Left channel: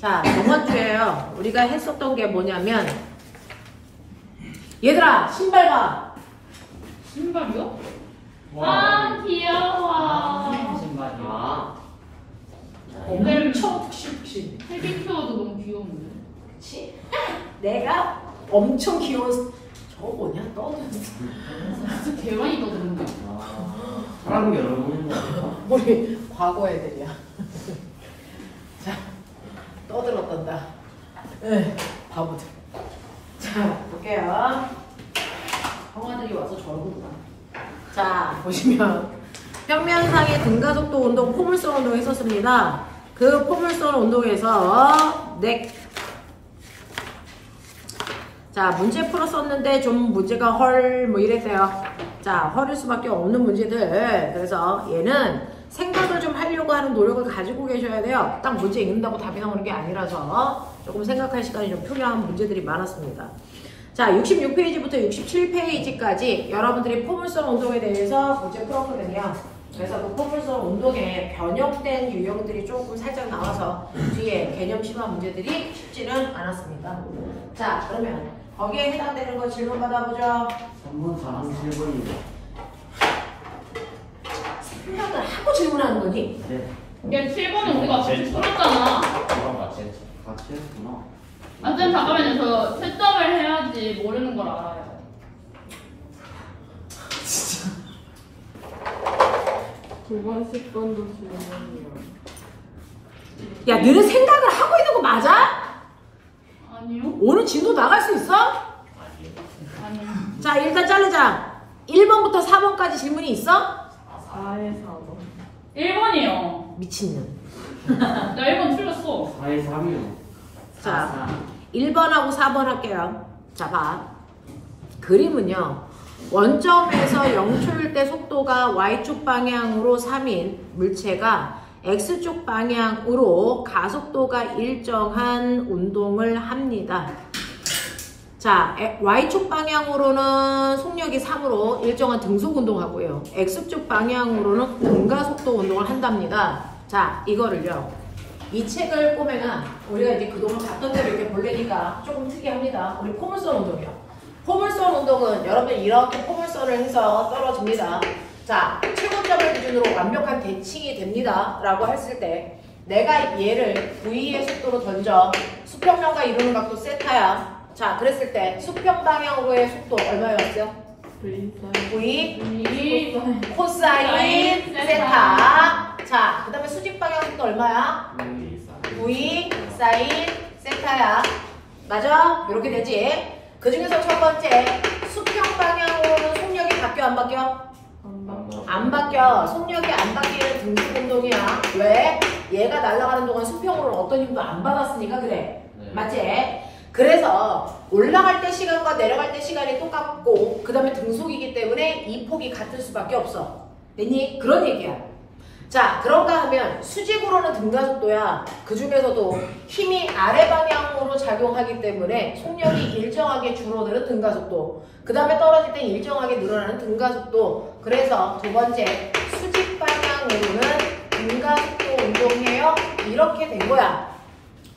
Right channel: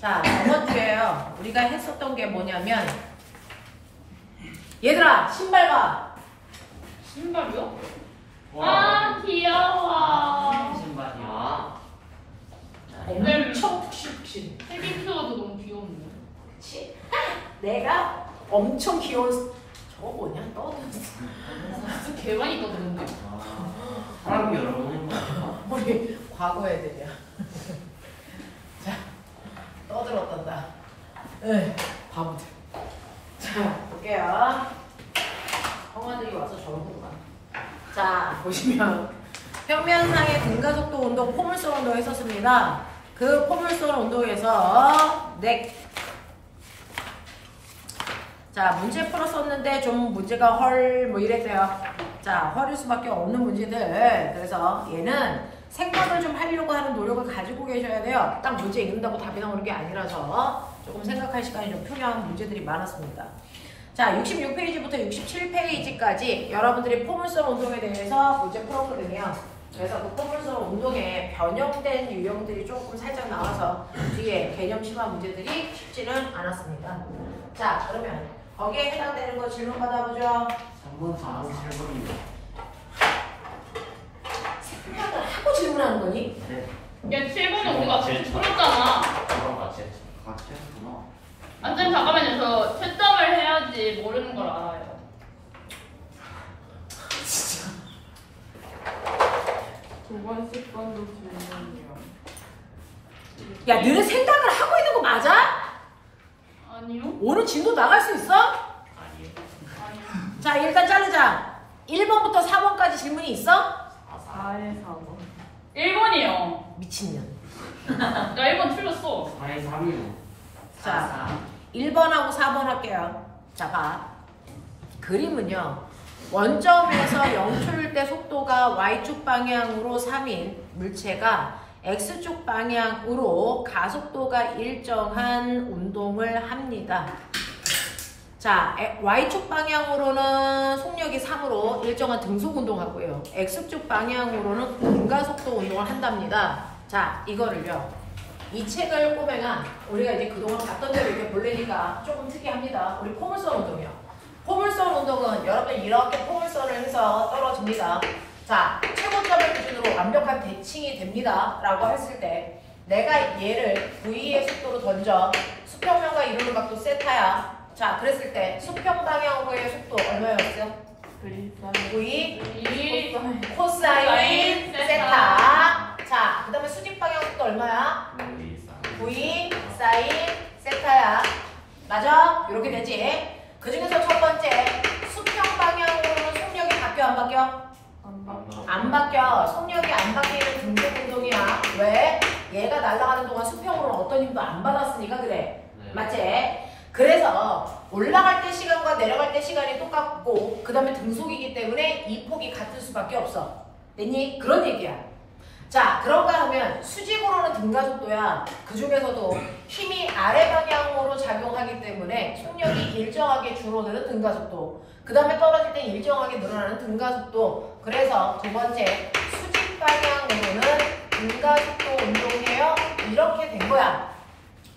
자, 저번 주에요. 우리가 했었던 게 뭐냐면 얘들아, 신발 봐. 신발이요? 아, 귀여워. 신발이야. 엄청 푹신푹신. 헤비투어도 너무 귀여운데. 그치? 내가 엄청 귀여운 저거 뭐냐? 떠드는 진짜 개 많이 떠드는데. 사람 열어보는 거 아니야? 우리 과거 애들이야. 자, 떠들었단다. 네, 바보들. 자, 볼게요. 형아들이 와서 저러는구나. 자, 보시면 평면상의 등가속도 운동, 포물선 운동 했었습니다. 그 포물선 운동에서 자, 문제 풀었었는데 좀 문제가 헐 뭐 이랬어요. 자, 헐일 수밖에 없는 문제들. 그래서 얘는 생각을 좀 하려고 하는 노력을 가지고 계셔야 돼요. 딱 문제 읽는다고 답이 나오는 게 아니라서 조금 생각할 시간이 좀 필요한 문제들이 많았습니다. 자, 66페이지부터 67페이지까지 여러분들이 포물선 운동에 대해서 문제 풀었거든요. 그래서 그 포물선 운동에 변형된 유형들이 조금 살짝 나와서 뒤에 개념 심화 문제들이 쉽지는 않았습니다. 자, 그러면 거기에 해당되는 거 질문 받아보죠. 3번, 4번, 7번입니다. 생각을 하고 질문하는 거니? 네. 얘 7번은 우리가 같이 풀었잖아. 이랑 같이 했지. 같이 했구나. 아, 쌤 잠깐만요. 저 채점을 해야지 모르는 걸 알아요. 두 번씩 건도 질문이요. 야, 너는 생각을 하고 있는 거 맞아? 아니요? 오늘 진도 나갈 수 있어? 아니요. 자, 일단 자르자. 1번부터 4번까지 질문이 있어? 4에 4번. 1번이요. 미친년. 나 1번 틀렸어. 4에 3이요. 자, 1번하고 4번 할게요. 자, 봐. 그림은요. 원점에서 0초일 때 속도가 Y축 방향으로 3인 물체가 X축 방향으로 가속도가 일정한 운동을 합니다. 자, Y축 방향으로는 속력이 3으로 일정한 등속 운동하고요. X축 방향으로는 등가속도 운동을 한답니다. 자, 이거를요. 이 책을 보면은 우리가 이제 그동안 봤던 대로 이렇게 볼래니까 조금 특이합니다. 우리 포물선 운동이요. 포물선 운동은 여러분 이렇게 포물선을 해서 떨어집니다. 자, 최고점을 기준으로 완벽한 대칭이 됩니다. 라고 했을 때 내가 얘를 V의 속도로 던져 수평면과 이루는 각도 세타야. 자, 그랬을 때 수평 방향으로의 속도 얼마였어요? V 코사인 세타. 자, 그 다음에 수직 방향 속도 얼마야? V 사인 세타야. 맞아? 이렇게 되지? 그 중에서 첫 번째 수평 방향으로는 속력이 바뀌어 안 바뀌어? 안 바뀌어. 속력이 안 바뀌는 등속 운동이야. 왜? 얘가 날아가는 동안 수평으로는 어떤 힘도 안 받았으니까 그래. 네. 맞지? 그래서 올라갈 때 시간과 내려갈 때 시간이 똑같고 그 다음에 등속이기 때문에 이 폭이 같을 수밖에 없어. 됐니? 그런 얘기야. 자, 그런가 하면 수직으로는 등가속도야. 그 중에서도 힘이 아래 방향으로 작용하기 때문에 속력이 일정하게 줄어드는 등가속도. 그 다음에 떨어질 땐 일정하게 늘어나는 등가속도. 그래서 두 번째 수직 방향으로는 등가속도 운동이에요. 이렇게 된 거야.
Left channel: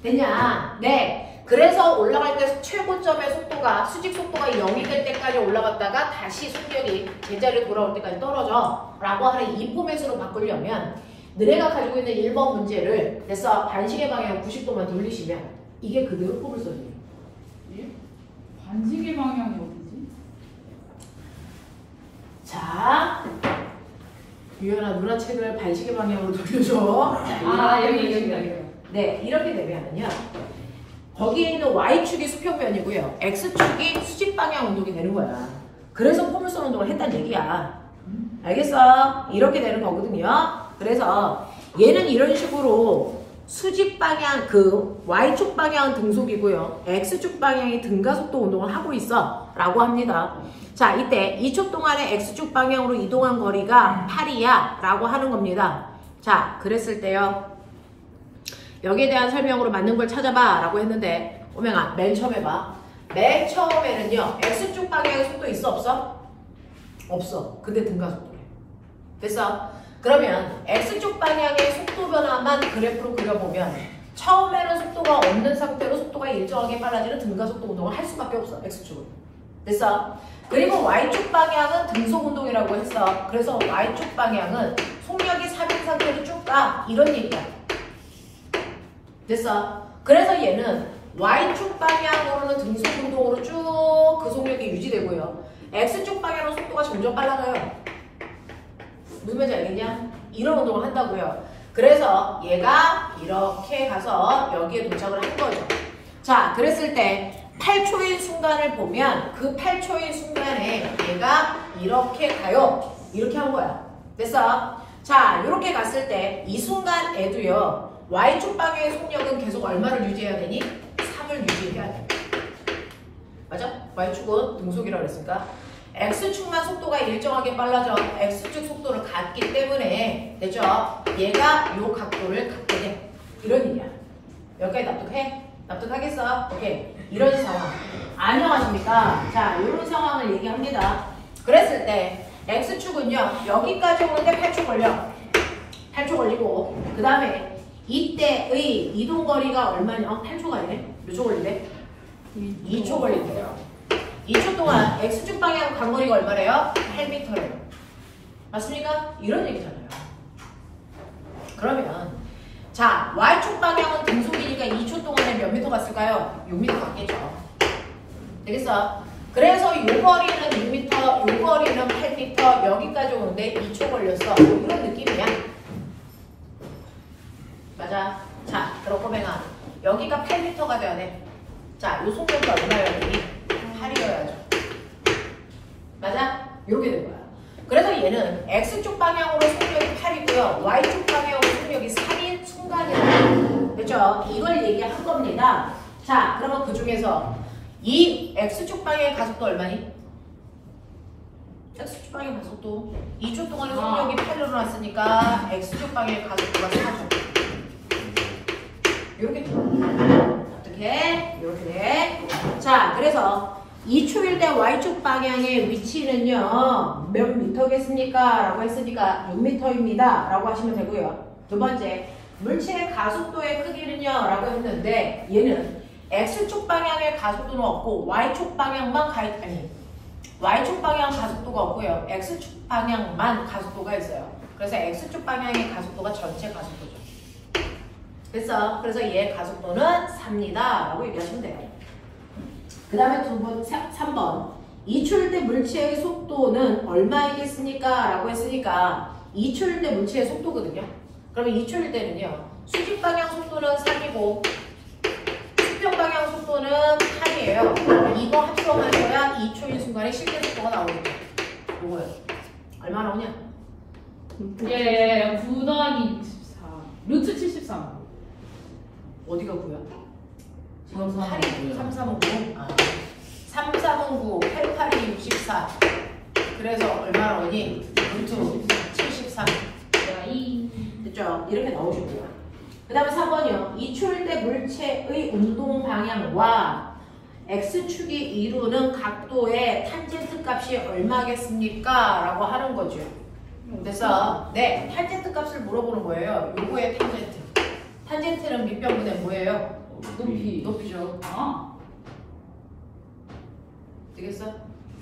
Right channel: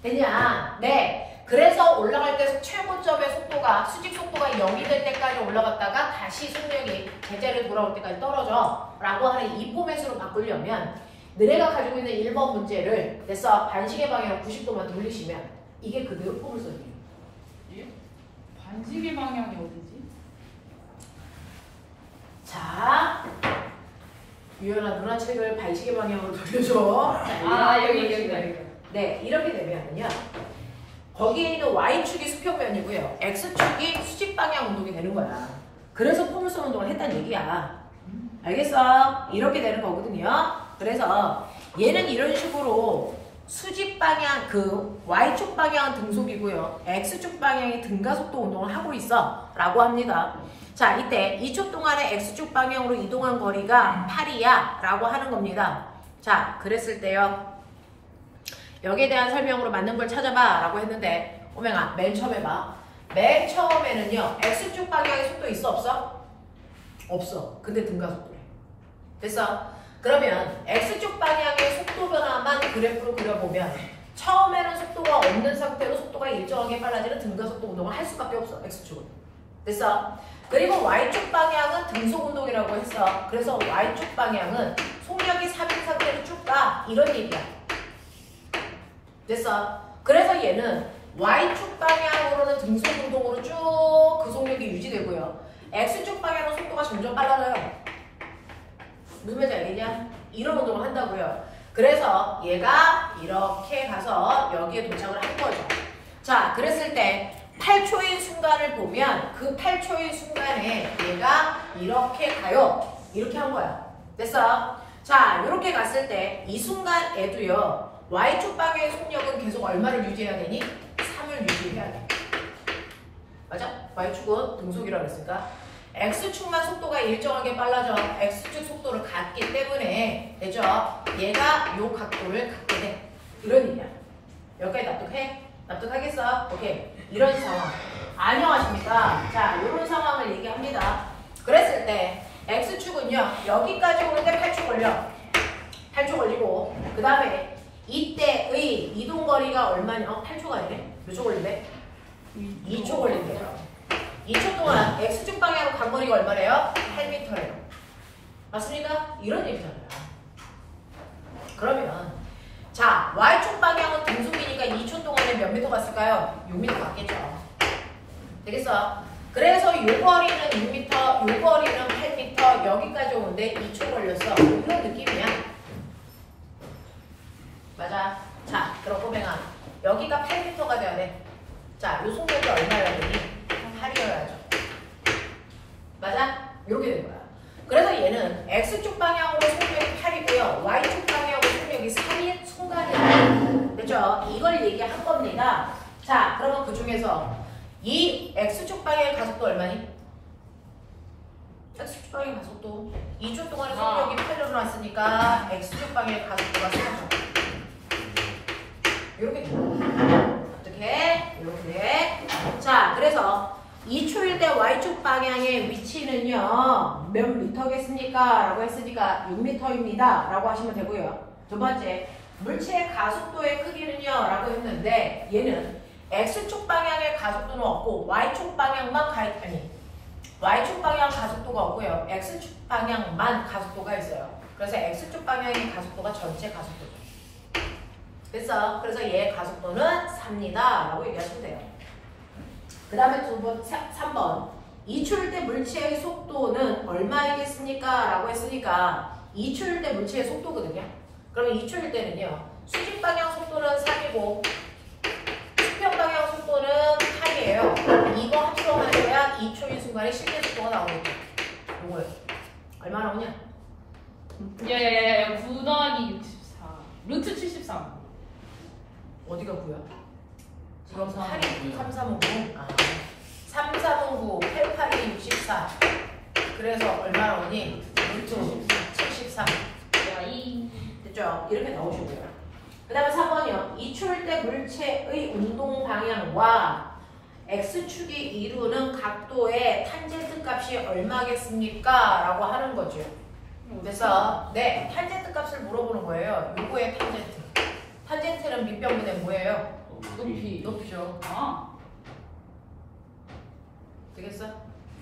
됐냐? 네. 그래서 올라갈 때 최고점의 속도가 수직 속도가 0이 될 때까지 올라갔다가 다시 속력이 제자리로 돌아올 때까지 떨어져 라고 하는 이 포맷으로 바꾸려면 너네가 가지고 있는 1번 문제를 됐어 반시계 방향으로 90도만 돌리시면 이게 그대로 포물선이에요. 예? 반지계 방향이 어디지? 자, 유연아 누나 책을 반시계 방향으로 돌려줘. 아, 여기 있습니다. 네, 이렇게 되면요. 거기에 있는 Y축이 수평면이고요. X축이 수직 방향 운동이 되는 거야. 그래서 포물선 운동을 했다는 얘기야. 알겠어? 이렇게 되는 거거든요. 그래서 얘는 이런 식으로 수직 방향, 그 Y축 방향은 등속이고요. X축 방향이 등가속도 운동을 하고 있어. 라고 합니다. 자, 이때 2초 동안에 X축 방향으로 이동한 거리가 8이야. 라고 하는 겁니다. 자, 그랬을 때요. 여기에 대한 설명으로 맞는 걸 찾아봐 라고 했는데 오맹아 맨 처음에 봐. 맨 처음에는요 X축 방향의 속도 있어 없어? 없어. 근데 등가속도래. 됐어? 그러면 X축 방향의 속도 변화만 그래프로 그려보면 처음에는 속도가 없는 상태로 속도가 일정하게 빨라지는 등가속도 운동을 할 수밖에 없어. X축은. 됐어? 그리고 Y축 방향은 등속 운동이라고 했어. 그래서 Y축 방향은 속력이 3인 상태로 쭉 가. 이런 얘기야. 됐어? 그래서 얘는 Y축 방향으로는 등속 운동으로 쭉 그 속력이 유지되고요. X축 방향으로 속도가 점점 빨라져요. 무슨 말인지 알겠냐? 이런 운동을 한다고요. 그래서 얘가 이렇게 가서 여기에 도착을 한 거죠. 자, 그랬을 때 8초의 순간을 보면 그 8초의 순간에 얘가 이렇게 가요. 이렇게 한 거야. 됐어? 자, 이렇게 갔을 때 이 순간에도요. Y축 방향의 속력은 계속 얼마를 유지해야 되니? 3을 유지해야 돼. 맞아? Y축은 등속이라고 했으니까 X축만 속도가 일정하게 빨라져. X축 속도를 갖기 때문에 됐죠? 얘가 요 각도를 갖게 돼. 이런 얘기야. 여기까지 납득해? 납득하겠어? 오케이. 이런 상황. 안녕하십니까? 자, 이런 상황을 얘기합니다. 그랬을 때 X축은요. 여기까지 오는데 8초 걸려. 8초 걸리고 그 다음에 이때의 이동거리가 얼마냐? 8초가 아니네. 몇 초 걸린대? 2초 걸린대. 2초 동안 X축 방향 간거리가 얼마래요? 8m래요. 맞습니까? 이런 얘기잖아요. 그러면 자, Y축 방향은 등속이니까 2초 동안에 몇 미터 갔을까요? 6m 갔겠죠. 되겠어? 그래서 요 거리는 6m, 요 거리는 8m, 여기까지 오는데 2초 걸렸어. 이런 느낌이야. 맞아. 자, 그럼 꼬맹아. 여기가 8m가 돼야 돼. 자, 요 속도가 얼마여야 되니? 8이어야죠. 맞아? 이렇게 된 거야. 그래서 얘는 X축 방향으로 속력이 8이고요. Y축 방향으로 속력이 3인 순간이에요. 됐죠? 이걸 얘기한 겁니다. 자, 그러면 그 중에서 이 X축 방향의 가속도 얼마니? X축 방향의 가속도 2초 동안에 속력이 8로 났으니까 X축 방향의 가속도가 4죠. 이렇게 어떻게? 이렇게. 자, 그래서 2초일 때 Y축 방향의 위치는요, 몇 미터겠습니까? 라고 했으니까 6m입니다. 라고 하시면 되고요. 두 번째, 물체의 가속도의 크기는요? 라고 했는데, 얘는 X축 방향의 가속도는 없고, Y축 방향만 Y축 방향 가속도가 없고요. X축 방향만 가속도가 있어요. 그래서 X축 방향의 가속도가 전체 가속도죠. 됐어? 그래서 얘의 가속도는 3입니다. 라고 얘기하시면 돼요. 그 다음에 3번. 2초일 때 물체의 속도는 얼마이겠습니까? 라고 했으니까 2초일 때 물체의 속도거든요. 그러면 2초일 때는요. 수직 방향 속도는 3이고 수평 방향 속도는 8이에요. 이거 합성하셔야 2초인 순간에 실제 속도가 나오는 거예요. 요거예요. 얼마 나오냐? 예, 9 더하기 64. 루트 73. 어디가 9야? 지금 8이 3, 3은 9. 3, 3은 9, 8, 8이 64. 그래서 얼마 나오니? 루트 73. 됐죠? 이렇게 나오시고요. 그 다음에 4번이요. 2초일 때 물체의 운동 방향과 X축이 이루는 각도의 탄젠트 값이 얼마겠습니까? 라고 하는 거죠. 그래서 네, 탄젠트 값을 물어보는 거예요. 요거의 탄젠트. 탄젠트는 밑변분의 뭐예요? 높이죠. 되겠어?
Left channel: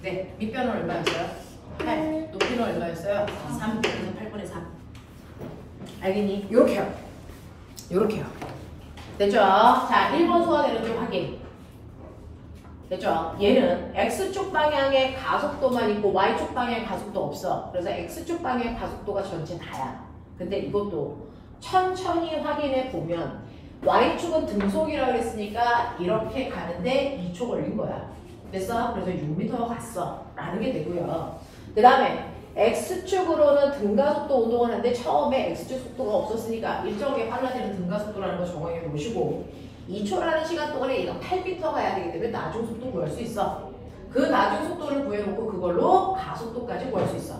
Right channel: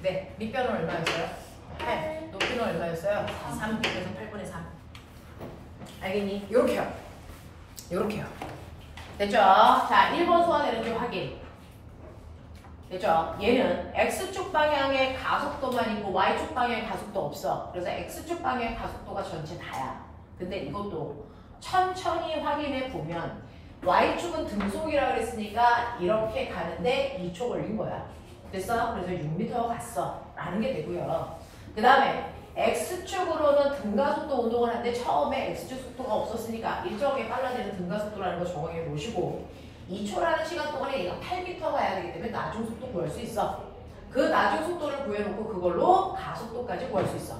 네, 밑변은 얼마였어요? 8. 높이는 얼마였어요? 3. 그래서 8분의 3. 알겠니? 요렇게요. 요렇게요. 됐죠? 자, 1번 소화되는지 확인. 됐죠? 얘는 X축 방향의 가속도만 있고 Y축 방향의 가속도 없어. 그래서 X축 방향의 가속도가 전체 다야. 근데 이것도 천천히 확인해 보면 Y축은 등속이라고 그랬으니까 이렇게 가는데 2초 걸린 거야. 됐어? 그래서 6m 갔어. 라는 게 되고요. 그 다음에 X축으로는 등가속도 운동을 하는데 처음에 X축 속도가 없었으니까 일정하게 빨라지는 등가속도라는 거 정해 놓으시고 2초라는 시간 동안에 얘가 8m 가야 되기 때문에 나중 속도 구할 수 있어. 그 나중 속도를 구해놓고 그걸로 가속도까지 구할 수 있어.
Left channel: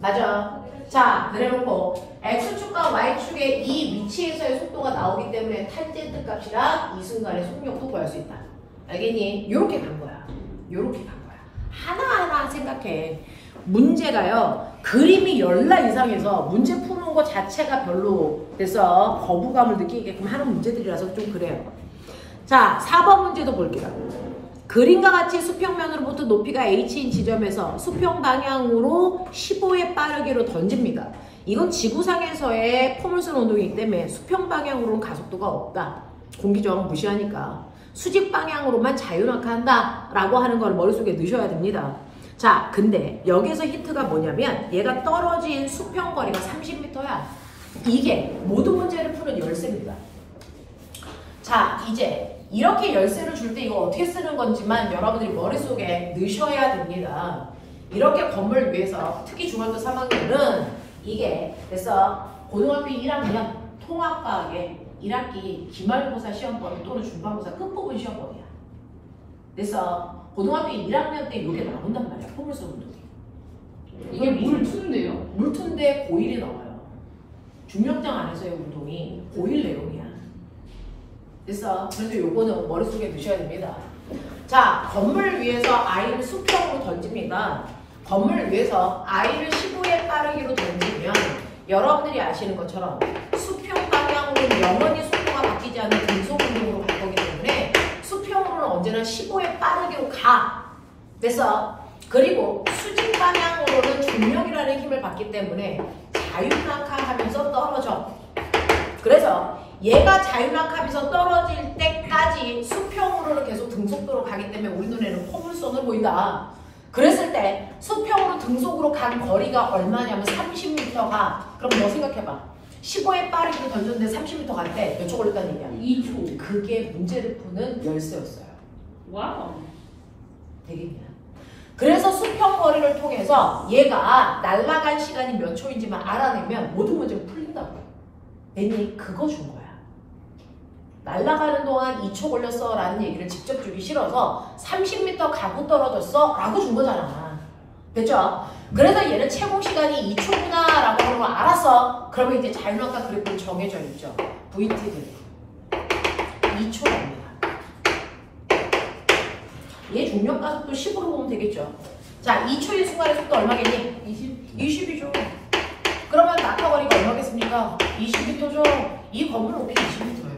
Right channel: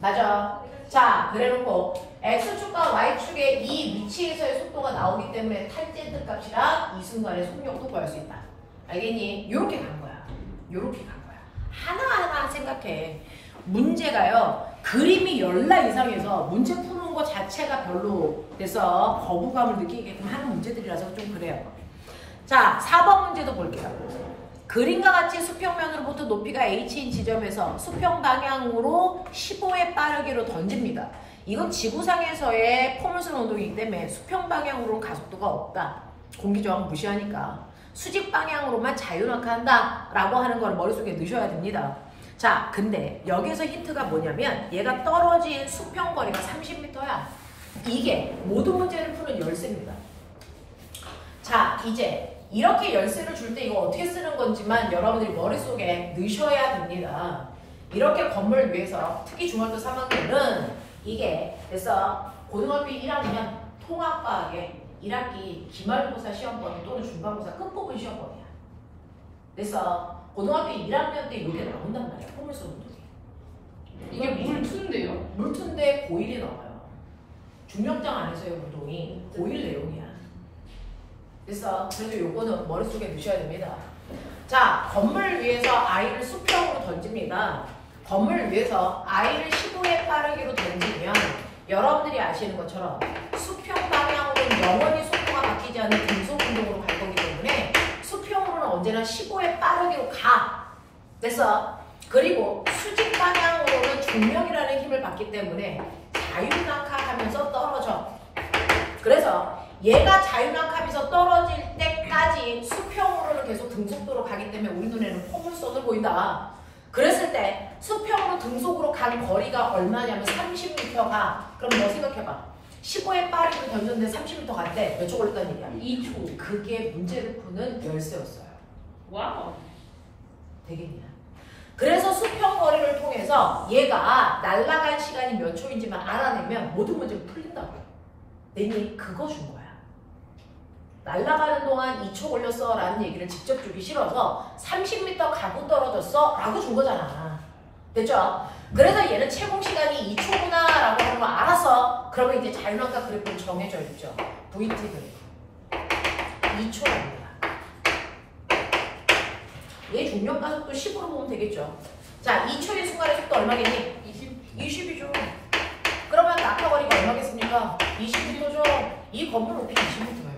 맞아? 자, 그래놓고 X축과 Y축의 이 위치에서의 속도가 나오기 때문에 탄젠트 값이랑 이 순간의 속력도 구할 수 있다. 알겠니? 요렇게 간 거야. 요렇게 간 거야. 하나하나 생각해. 문제가요. 그림이 열나 이상해서 문제 푸는 것 자체가 별로 돼서 거부감을 느끼게끔 하는 문제들이라서 좀 그래요. 자, 4번 문제도 볼게요. 그림과 같이 수평면으로부터 높이가 h인 지점에서 수평 방향으로 15의 빠르기로 던집니다. 이건 지구상에서의 포물선 운동이기 때문에 수평 방향으로는 가속도가 없다. 공기저항 무시하니까 수직 방향으로만 자유낙하한다 라고 하는 걸 머릿속에 넣으셔야 됩니다. 자, 근데 여기서 힌트가 뭐냐면 얘가 떨어진 수평거리가 30m야. 이게 모든 문제를 푸는 열쇠입니다. 자, 이제 이렇게 열쇠를 줄 때 이거 어떻게 쓰는 건지만 여러분들이 머릿속에 넣으셔야 됩니다. 이렇게 건물 위에서 특히 중학교 3학년은 이게 그래서 고등학교 1학년 통합과학의 1학기 기말고사 시험범위 또는 중간고사 끝부분 시험범위야. 그래서 고등학교 1학년 때 이게 나온단 말이야. 포물선 운동이. 이게 물투인데요? 물투인데 고1이 나와요. 중력장 안에서의 운동이 고1 내용이야. 그래서 요거는 머릿속에 넣으셔야 됩니다. 자, 건물 위에서 아이를 수평으로 던집니다. 건물 위에서 아이를 15의 빠르기로 던지면 여러분들이 아시는 것처럼 수평 방향으로는 영원히 속도가 바뀌지 않는 등속 운동으로 갈 거기 때문에 수평으로는 언제나 15의 빠르기로 가. 그래서 그리고 수직 방향으로는 중력이라는 힘을 받기 때문에 자유낙하하면서 떨어져. 그래서 얘가 자유낙하면서 떨어질 때까지 수평으로는 계속 등속도로 가기 때문에 우리 눈에는 포물선을 보인다. 그랬을 때 수평으로 등속으로 간 거리가 얼마냐면 30m 가. 그럼 너 생각해봐. 15의 빠르기로 던졌는데 30m 갔대. 몇 초 걸렸다는 얘기야? 2초. 그게 문제를 푸는 열쇠였어요. 와우. 되겠냐? 그래서 수평거리를 통해서 얘가 날아간 시간이 몇 초인지만 알아내면 모든 문제가 풀린다고요. 내니 그거 준 거야. 날아가는 동안 2초 걸렸어 라는 얘기를 직접 주기 싫어서 30m 가고 떨어졌어 라고 준 거잖아. 됐죠? 그래서 얘는 채공 시간이 2초구나 라고 하는 걸 알았어. 그러면 이제 자유낙하 그래프는 정해져 있죠. VT 그래프 2초랍니다. 얘 중력 가속도 10으로 보면 되겠죠. 자, 2초의 순간의 속도 얼마겠니? 20이죠. 그러면 낙하거리가 얼마겠습니까? 20m죠. 이 건물 어떻게 20m예요?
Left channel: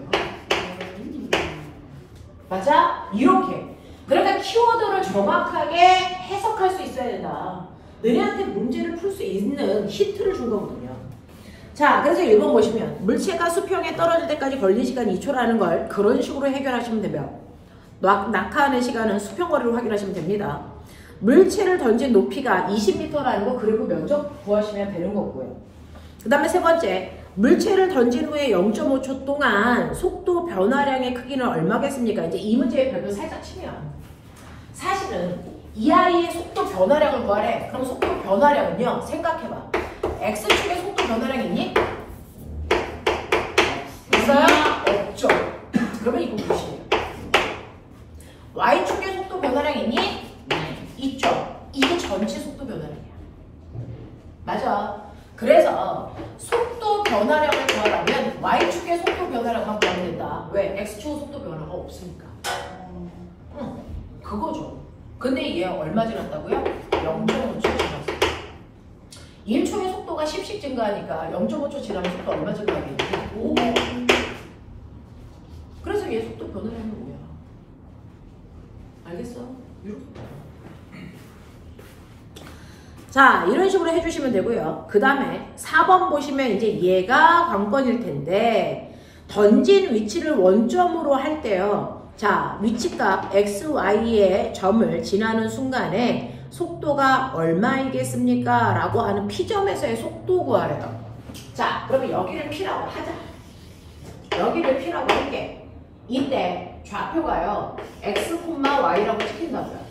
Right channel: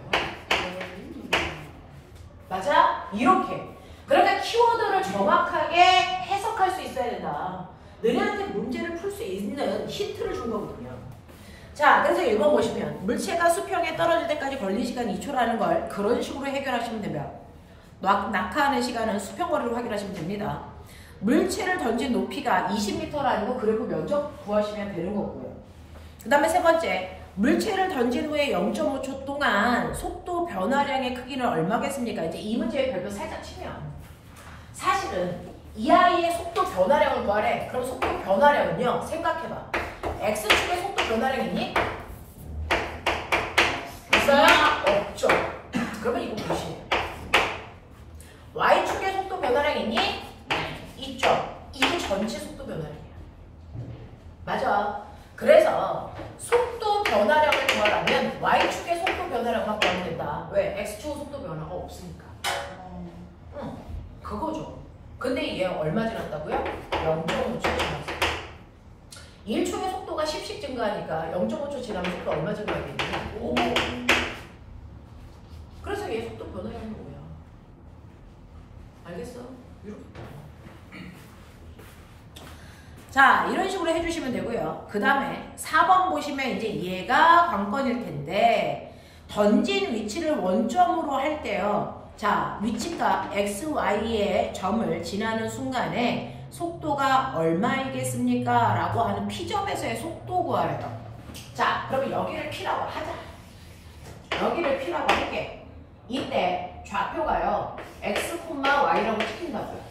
맞아? 이렇게. 그러니까 키워드를 정확하게 해석할 수 있어야 된다. 너네한테 문제를 풀 수 있는 힌트를 준 거거든요. 자, 그래서 1번 보시면 물체가 수평에 떨어질 때까지 걸린 시간 2초라는 걸 그런 식으로 해결하시면 되며 낙하하는 시간은 수평거리로 확인하시면 됩니다. 물체를 던진 높이가 20m라는 거 그래프 면적 구하시면 되는 거고요. 그 다음에 세 번째, 물체를 던진 후에 0.5초 동안 속도 변화량의 크기는 얼마겠습니까? 이제 이 문제의 별표 살짝 치면 사실은 이 아이의 속도 변화량을 구하래. 그럼 속도 변화량은요, 생각해봐. X축의 속도 변화량 있니? 있어요? 없죠. 그러면 이거 무시해요. Y축의 속도 변화량 있니? 있죠. 이게 전체 속도 변화량이야. 맞아. 그래서 속도 변화량을 구하려면 Y축의 속도 변화량만 구하면 된다. 왜? X축 속도 변화가 없으니까. 그거죠. 근데 얘 얼마 지났다고요? 0.5초 지났어. 1초의 속도가 10씩 증가하니까 0.5초 지나면 속도 얼마 증가하겠니? 5. 그래서 얘 속도 변화량이 뭐야? 알겠어? 이렇게. 자, 이런 식으로 해주시면 되고요. 그 다음에 4번 보시면 이제 얘가 관건일 텐데 던진 위치를 원점으로 할 때요. 자, 위치값 x, y의 점을 지나는 순간에 속도가 얼마이겠습니까? 라고 하는 P점에서의 속도 구하래요. 자, 그러면 여기를 P라고 하자. 여기를 P라고 할게. 이때 좌표가요. x, y라고 찍힌다고요.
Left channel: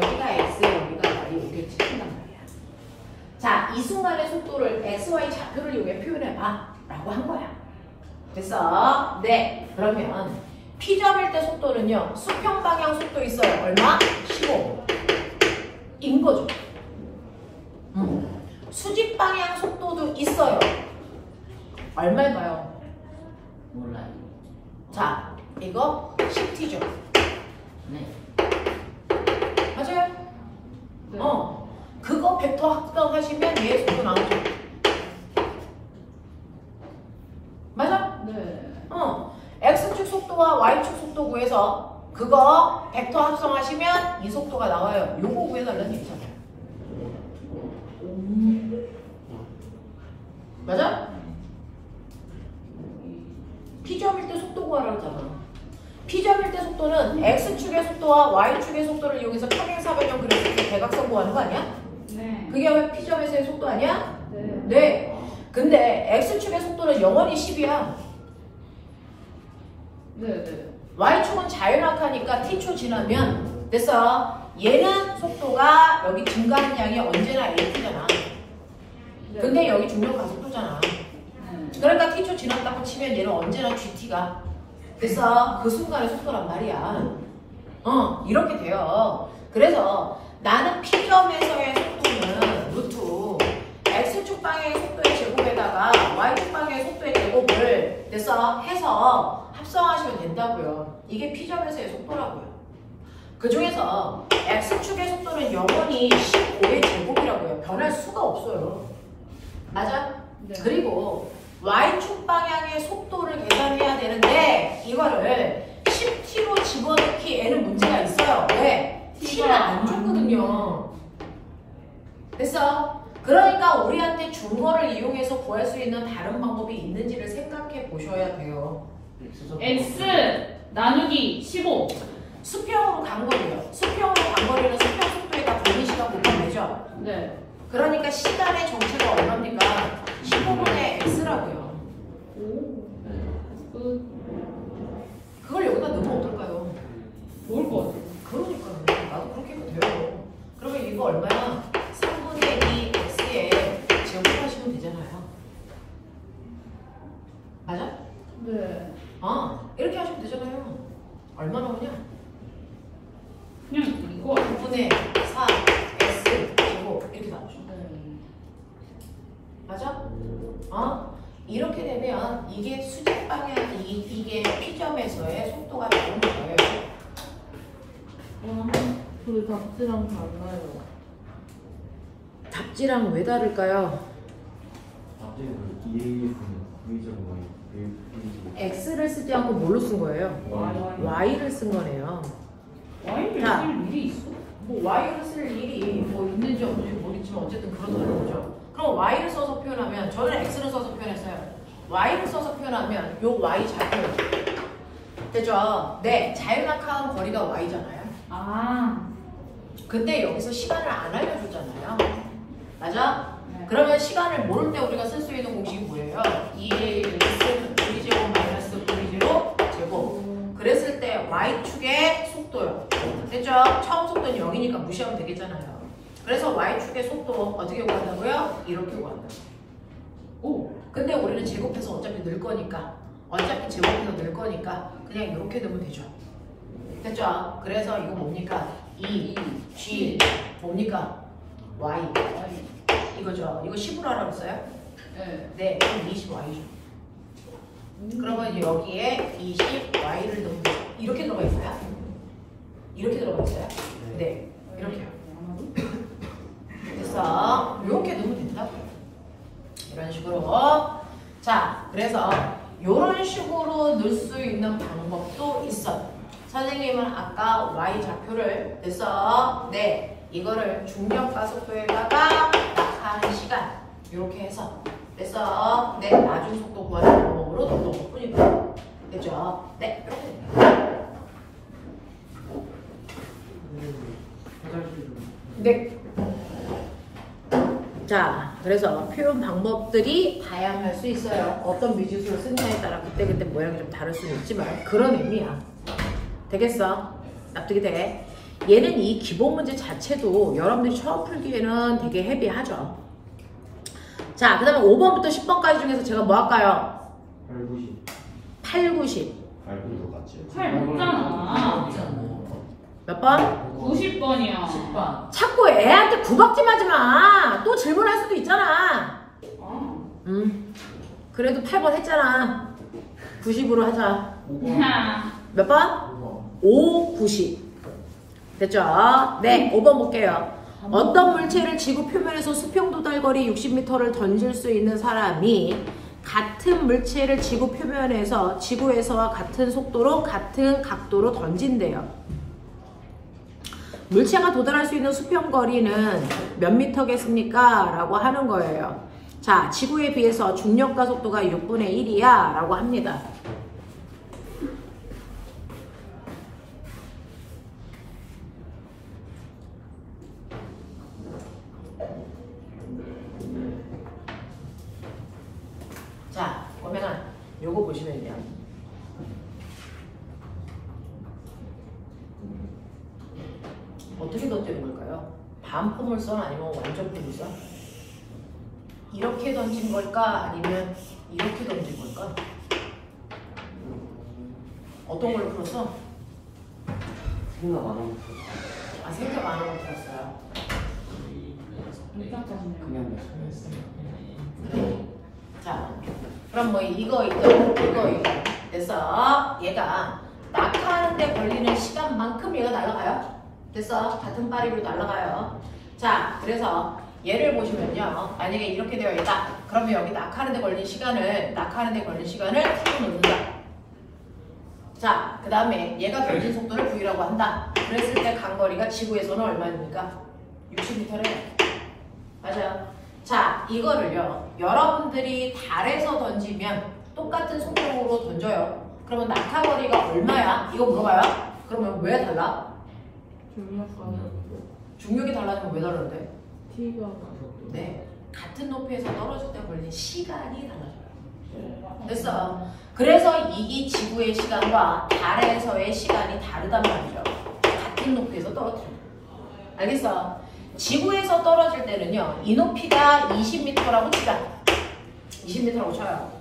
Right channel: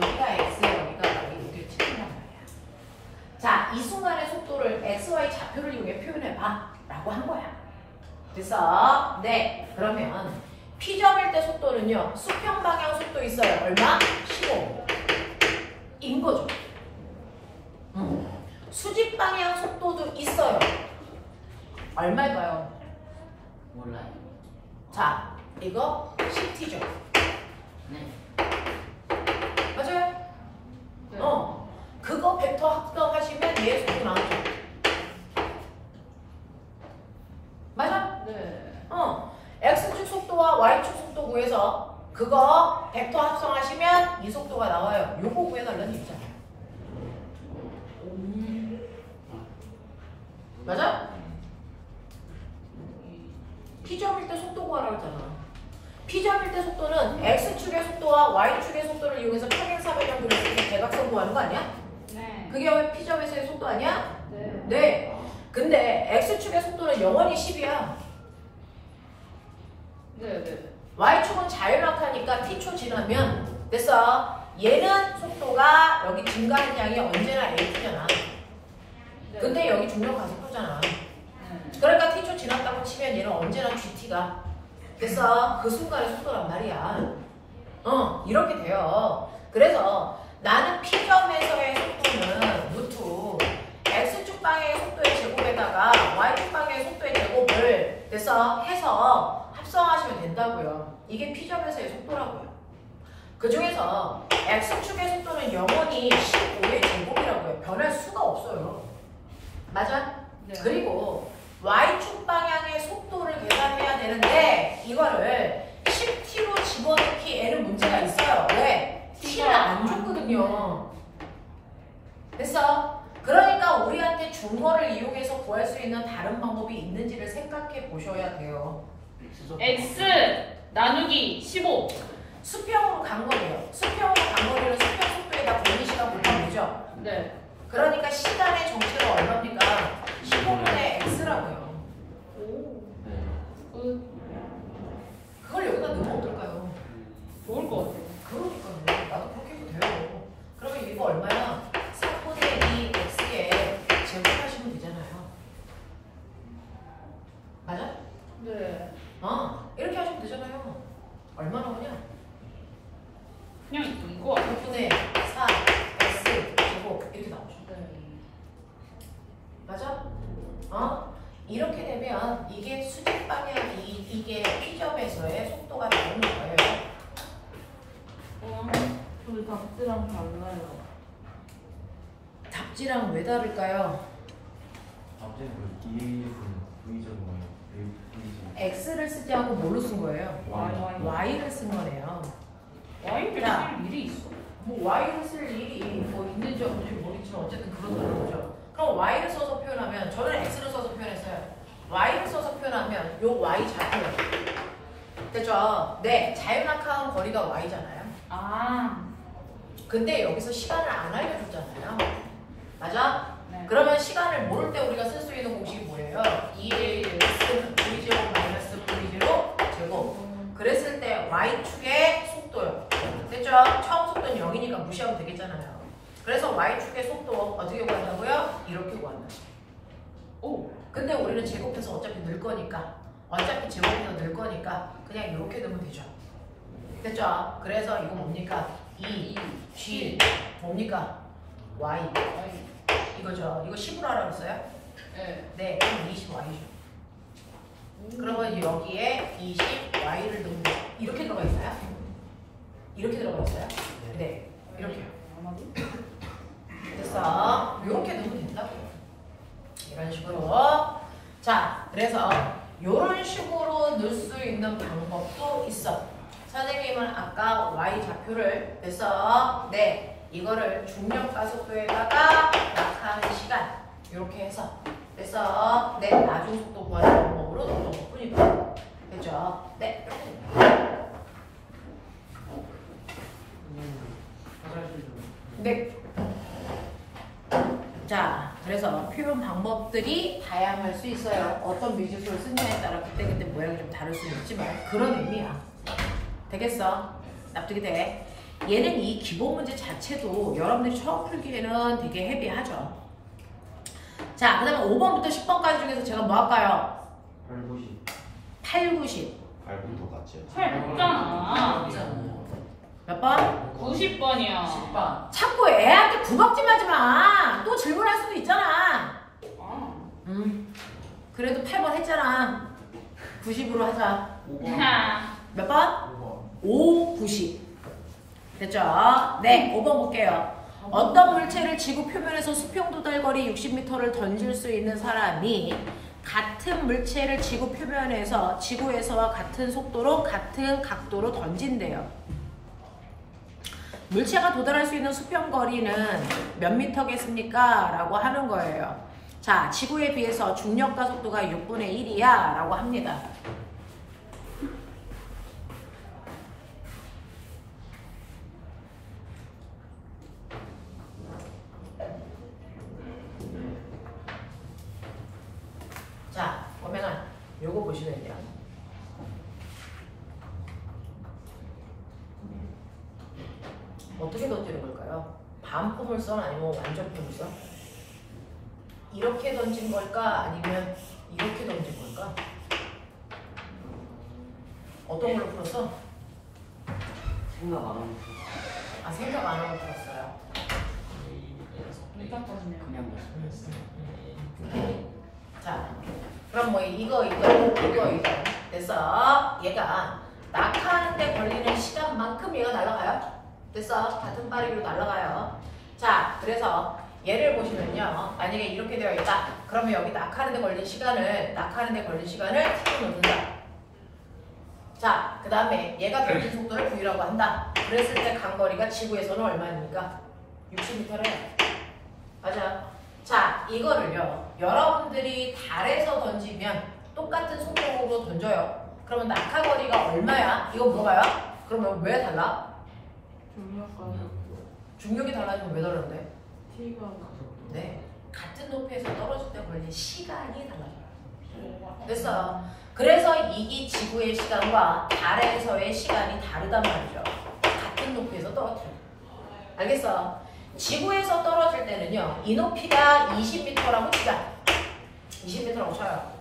여기가 x, 여기가 y 이렇게 찍힌단 말이야. 자, 이 순간의 속도를 x, y 좌표를 이용해 표현해봐 라고 한 거야. 됐어? 네. 그러면 P점일 때 속도는요. 수평 방향 속도 있어요. 얼마? 15인 거죠. 수직 방향 속도도 있어요. 얼마일까요? 몰라요. 자, 이거 10T죠. 네. 맞아요? 네. 이거 벡터 합성하시면 얘의 속도 나오죠. 맞아? 네. x축 속도와 y축 속도 구해서 그거 벡터 합성하시면 이 속도가 나와요. 요거 구해달라는 얘기잖아요. 맞아? P점일 때 속도 구하라고 했잖아. P점일 때 속도는 x축의 속도와 y축의 속도를 이용해서 평행사변형 그랬을 때 대각선 구하는 거 아니야? 네. 그게 왜 P점에서의 속도 아니야? 네. 네. 근데 x축의 속도는 영원히 10이야. 네. 네. y축은 자유낙하니까 t초 지나면 됐어. 얘는 속도가 여기 증가하는 양이 언제나 at잖아. 네. 근데 여기 중력 가속도잖아. 네. 그러니까 t초 지났다고 치면 얘는 언제나 gt가 됐어. 그 순간의 속도란 말이야. 이렇게 돼요. 그래서 나는 P점에서의 속도는 루트 X축 방향의 속도의 제곱에다가 Y축 방향의 속도의 제곱을 돼서 해서 합성하시면 된다고요. 이게 P점에서의 속도라고요. 그 중에서 X축의 속도는 영원히 15의 제곱이라고요. 변할 수가 없어요. 맞아? 네. 그리고 Y축 방향의 속도를 계산해야 되는데 이거를 10t로 집어넣기에는 문제가 있어요. 왜? t를 안 줬거든요. 됐어? 그러니까 우리한테 중거를 이용해서 구할 수 있는 다른 방법이 있는지를 생각해 보셔야 돼요. X 나누기 15. 수평으로 간 거예요. 수평으로 간 거리를 수평 속도에다 걸린 시간 곱하면 되죠? 네. 그러니까 시간의 정체가 얼마입니까? 15분의 x라고요. 오. 네. 그걸 여기다 넣으면 어떨까요? 좋을 것 같아요. 그러니까요. 나도 그렇게 해도 돼요. 그러면 이거 얼마야? 3분의 2 x에 제곱하시면 되잖아요. 맞아? 네. 이렇게 하시면 되잖아요. 얼마 나오냐? 그냥 이거. 3분의 4 x 제곱 이렇게 나오죠. 네. 맞아? 이렇게 되면 이게 수직 방향이 이게 P점에서의 속도가 나오는 거예요. 와, 그 답지랑 달라요. 답지랑 왜 다를까요? 갑자기 2A분은 구의적으로 X를 쓰지 않고 뭘로 쓴 거예요? Y를 쓴 거네요. 와인을 자. 쓸 일이 있어? 뭐 Y를 쓸 일이 뭐 있는지 없는지 모르겠지만 어쨌든 그런 거죠. 그럼 Y를 써서 표현하면 저는 X를 써서 표현했어요. Y를 써서 표현하면 요 Y 좌표 됐죠? 네, 자유낙하한 거리가 Y잖아요. 아. 근데 여기서 시간을 안 알려줬잖아요. 맞아? 네. 그러면 시간을 모를 때 우리가 쓸 수 있는 공식이 뭐예요? 2ax V제곱 마이너스 V제곱 제곱. 그랬을 때 Y축의 속도요. 됐죠? 처음 속도는 0이니까 무시하면 되겠잖아요. 그래서 Y축의 속도 어떻게 구한다고요? 이렇게 구한다. 오. 근데 우리는 제곱해서 어차피 늘 거니까 어차피 제곱해서 늘 거니까 그냥 이렇게 넣으면 되죠. 됐죠? 그래서 이거 뭡니까? 2, G 뭡니까? Y 이거죠. 이거 10으로 하라고 했어요? 네. 네, 20Y죠. 그러면 이제 여기에 20Y를 넣으면 되죠. 이렇게 들어가 있어요? 이렇게 들어가 있어요? 네, 이렇게요. 아마도. 됐어. 이렇게 넣으면 된다고요. 이런 식으로. 자, 그래서 이런 식으로 넣을 수 있는 방법도 있어. 선생님은 아까 Y 좌표를 됐어. 네, 이거를 중력 가속도에다가 낙하하는 시간 이렇게 해서 됐어. 네, 나중 속도 구하는 방법으로 넣는 것뿐이고 됐죠? 네, 이렇게 됩니다. 네. 자, 그래서 표현 방법들이 다양할 수 있어요. 어떤 미지수를 쓰느냐에 따라 그때그때 모양이 좀 다를 수는 있지만 그런 의미야. 되겠어? 납득이 돼? 얘는 이 기본 문제 자체도 여러분들이 처음 풀기에는 되게 헤비하죠. 자, 그 다음에 5번부터 10번까지 중에서 제가 뭐 할까요? 8, 90. 알고도 같이. 잘 먹잖아. 몇 번? 90번이야. 10번. 자꾸 애한테 구박질 하지 마. 또 질문할 수도 있잖아. 아. 그래도 8번 했잖아. 90으로 하자. 몇 번? 5, 90. 됐죠? 네, 5번 볼게요. 어떤 물체를 지구 표면에서 수평 도달거리 60m를 던질 수 있는 사람이 같은 물체를 지구 표면에서 지구에서와 같은 속도로 같은 각도로 던진대요. 물체가 도달할 수 있는 수평 거리는 몇 미터겠습니까? 라고 하는 거예요. 자, 지구에 비해서 중력과 속도가 6분의 1이야 라고 합니다. 자, 그러면 요거 보시면요. 어떻게 던지는 걸까요? 반포물선 아니면 완전 포물선? 이렇게 던진 걸까? 아니면 이렇게 던진 걸까? 어떤 걸로 풀었어? 생각 안 하고 아, 생각 안 하고 풀었어요. 그냥 자, 그럼 뭐 이거 됐어. 얘가 낙하하는데 걸리는 시간만큼 얘가 날아가요. 됐어. 같은 파리로 날아가요. 자, 그래서 얘를 보시면요. 만약에 이렇게 되어 있다. 그러면 여기 낙하하는데 걸린 시간을 T로 넣는다. 자, 그 다음에 얘가 결진 속도를 V라고 한다. 그랬을 때 간거리가 지구에서는 얼마입니까? 60m를 맞아요. 자, 이거를요. 여러분들이 달에서 던지면 똑같은 속도로 던져요. 그러면 낙하거리가 얼마야? 이거 물어봐요. 그러면 왜 달라? 중력이 달라지면 왜 다른데? T가 네, 같은 높이에서 떨어질 때 걸린 시간이 달라져요. 됐어. 그래서 이 지구의 시간과 달에서의 시간이 다르단 말이죠. 같은 높이에서 떨어뜨려. 알겠어? 지구에서 떨어질 때는요, 이 높이가 20m라고 치자. 20m라고 쳐요.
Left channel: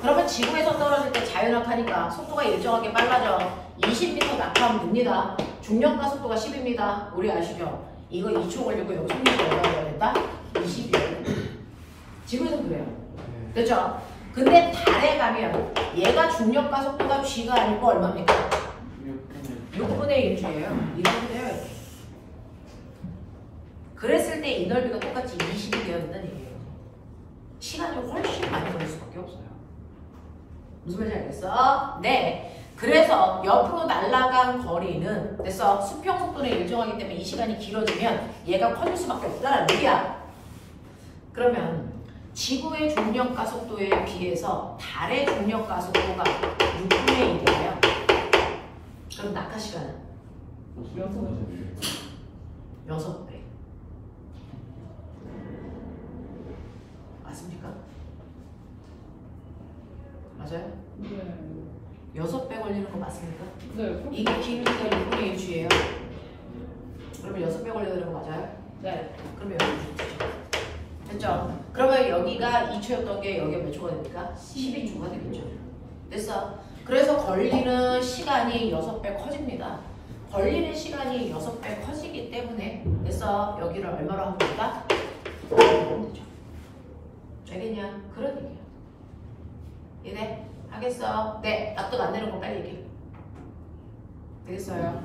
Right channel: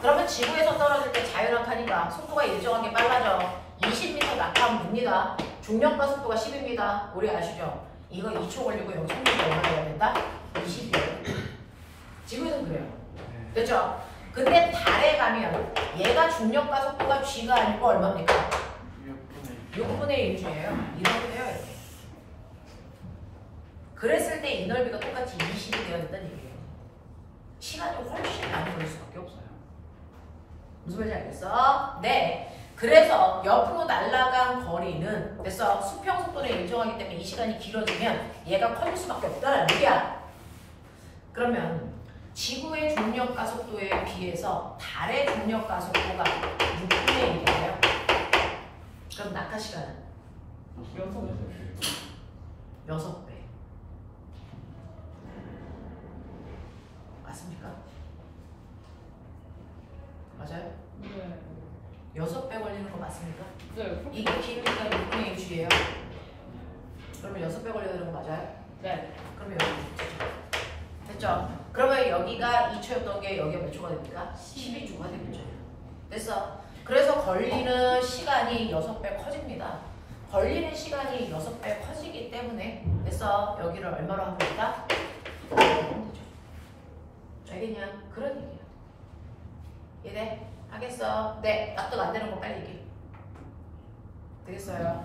그러면 지구에서 떨어질 때 자유낙하니까 속도가 일정하게 빨라져. 20m 낙하하면 됩니다. 중력과 속도가 10입니다. 우리 아시죠? 이거 2초 걸리고 여기 속력이 얼마 돼야 된다? 20이에요. 지구에서 그래요. 됐죠? 근데 달에 가면 얘가 중력과 속도가 G가 아니고 얼마입니까? 6분의 1G예요. 이렇게 되어 있어요. 그랬을 때 이 넓이가 똑같이 20이 되어야 된다는 얘기예요. 시간이 훨씬 많이 걸릴 수밖에 없어요. 무슨 말인지 알겠어? 네. 그래서 옆으로 날아간 거리는 됐어. 수평 속도는 일정하기 때문에 이 시간이 길어지면 얘가 커질 수밖에 없다는 얘기야. 그러면 지구의 중력과 속도에 비해서 달의 중력과 속도가 6분의 1이에요. 그럼 낙하 시간은? 6배. 맞습니까? 맞아요? 네. 6배 걸리는 거 맞습니까? 네. 이게 길이가 6분의 1주예요. 그러면 6배 걸려야 되는 거 맞아요? 네. 그러면 여기 6초. 됐죠? 그러면 여기가 2초였던 게 여기가 몇 초가 됩니까? 12초가 되겠죠. 됐어. 그래서 걸리는 시간이 6배 커집니다. 걸리는 시간이 6배 커지기 때문에 됐어. 여기를 얼마로 하면 될까? 되죠. 알겠냐? 그런 얘기야. 이해돼? 하겠어? 네. 납득 안 되는 거 빨리 얘기해. 되겠어요?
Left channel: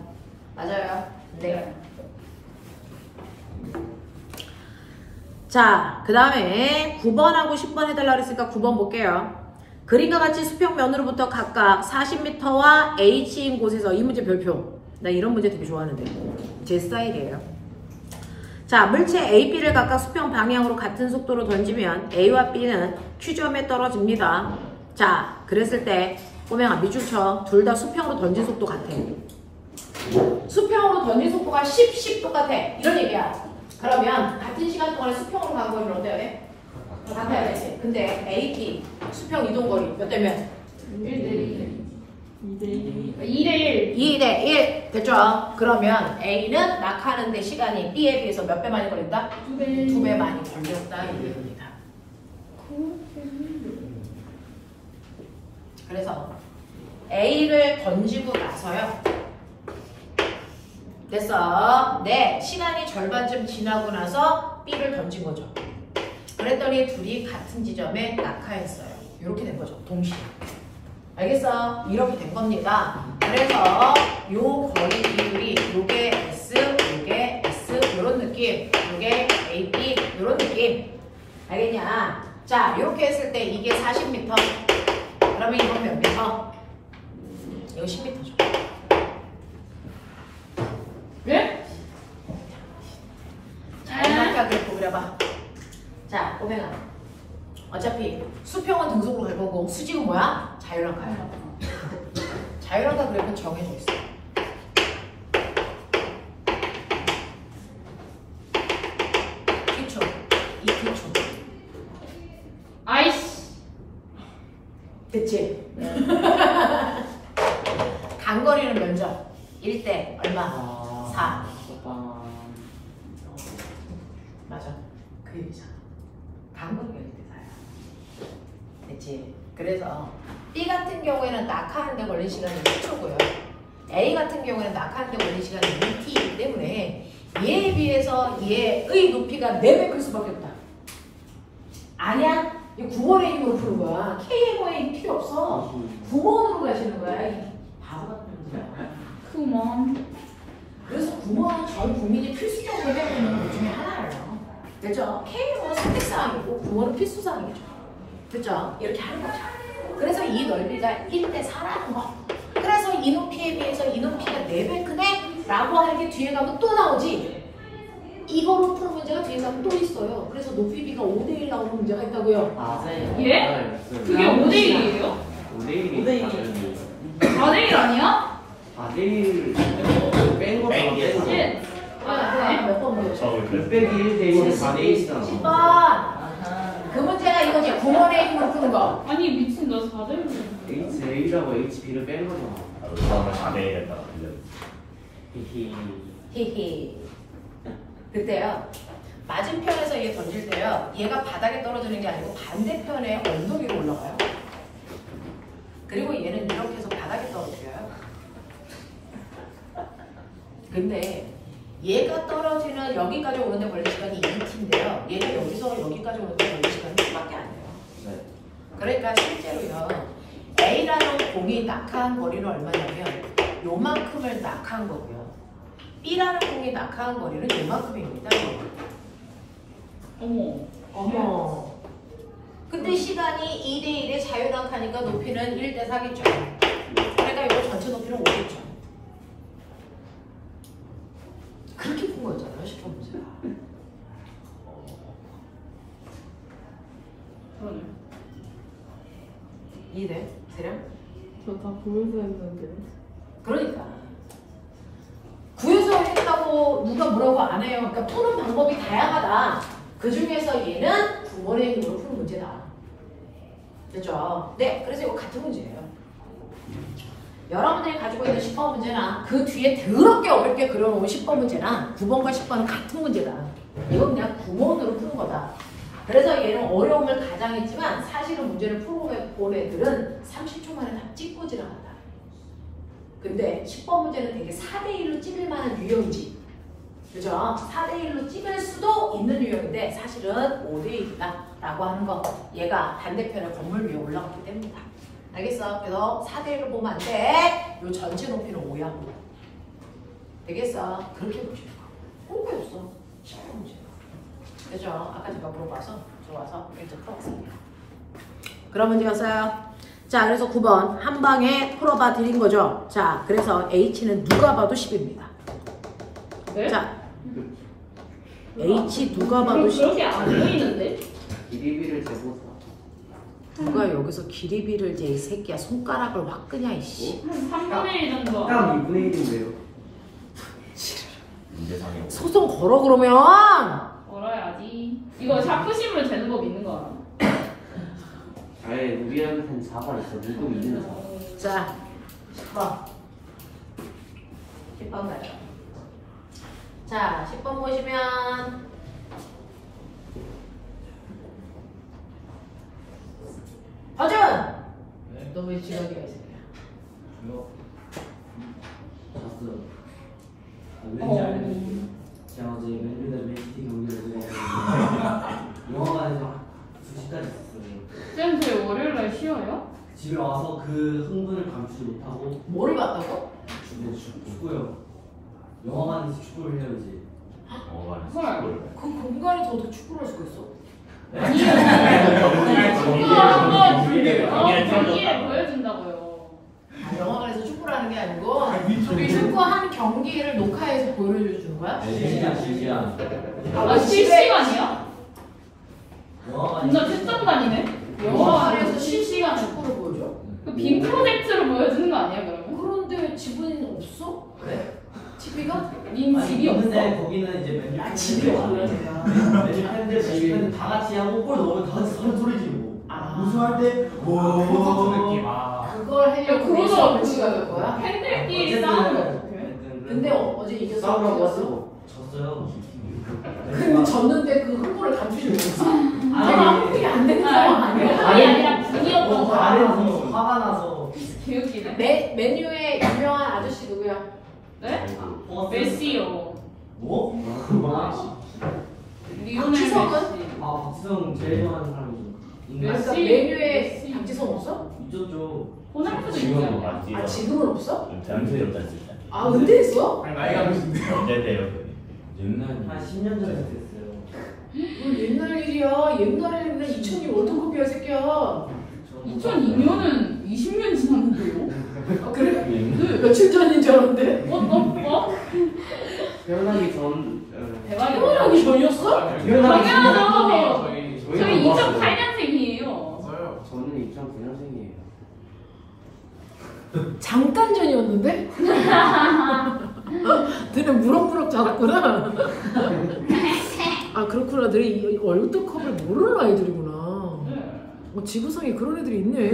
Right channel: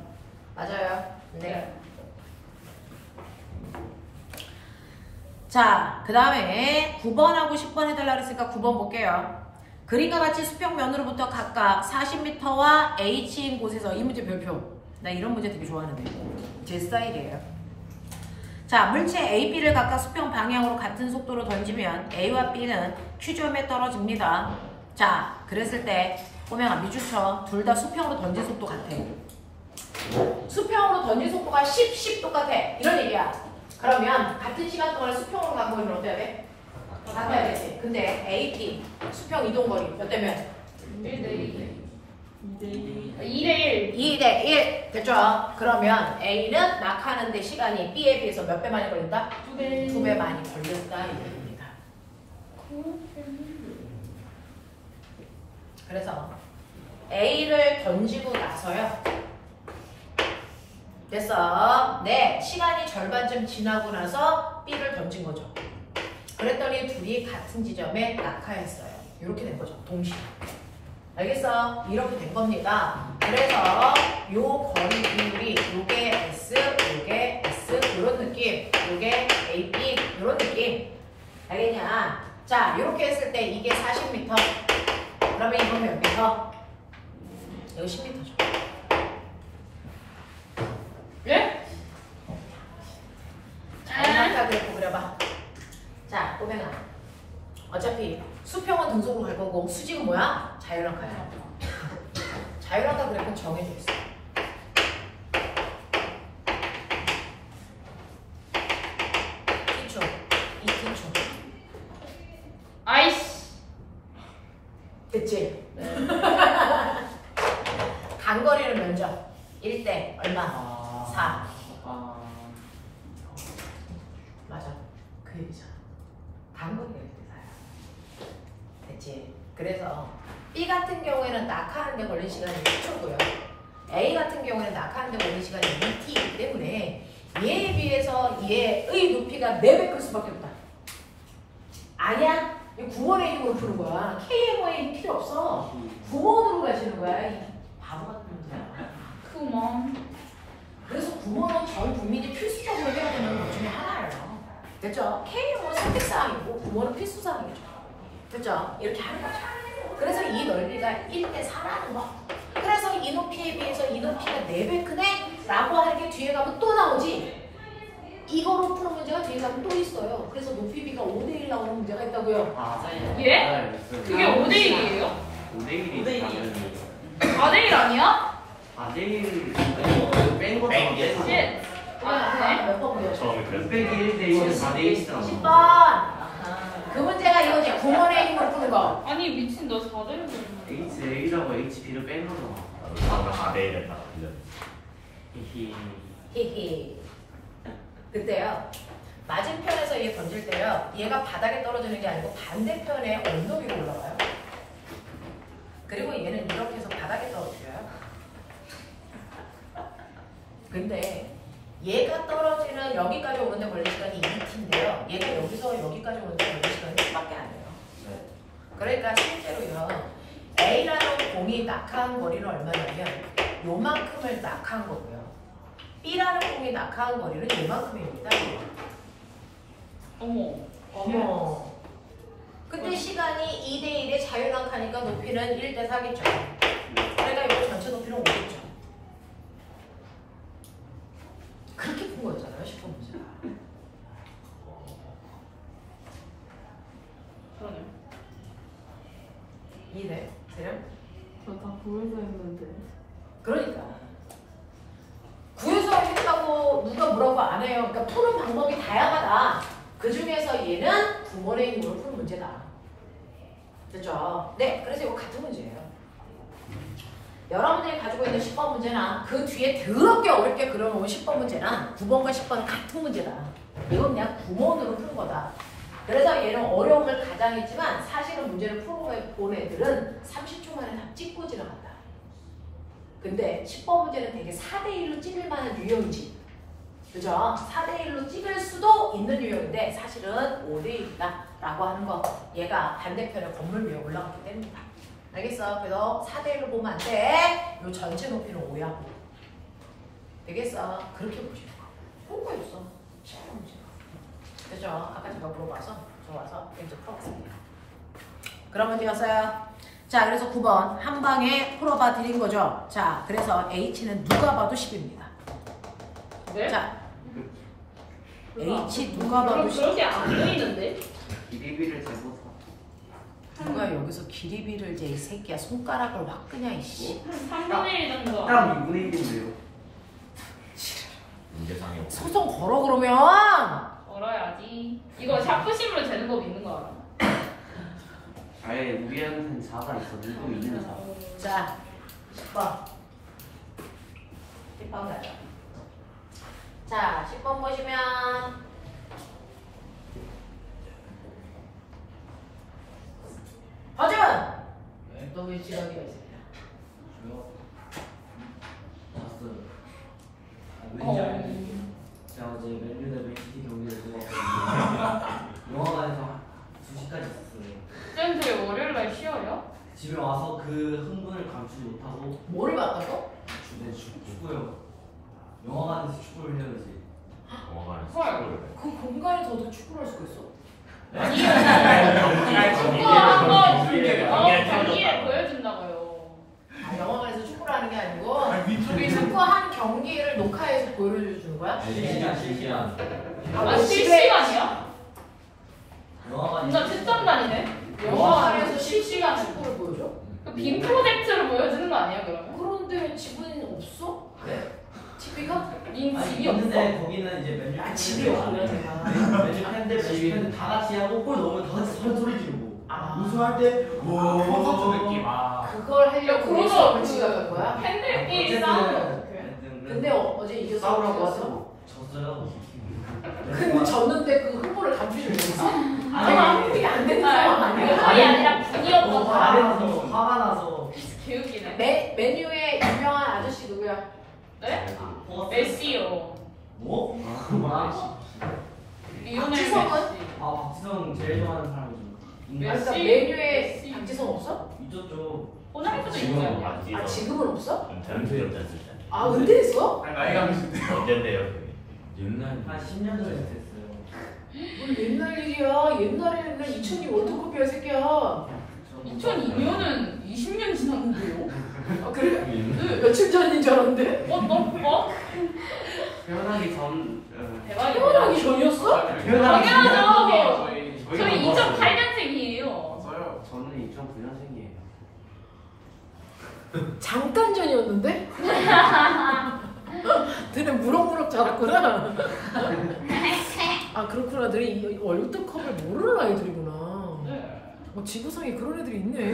맞아요? 네. 자, 그 다음에 9번하고 10번 해달라 그랬으니까 9번 볼게요. 그림과 같이 수평면으로부터 각각 40m와 H인 곳에서 이 문제 별표. 나 이런 문제 되게 좋아하는데. 제 스타일이에요. 자, 물체 A, B를 각각 수평 방향으로 같은 속도로 던지면 A와 B는 Q점에 떨어집니다. 자, 그랬을 때 꼬맹아 밑줄 쳐. 둘 다 수평으로 던진 속도 같아. 수평으로 던진 속도가 10 똑같아. 이런 얘기야. 그러면 같은 시간 동안 수평으로 가는 거는 어때야 돼? 같아야 되지. 근데 A, B 수평 이동거리 몇 대면? 1대2. 2대2. 2대1. 2대1 됐죠? 그러면 A는 낙하하는데 시간이 B에 비해서 몇 배 많이 걸린다? 2배. 2배 많이 걸렸다 이 얘기입니다. 그래서 A를 던지고 나서요. 됐어. 네, 시간이 절반쯤 지나고 나서 B를 던진 거죠. 그랬더니 둘이 같은 지점에 낙하했어요. 이렇게 된 거죠. 동시에. 알겠어? 이렇게 된 겁니다. 그래서 요 거리 비율이 요게 S, 요게 S, 이런 느낌. 요게 AP 이런 느낌. 알겠냐? 자, 이렇게 했을 때 이게 40m. 그러면 이건 몇 미터? 이거 10m죠. 예? 자연학과 그리고 그려봐. 자, 꼬맹아. 어차피 수평은 등속으로 갈 거고 수직은 뭐야? 자연학과야. 자연학과 그래프 정해져 있어. 기초. 이 기초. 아이씨. 됐지? 간거리는 면적 1대 얼마? 4. 맞아. 그 얘기잖아. 간거리가 1대 4야. 됐지? 그래서 B 같은 경우에는 낙하하는데 걸린 시간이 10초고요. A 같은 경우에는 낙하하는데 걸린 시간이 2t이기 때문에 얘에 비해서 얘의 높이가 4배 클 수밖에 없다. 아니야? 이 구원의 힘으로 푸는 거야. KMO의 힘 필요 없어. 구원으로 가시는 거야. 이 바보 같은 문제야. 그만. 그래서 구원은 전 국민이 필수적으로 해야 되는 것 중에 하나예요. 됐죠? KMO는 선택사항이고 구원은 필수사항이죠. 됐죠? 이렇게 하는 거죠. 그래서 이 넓이가 1대 4라는 거. 그래서 이 높이에 비해서 이 높이가 4배 크네? 라고 하는 게 뒤에 가면 또 나오지. 이거로 푸는 문제가 뒤에 가면 또 있어요. 그래서 높이비가 5대1 나오는 문제가 있다고요. 아, 예? 그게 5대1이에요? 5대1이 4대1 아니야? 4대1 뺀 거죠. 예. 아, 네. 몇번 보여줘? 6 빼기 1대 1은 4대1이잖아. 10번. 그 문제가 이거지. 구원의 힘으로 푸는 거. 아니 미친 너 4대1 HA라고 HB를 뺀 거잖아. 나도 4대 1 했다. 히히. 그때요. 맞은편에서 얘 던질 때요. 얘가 바닥에 떨어지는 게 아니고 반대편에 언덕 위로 올라가요. 그리고 얘는 이렇게 해서 바닥에 떨어져요. 근데 얘가 떨어지는 여기까지 오는데 걸리는 시간이 2t인데요. 얘가 여기서 여기까지 오는데 걸리는 시간이 2밖에 안 돼요. 네. 그러니까 실제로요. A라는 공이 낙하한 거리는 얼마냐면 요만큼을 낙하한 거고요. B라는 공이 낙하한 거리는 요만큼입니다. 어머. 어머. 근데 시간이 2대1에 자유낙하니까 높이는 1대 4겠죠. 그러니까 이거 전체 높이는 5겠죠. 그렇게 본 거였잖아요. 10번 문제가. 그러네. 이해돼? 세령? 저 다 보면서 했는데. 그러니까. 구해서 했다고 누가 뭐라고 안 해요. 그러니까 푸는 방법이 다양하다. 그 중에서 얘는 9번의 힘으로 푸는 문제다. 그죠? 네, 그래서 이거 같은 문제예요. 여러분들이 가지고 있는 10번 문제나 그 뒤에 더럽게 어렵게 그려놓은 10번 문제나 9번과 10번은 같은 문제다. 이건 그냥 구몬으로 푸는 거다. 그래서 얘는 어려움을 가장했지만 사실은 문제를 풀어본 애들은 30초 만에 다 찍고 지나간다. 근데 10번 문제는 되게 4대1로 찍을 만한 유형이지. 그죠? 4대1로 찍을 수도 있는 유형인데 사실은 5대1이다 라고 하는 거. 얘가 반대편에 건물 위에 올라갔기 때문이다. 알겠어? 그래서 4대1로 보면 안 돼. 요 전체 높이는 5야. 되겠어? 그렇게 보시는 거. 공부해줬어. 10번 문제가. 그죠? 아까 제가 물어봐서 좋아서 이제 풀어봤습니다. 그런 문제였어요. 자, 그래서 9번 한 방에 풀어봐 드린 거죠. 자, 그래서 H는 누가 봐도 10입니다. 네? 자, H 누가 봐도 10. 그렇게 안 보이는데? 비비비를 재보자. 누가 여기서 기리비를 재 이 새끼야. 손가락을 확 끄냐 이씨. 한 3분의 1 정도. 딱 2분의 1인데요. 문제상이 소송 걸어 그러면. 걸어야지. 이거 샤프심으로 되는 거 믿는 거 알아? 아예 우리한테는 자가 있어. 누구 있는 자. 자, 10번. 10번 가자. 자, 10번 보시면 허준! 너왜 지랄이야 이 새끼야. 잤어. 어. 제가 어제 맨유 대 맨시티 경기를 보고 영화관에서 2시까지 있었어요. 쌤 저희 월요일날 쉬어요? 집에 와서 그 흥분을 감추지 못하고 뭐를 봤다고? 축구요. 영화관에서 축구를 해야지. 헐. 그 공간에 더도 축구를 할 수가 있어? 축구 한번 경기를 보여준다고요. 아, 영화관에서 축구를 하는 게 아니고 축구한 경기를 녹화해서 보여주는 거야? 실시간. 아, 실시간이야? 영화관이 진짜 최첨단이네. 영화관에서 실시간 축구를 보여줘? 빔 프로젝트로 보여주는 거 아니에요, 그러면? 그런데 집은 없어? 그래? TV가? 님 집이 없어. 있는데 거기는 이제 맨유 아, 집이 없구나 제가. 맨유 팬들 다 같이 하고 골 넣으면 다 같이 소리 지르고 아. 우승할 때 콘서트 느낌. 아. 그걸 하려고 그거는 내수업을 지어갈 거야? 팬들끼리 싸우는 거 어떡해? 근데 어제 이겼어? 싸우라고 이겼어? 하고 졌어요. 근데 졌는데 그 흥보를 감추시는 거야? 아니, 흥이 안 되는 상황 아니야? 그게 아니라 분이었던 거야. 아래서 화가 나서 개웃기네. 맨유의 유명한 아저씨 누구야? 네? 버스. 메시요. 뭐? 리오넬 박지성은? 메시. 아 박지성 제일 좋아하는 사람이죠. 메시. 그러니까 맨유의 메시. 박지성 없어? 있었죠. 호날두도 지금은 있죠. 맞지. 아 지금은 없어? 은퇴했지 않습니까? 아 은퇴했어? 아니, 나이가 몇인데? 언젠데요? 옛날. 한 10년 전에 됐어요. 뭘 옛날 일이야. 옛날에는 2002 월드컵이야 새끼야. 2002년은 20년 지났는데요? 아 그래? 네. 며칠 전인 줄 알았는데. 어? 태어나기 전. 대박이다. 태어나기 전이었어? 당연하죠. 저희 저희 2008년생이에요. 맞아요. 저는 2009년생이에요. 잠깐 전이었는데? 너네 무럭무럭 자랐구나. 아 그렇구나. 너네 이 월드컵을 모르는 아이들이구나. 네. 지구상에 그런 애들이 있네.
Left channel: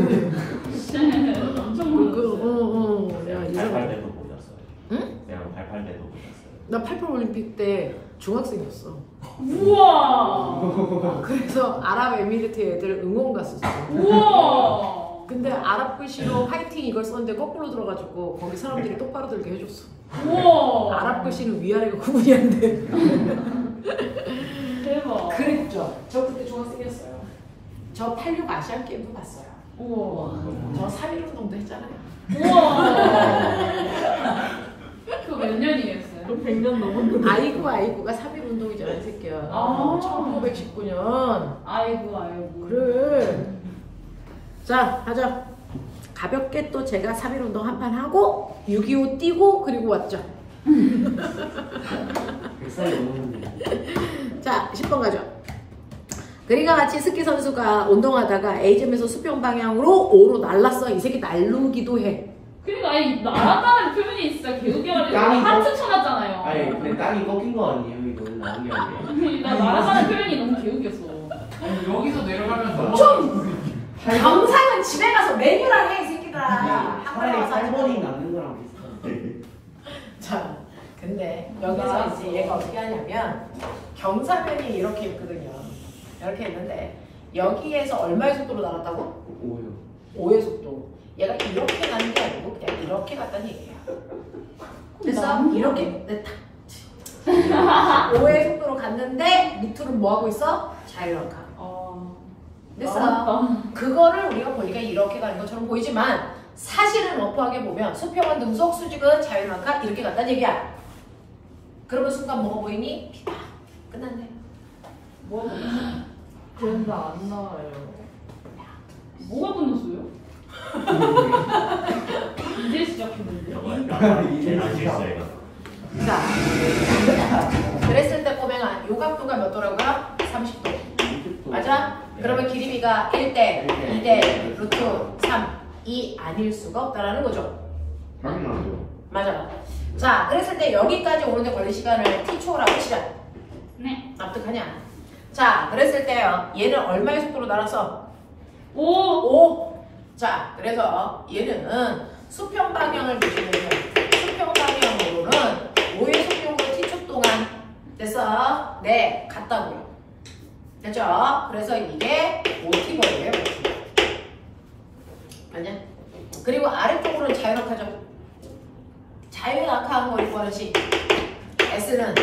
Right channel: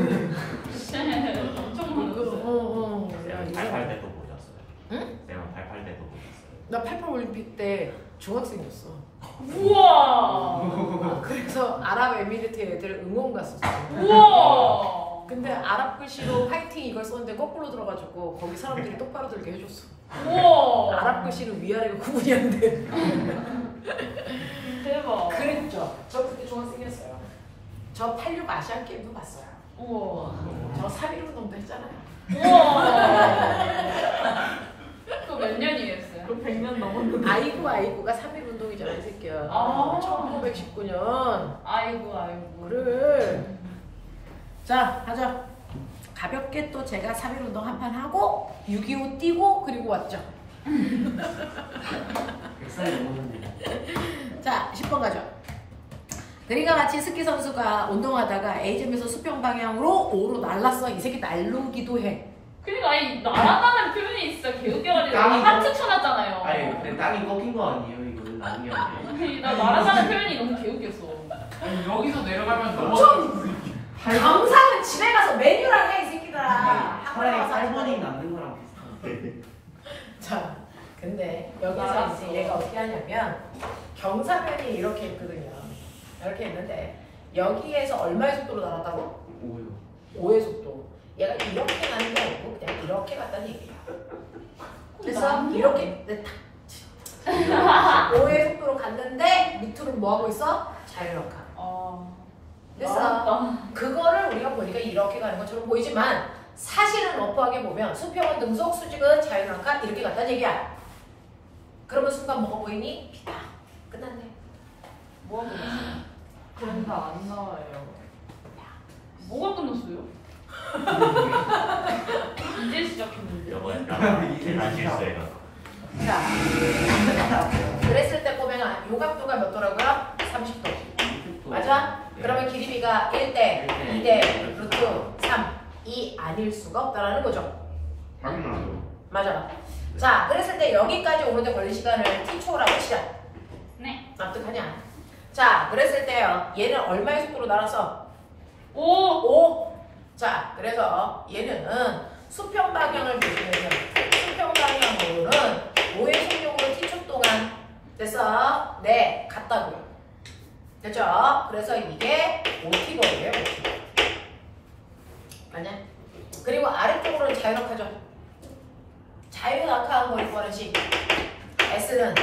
엄청 야 이거 88 때도 보셨어요? 응? 내가 88 때도 보셨어요? 나 88 올림픽 때 중학생이었어. 우와. 그래서 아랍에미리트 애들 응원 갔었어. 우와. 근데 아랍 글씨로 화이팅 이걸 썼는데 거꾸로 들어가지고 거기 사람들이 똑바로 들게 해줬어. 우와. 아랍 글씨는 위아래가 구분이 안 돼. 대박. 그랬죠. 저 그때 중학생이었어요. 저 86 아시안 게임도 봤어요. 우와. 저 3.1 운동도 했잖아요. 우와. 그 몇 년이었어요? 그 100년 넘었는데. 아이고가 3.1 운동이잖아 이 새끼야. 아. 1919년. 아이고. 그래. 자 하자. 가볍게 또 제가 3.1 운동 한 판 하고 6.25 뛰고 그리고 왔죠. 100살이 넘었는데. 자 10번 가죠. 대리가 같이 스키 선수가 운동하다가 A점에서 수평 방향으로 O로 날랐어. 이 새끼 날르기도 해. 그러니까 아니 날아가는 표현이 진짜 개우겨가지고 하트 쳐놨잖아요. 아니 근데 땅이 꺾인 거 아니에요? 이거 나온 게 아니에요. 나 날아가는 표현이 너무 개우겼어. 여기서 내려가면 넘어. 좀 감사는 집에 가서 메뉴랑 해 이 새끼들아. 차라리 8번이 남는 거랑 비슷한데. 자, 근데 여기서 이제 얘가 어떻게 하냐면 경사면이 이렇게 있거든요. 이렇게 있는데 여기에서 얼마의 속도로 날았다고? 5요. 5의 속도. 얘가 이렇게 가는 게 아니고 그냥 이렇게 갔다는 얘기야. 됐어? 남겨. 이렇게 네, 탁. 5의 속도로 갔는데 밑으로 뭐 하고 있어? 자유로가. 됐어? 알았다. 그거를 우리가 보니까 이렇게 가는 것처럼 보이지만 사실은 러프하게 보면 수평은 등속, 수직은 자유로가 이렇게 갔다는 얘기야. 그러면 순간 뭐가 보이니? 피다. 끝났네. 뭐가 끝났어요? 그런데 안 나와요. 뭐가 끝났어요? 이제 시작했는데. 영화 제가 실수해요. 자, 그랬을 때 보면 요 각도가 몇 도라고요? 30도. 맞아? 그러면 길이비가 1대, 2대, 루트 3, 2 아닐 수가 없다라는 거죠. 맞아. 자, 그랬을 때 여기까지 오는데 걸린 시간을 t초라고 치자. 네. 납득하냐? 자, 그랬을 때요. 얘는 얼마의 속도로 날았어? 5. 5. 자, 그래서 얘는 수평 방향을 보시면요. 수평 방향으로는 5의 속력으로 t초 동안 됐어? 네, 같다고요. 됐죠? 그래서 이게 5t 거리예요. 5t. 맞냐? 그리고 아래쪽으로는 자유낙하죠. 자유낙하한 거리 구하는식 S는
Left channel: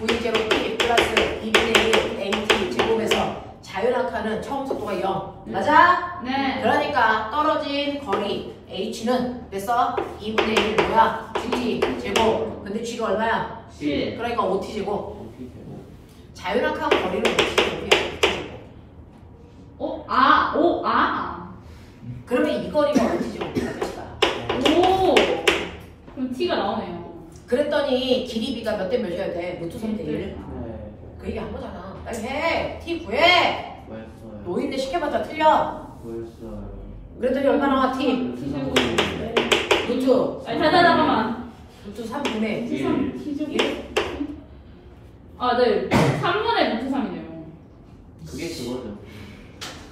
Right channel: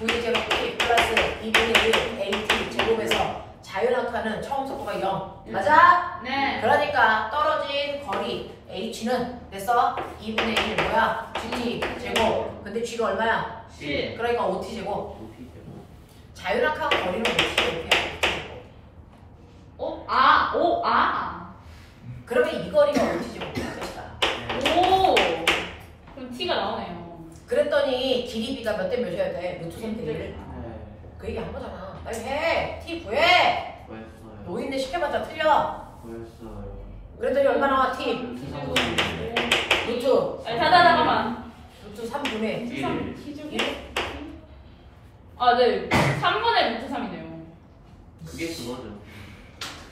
V0t 플러스 2분의 1 AT 제곱에서 자유낙하는 처음 속도가 0. 맞아? 네. 그러니까 떨어진 거리 h는 됐어? 2분의 1 뭐야? gt 제곱. 근데 g가 얼마야? 10. 그러니까 5t 제곱. 높이 되고. 자유낙하 거리는 5t 제곱이야. 그러면 이 거리가 5t 제곱이야. 오. 그럼 T가 나오네요. 그랬더니 길이 b가 몇 대 몇이어야 돼? 루트 3대 1. 네. 그 얘기 한 거잖아. 빨리 해. t 구해. 구했어요. 노인네 시켜봤자 틀려. 구했어요. 그랬더니 얼마 나와 t? 루트. 잠깐만. 루트 3분의 1. 1. 아, 네. 3분의 루트 3이네요. 그게 그거죠.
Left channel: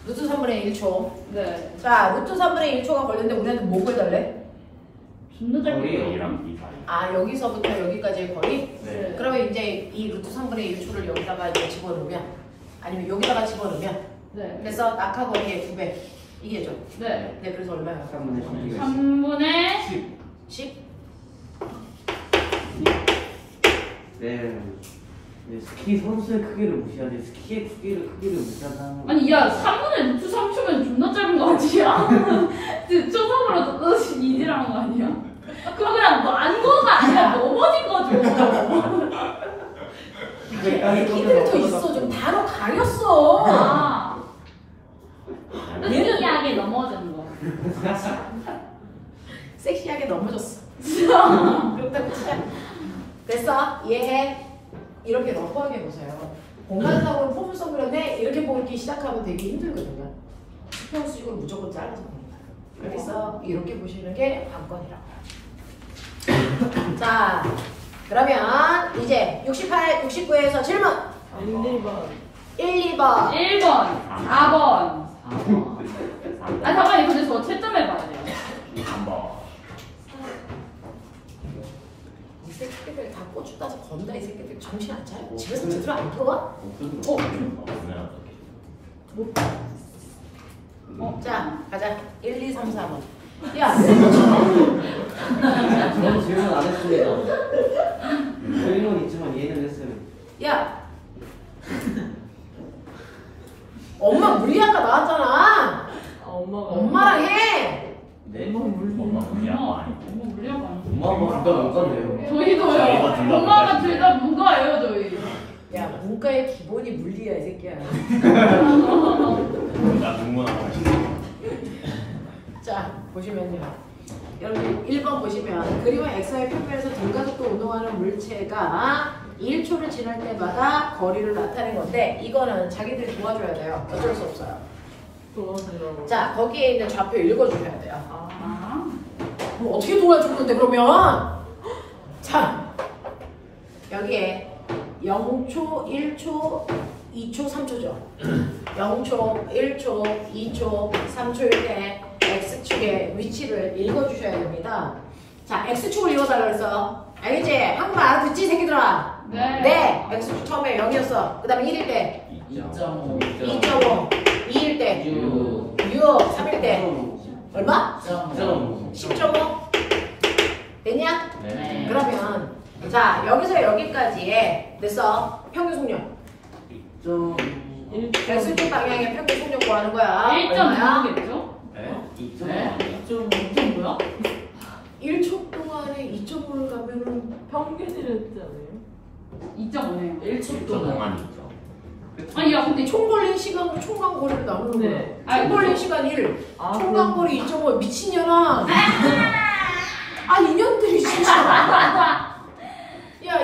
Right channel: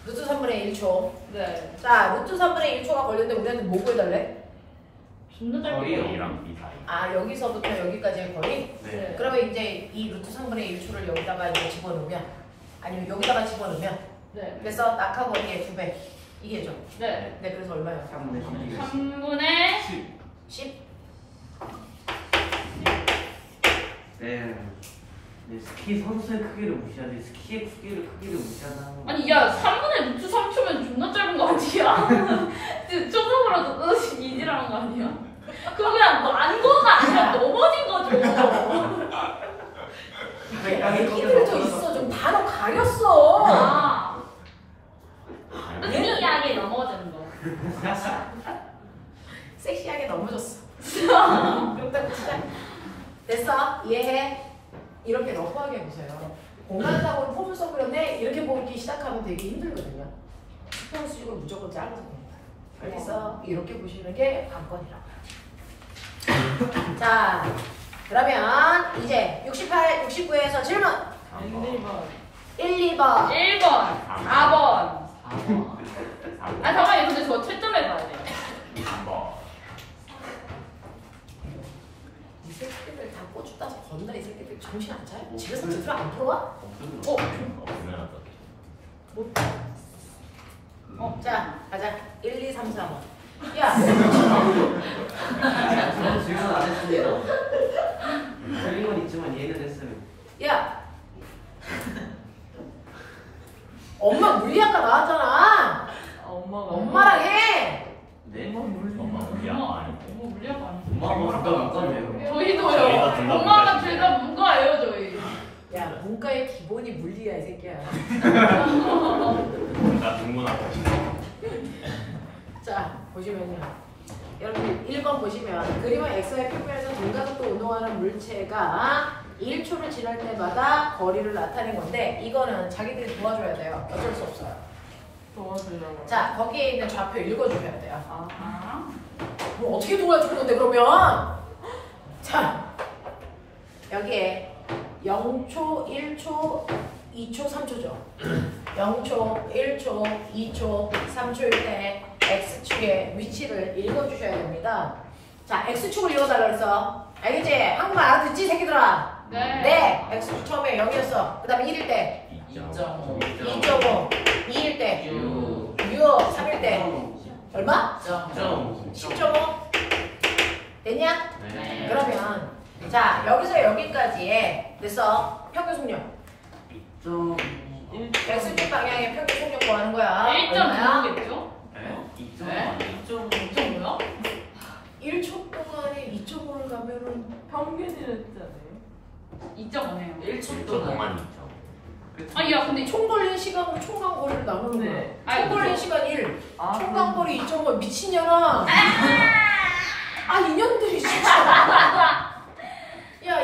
루트 3분의 1초. 네. 자, 루트 3분의 1초가 걸렸는데 우리한테 뭐 구해달래? 존나 짧게 거리요. 걸려. A랑 B 사이. 아, 여기서부터 여기까지의 거리? 네. 그러면 이제 이 루트 3분의 1초를 여기다가 이제 집어넣으면 아니면 여기다가 집어넣으면 네. 그래서 낙하거리의 2배. 이게죠. 네. 네, 그래서 얼마예요? 3분의 10. 3분의 10? 네. 네. 스키 선수의 크기를 무시하는데 스키의 크기를 무시한다는 거. 아니 야 3분의 루트 3초면 존나 짧은 거 아니야? 초성으로 뜻이 이지라는 거 아니야? 그거 그냥 안 거가 아니라 넘어진 거죠. 왜 땅에 힌트도 있어. 좀 단어 가렸어. 아 느끼하게 넘어지는 거. 섹시하게 넘어졌어. 그렇다고 치자. 됐어? 이해해? 이렇게 러프하게 보세요. 공간적으로 폼을 써보려는데 이렇게 보기 시작하면 되게 힘들거든요. 수평 수직을 무조건 잘라서 됩니다. 그래서 이렇게 보시는 게 관건이라고 하죠. 자, 그러면 이제 68, 69에서 질문. 1번. 1, 2번. 1번, 4번. 아 잠깐만 근데 저 채점해봐야 돼요. 3번. 이 새끼들 다 고추 따서 건다. 이 새끼들 정신 안 차려? 집에서 제대로 안 들어와? 자, 가자. 1, 2, 3, 4번. 야, 저는 질문 안 했습니다. 틀린 건 있지만 얘는 했어요. 야. 엄마 물리학과 나왔잖아. 엄마랑 해. 네? 엄마 물리학 엄마 아니. 물리학 아니야? 엄마가 둘다 못 갔네요. 저희도요. 저희도 둘다 엄마가 문과지. 둘 다 문과예요 저희. 야, 문과의 기본이 물리야, 이 새끼야. 나 공문하고. 자, 보시면요. 여러분 1번 보시면 그림의 xy 평면에서 등가속도 운동하는 물체가 1초를 지날 때마다 거리를 나타낸 건데 이거는 자기들이 도와줘야 돼요. 어쩔 수 없어요. 도와주려고. 자, 거기에 있는 좌표 읽어주셔야 돼요. 아. 뭐 어떻게 도와줄 건데 그러면? 자, 여기에 0초, 1초, 2초, 3초죠. 0초, 1초, 2초, 3초일 때 X축의 위치를 읽어주셔야 됩니다. 자, X축을 읽어달라 그랬어. 알겠지? 한국말 알아듣지, 새끼들아? 네. 네, X축 처음에 0이었어. 그 다음에 1일 때 2.5. 2.5, 2일 때 6. 3일 때 얼마? 10.5. 10.5? 됐냐? 네. 그러면 자, 여기서 여기까지에 됐어. 평균 속력. 2.5. X축 방향의 평균 속력 구하는 거야. 얼마야? 1.5겠죠? 네? 2.5 뭐야? 1초 동안에 2.5를 가면은 평균이랬잖아요. 2.5네요. 1초 동안 있죠. 아니 야 근데 총 걸린 시간으로 총간 거리를 나누는 거야. 네. 총 걸린 시간 1, 아, 총간 거리 2.5. 미친년아. 아, 이년들이 진짜. 야,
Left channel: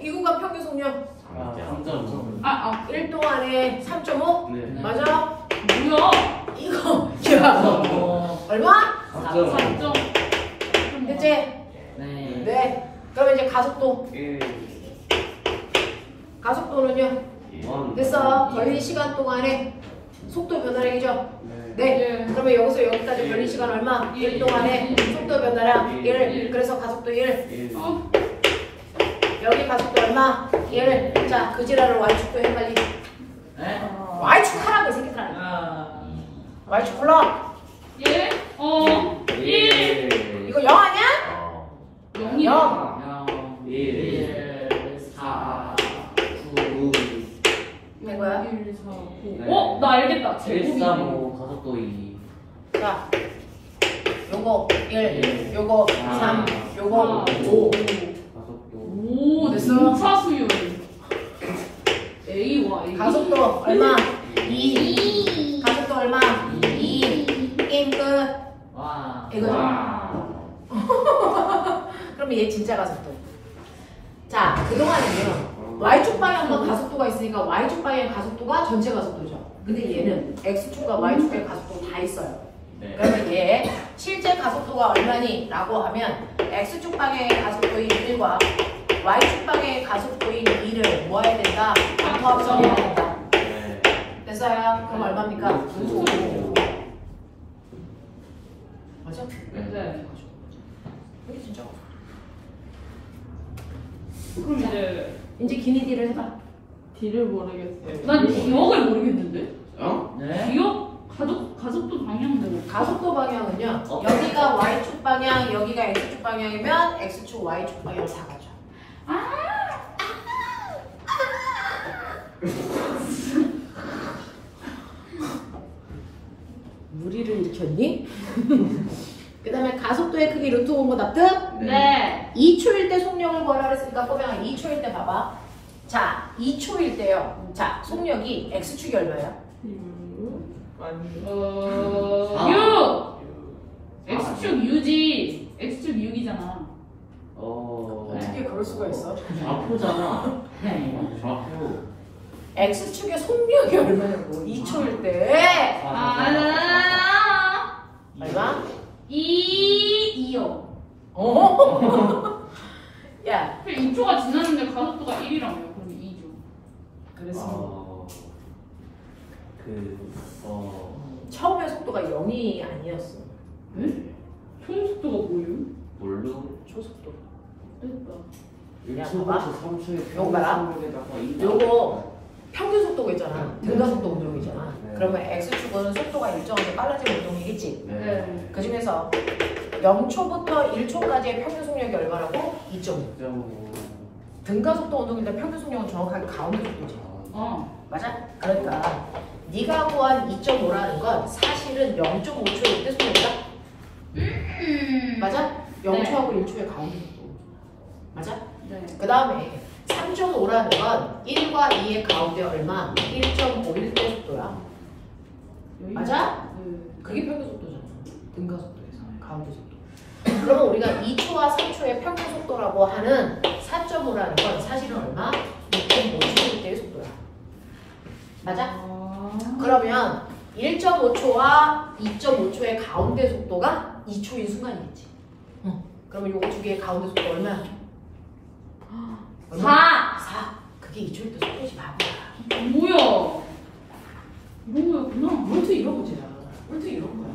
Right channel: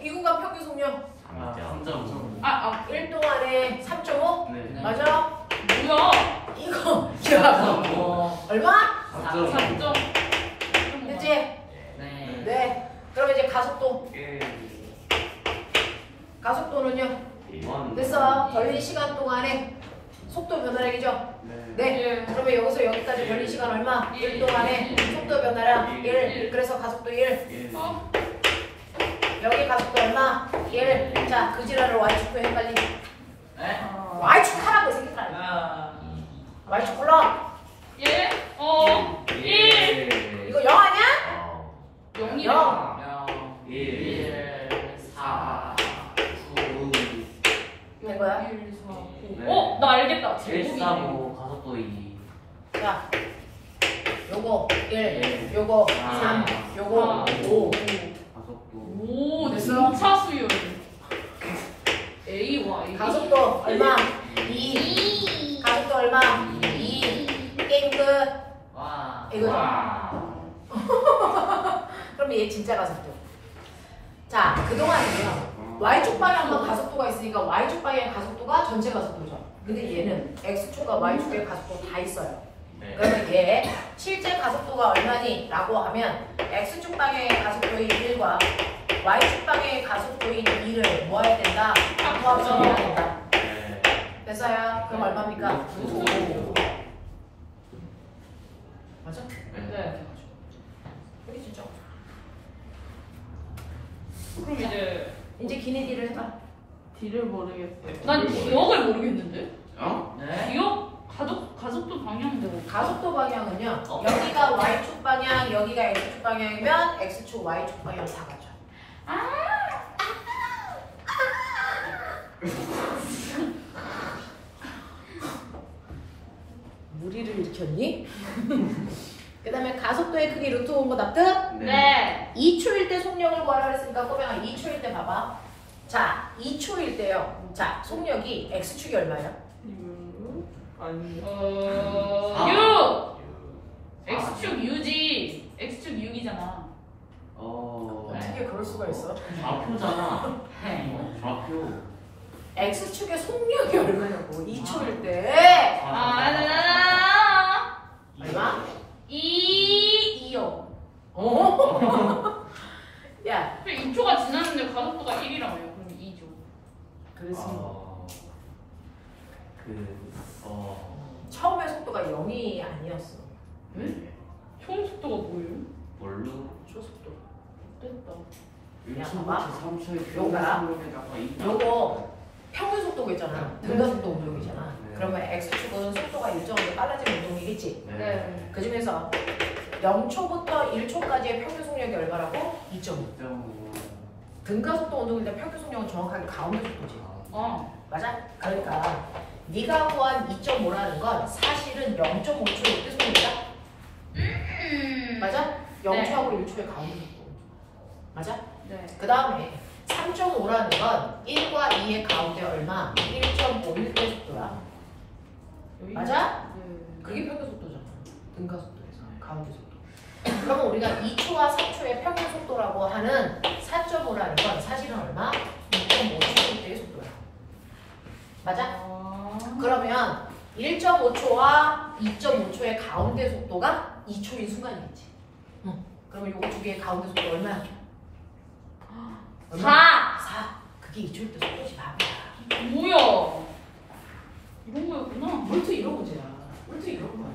이거가 평균 속력. 3.5. 아 1 동안에 3.5? 네. 맞아? 뭐야? 이거. 야, 얼마? 3점. 됐지? 네. 네. 그럼 이제 가속도. 1. 가속도는요? 됐어. 걸린 시간 동안에 속도 변화량이죠? 네. 그러면 여기서 여기까지 걸린 시간 얼마? 1 동안에 속도 변화량 1. 그래서 가속도 1. 1. 어? 여기 가속도 얼마? 1. 자, 그 지랄을 Y축도 해 빨리. Y축 하라고 생각하는. Y축 불러. 1? 1. 이거 0 아니야? 0이야. 0. 1. 4. 9. 된 거야? 1, 4, 9. 네. 어? 요거 1, 요거 3, 요거 5. 가속도. 오, 됐어? 진짜 수율. AY. 가속도 얼마? 2. 가속도 얼마? 2. 게임 끝. 와. 이거죠. 그럼 얘 진짜 가속도. 자, 그동안은요. Y축 방향만 가속도가 있으니까 Y축 방향의 가속도가 전체 가속도죠. 근데 얘는 X축과 Y축의 가속도 다 있어요. 네. 그러면 얘 실제 가속도가 얼마니? 라고 하면 X축 방향의 가속도인 1과 Y축 방향의 가속도인 2를 뭐 해야 된다? 합성해야 된다. 네. 됐어요? 그럼 얼마입니까? 5. 맞아? 네. 여기 진짜. 그럼 이제 기니디를 해봐. 뒤를 모르겠어요. 난 기억을 모르겠는데. 어? 네. 기억 가속도 방향도. 가속도 방향은요. 여기가 Y축 방향, 여기가 X축 방향이면 X축, Y축 방향을 다 가죠. 무리를 일으켰니? 그 다음에 가속도의 크기 루트 본 거 납득? 네. 2초일 때 속력을 구하라 그랬으니까 꼬맹아 2초일 때 봐봐. 자, 2초일 때요. 자, 속력이 X축이 얼마야? 아니요. 6. X축 U지. X축 6이잖아. 어떻게 그럴 수가 있어? 좌표잖아. 좌표. X축의 속력이 얼마냐고 2초일 때 아, 얼마? 2요. 어? 야 2초가 지났는데 가속도가 1이라며. 그럼 2죠. 그래서 처음에 속도가 0이 아니었어. 총 속도가 뭐예요? 뭘로? 초속도. 됐다. 야, 봐봐. 3초에 요거 봐라. 요거 평균 속도가 있잖아. 등가속도 운동이잖아. 네. 그러면 X축은 속도가 일정하게 빨라지는 운동이겠지. 네. 그 중에서 0초부터 1초까지의 평균 속력이 얼마라고? 2.5. 등가속도 운동인데 평균 속력은 정확하게 가운데 속도지. 맞아? 그러니까 네가 구한 2.5라는 건 사실은 0.5초일 때 속력이다. 맞아? 0초하고 1초의 가운데 속도. 맞아? 네. 그 다음에 3.5라는 건 1과 2의 가운데 얼마? 1.5일 때 속도야. 맞아? 그게 평균 속도잖아. 등가 속도에서 가운데 속도. 그러면 우리가 2초와 3초의 평균 속도라고 하는 4.5라는 건 사실은 얼마? 6.5초일 때의 속도야. 맞아? 그러면 1.5초와 2.5초의 가운데 속도가 2초인 순간이겠지. 그러면 요거 두 개의 가운데 속도 얼마야? 4. 4. 그게 2초일 때 속도지 바보야. 뭐야? 이런 거였구나. 옳지 이런 문제야. 옳지 이런 거야.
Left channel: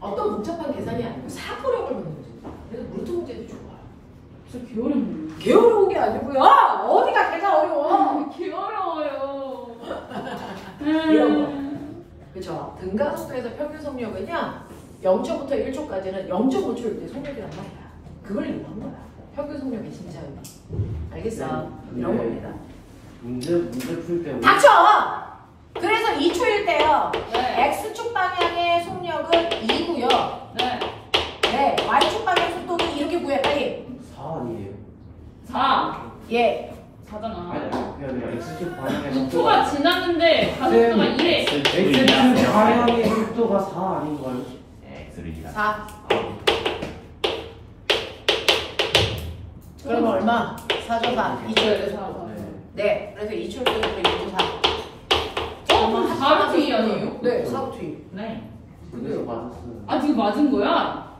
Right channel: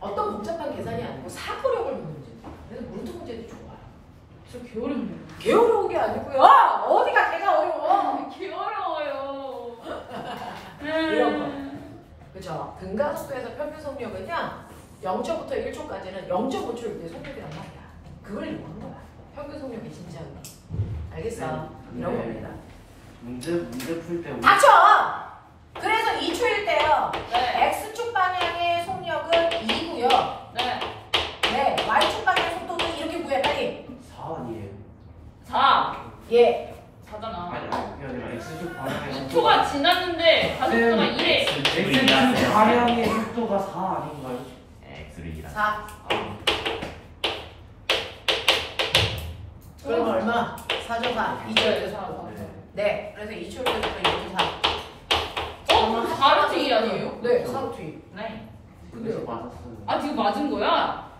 어떤 복잡한 계산이 아니고 사고력을 묻는 문제. 그래서 루트 문제도 좋아요. 진짜 개어렵네. 게으러운 게 아니고요. 어디가 걔가 어려워. 개어려워요. 이런 거. 그쵸? 등가속도에서 평균 속력은요. 0초부터 1초까지는 0.5초일 때 속력이란 말이야. 그걸 이용한 거야. 평균 속력이 진짜. 알겠어? 이런 겁니다. 문제 풀 때. 닥쳐! 그래서 2초일 때요. 네. X축 방향의 속력은 2고요. 네. 네, Y축 방향 속도는 이렇게 구해 빨리. 4 아니에요? 4. 예. 4잖아. 그게 아니라 X축 방향의 2초가 지났는데 가속도가 1에. X축 방향의 속도가 4 아닌가요? X를 4. 그럼 얼마? 4죠 4. 2초일 때 4. 네. 그래서 2초일 때 2초 4. 그럼 4로 T 아니에요? 네, 4로 T. 네. 그래서 맞았어요. 아, 지금 맞은 거야?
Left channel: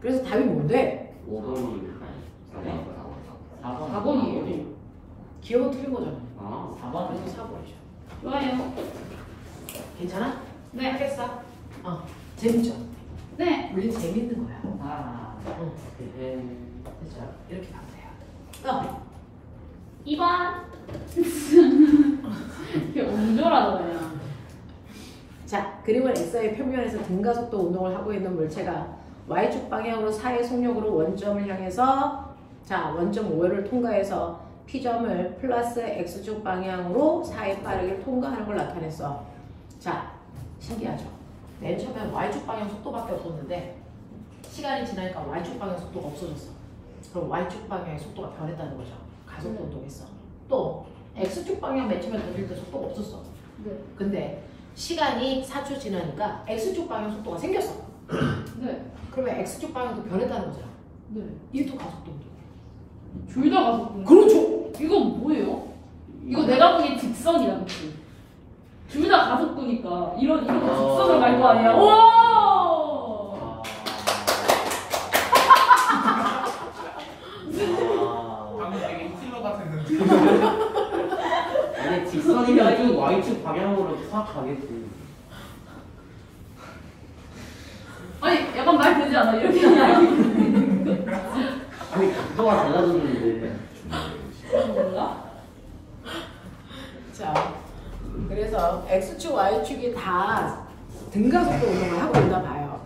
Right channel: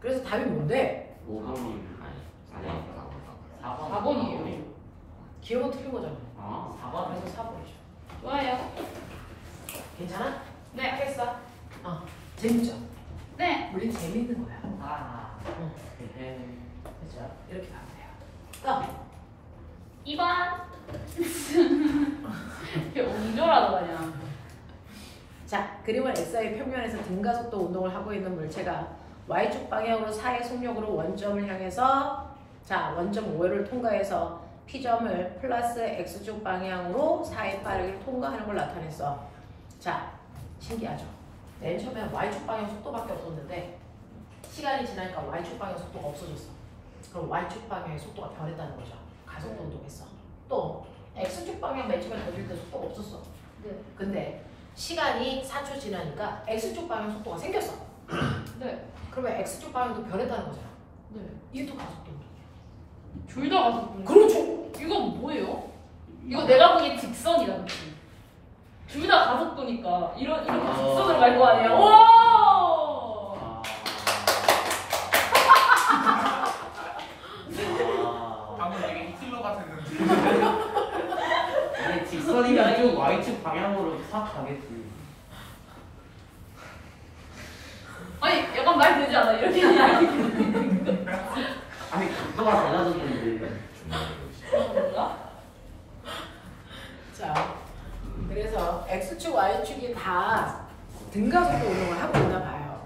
그래서 답이 뭔데? 5번이 4번이에요. 기억은 틀린 거잖아. 아, 4번. 그래서 4번이죠. 좋아요. 괜찮아? 네. 하겠어? 재밌죠? 네. 우린 재밌는 거야. 헤헤. 그렇죠? 이렇게 가면 돼요. 또. 2번. 이게 옹졸하다 그냥. 자, 그림을 X의 평면에서 등가속도 운동을 하고 있는 물체가 Y축 방향으로 4의 속력으로 원점을 향해서 자, 원점 5를 통과해서 P점을 플러스 X축 방향으로 4의 빠르기를 통과하는 걸 나타냈어. 자, 신기하죠? 맨 처음에 Y축 방향 속도밖에 없었는데 시간이 지나니까 Y축 방향 속도가 없어졌어. 그럼 Y축 방향의 속도가 변했다는 거죠. 가속도 운동했어. 또 X축 방향 맨 처음에 던질 때 속도가 없었어. 네. 근데 시간이 4초 지나니까 X축 방향 속도가 생겼어. 네. 그러면 X축 방향도 변했다는 거잖아. 네. 이게 또 가속도 운동이야. 둘 다 가속도. 그렇죠. 이거 뭐예요? 이거 내가 보기엔 직선이다, 그치? 둘 다 가속도니까 이렇게 직선을 갈 거 아니야? 오! 방금 되게 힐러 같았는데. 이게 직선이면 아니고 Y축 방향으로 확 가겠지. 아니, 약간 말 되지 않아? 이렇게 아니 각도가 달라졌는데. 뭔가? 자, 그래서 X축, Y축이 다 등가속도 운동을 하고 있나 봐요.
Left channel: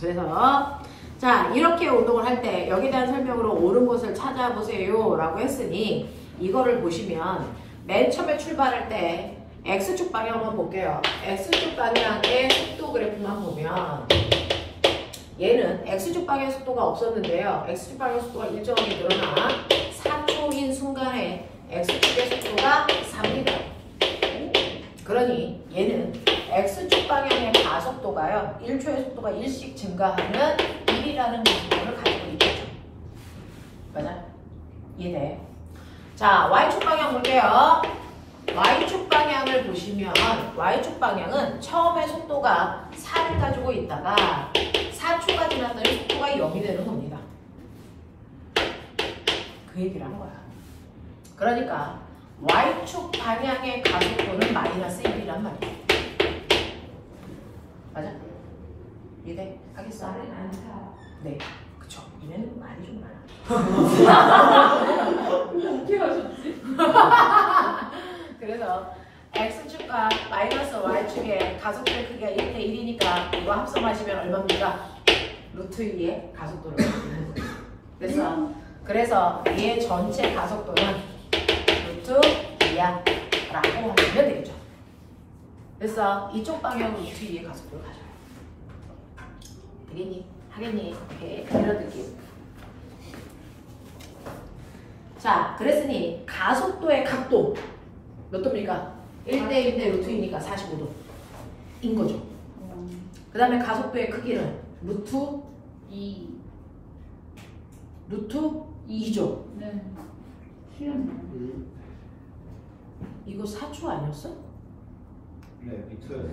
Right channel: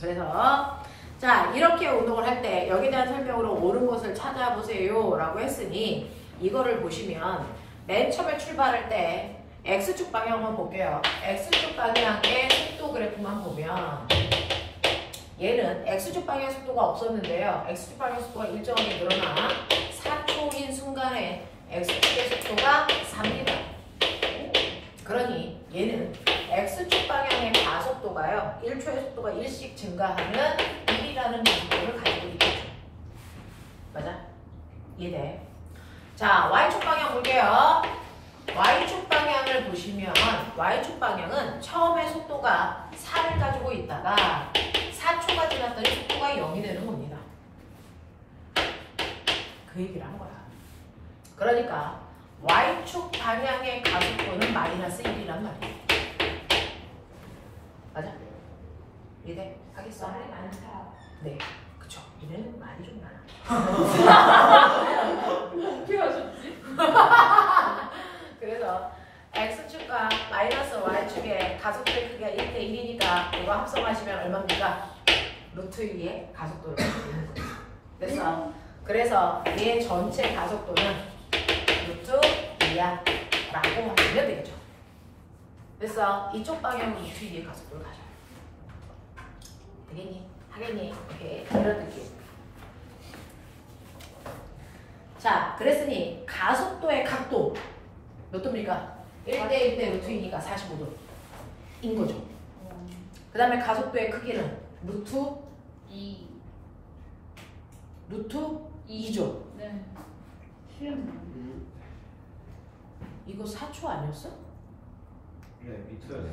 그래서 자, 이렇게 운동을 할 때 여기에 대한 설명으로 옳은 것을 찾아보세요 라고 했으니 이거를 보시면 맨 처음에 출발할 때 X축 방향만 볼게요. X축 방향의 속도 그래프만 보면 얘는 X축 방향 속도가 없었는데요. X축 방향 속도가 일정하게 늘어나 4초인 순간에 X축의 속도가 3입니다. 그러니 얘는 X축 방향의 가속도가요. 1초의 속도가 1씩 증가하는 1이라는 가속도를 가지고 있겠죠. 맞아? 이해돼? 자, Y축 방향 볼게요. Y축 방향을 보시면 Y축 방향은 처음에 속도가 3을 가지고 있다가 4초가 지났더니 속도가 0이 되는 겁니다. 그 얘기를 한 거야. 그러니까 Y축 방향의 가속도는 마이너스 1이란 말이야. 맞아? 이해? 하겠어? 말이 많다. 네. 그쵸. 얘네는 말이 좀 많아. 어떻게 하셨지? 그래서 X축과 마이너스 Y축의 가속도의 크기가 1대 1이니까 이거 합성하시면 얼마입니까? 루트 2의 가속도를 갖는 거예요. 그래서 얘 전체 가속도는 루트 2야 라고 하시면 되겠죠. 그래서 이쪽 방향으로 루트 2의 가속도를 가져요. 되겠니? 하겠니? 오케이. 이런 느낌. 자, 그랬으니 가속도의 각도 몇 도입니까? 1대 1대 루트 2니까 45도인 거죠. 그 다음에 가속도의 크기는 루트 2. 루트 2죠. 네. 틀렸네. 이거 4초 아니었어? 네, 미터였어요.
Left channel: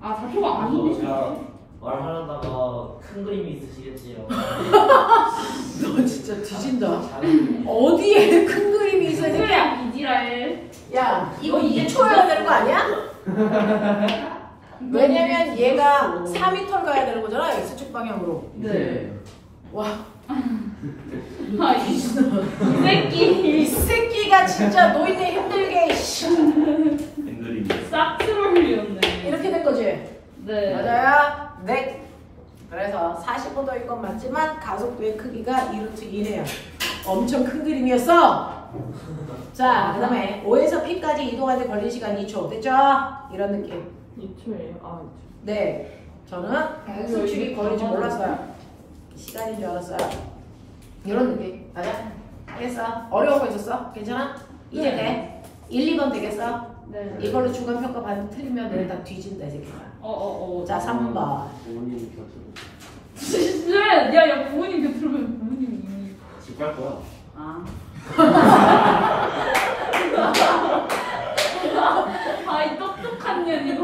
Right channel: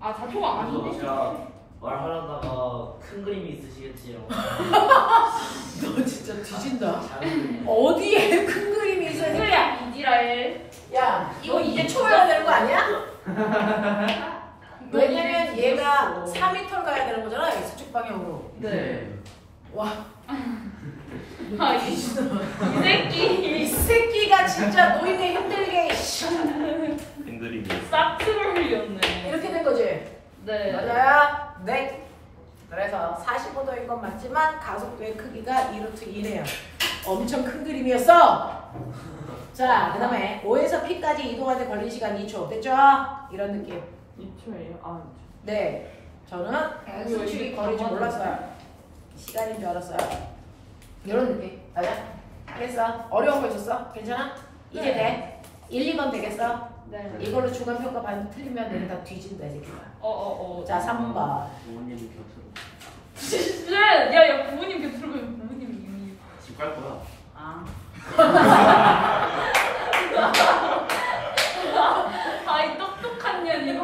아, 4초가 아니네. 제가 말하다가 큰 그림이 있으시겠지요. 너 진짜 뒤진다. 어디에 큰 그림이 있어? 이 새끼야. 이지라엘. 야, 이게 초여야 되는 거 아니야? 왜냐면 얘가 4m 가야 되는 거잖아. X축 방향으로. 네. 와, 아, 이 새끼. 이 새끼가 진짜 노인네 힘들게 씨. 팬그림이. 싹 트롤 흘렸네. 이렇게 된 거지? 네. 맞아요? 네. 그래서 45도인 건 맞지만 가속도의 크기가 2루트 2네요. 엄청 큰 그림이었어. 자, 그 다음에 O에서 P까지 이동하는데 걸린 시간 2초. 됐죠? 이런 느낌. 2초예요? 아, 네. 저는 X축이 걸리지 몰랐어요. 시간인 줄 알았어요. 이런 느낌. 맞아? 알겠어? 어려운 거 있었어? 괜찮아? 이제 돼? 1, 2번 되겠어? 네. 이걸로 중간평가 반 틀리면 내가 다 뒤진다, 이 새끼가. 자, 3번. 부모님 곁으로. 네. 야, 부모님 곁으로 왜 부모님이. 집 갈 거야. 아. 아, 이 똑똑한 년 이거.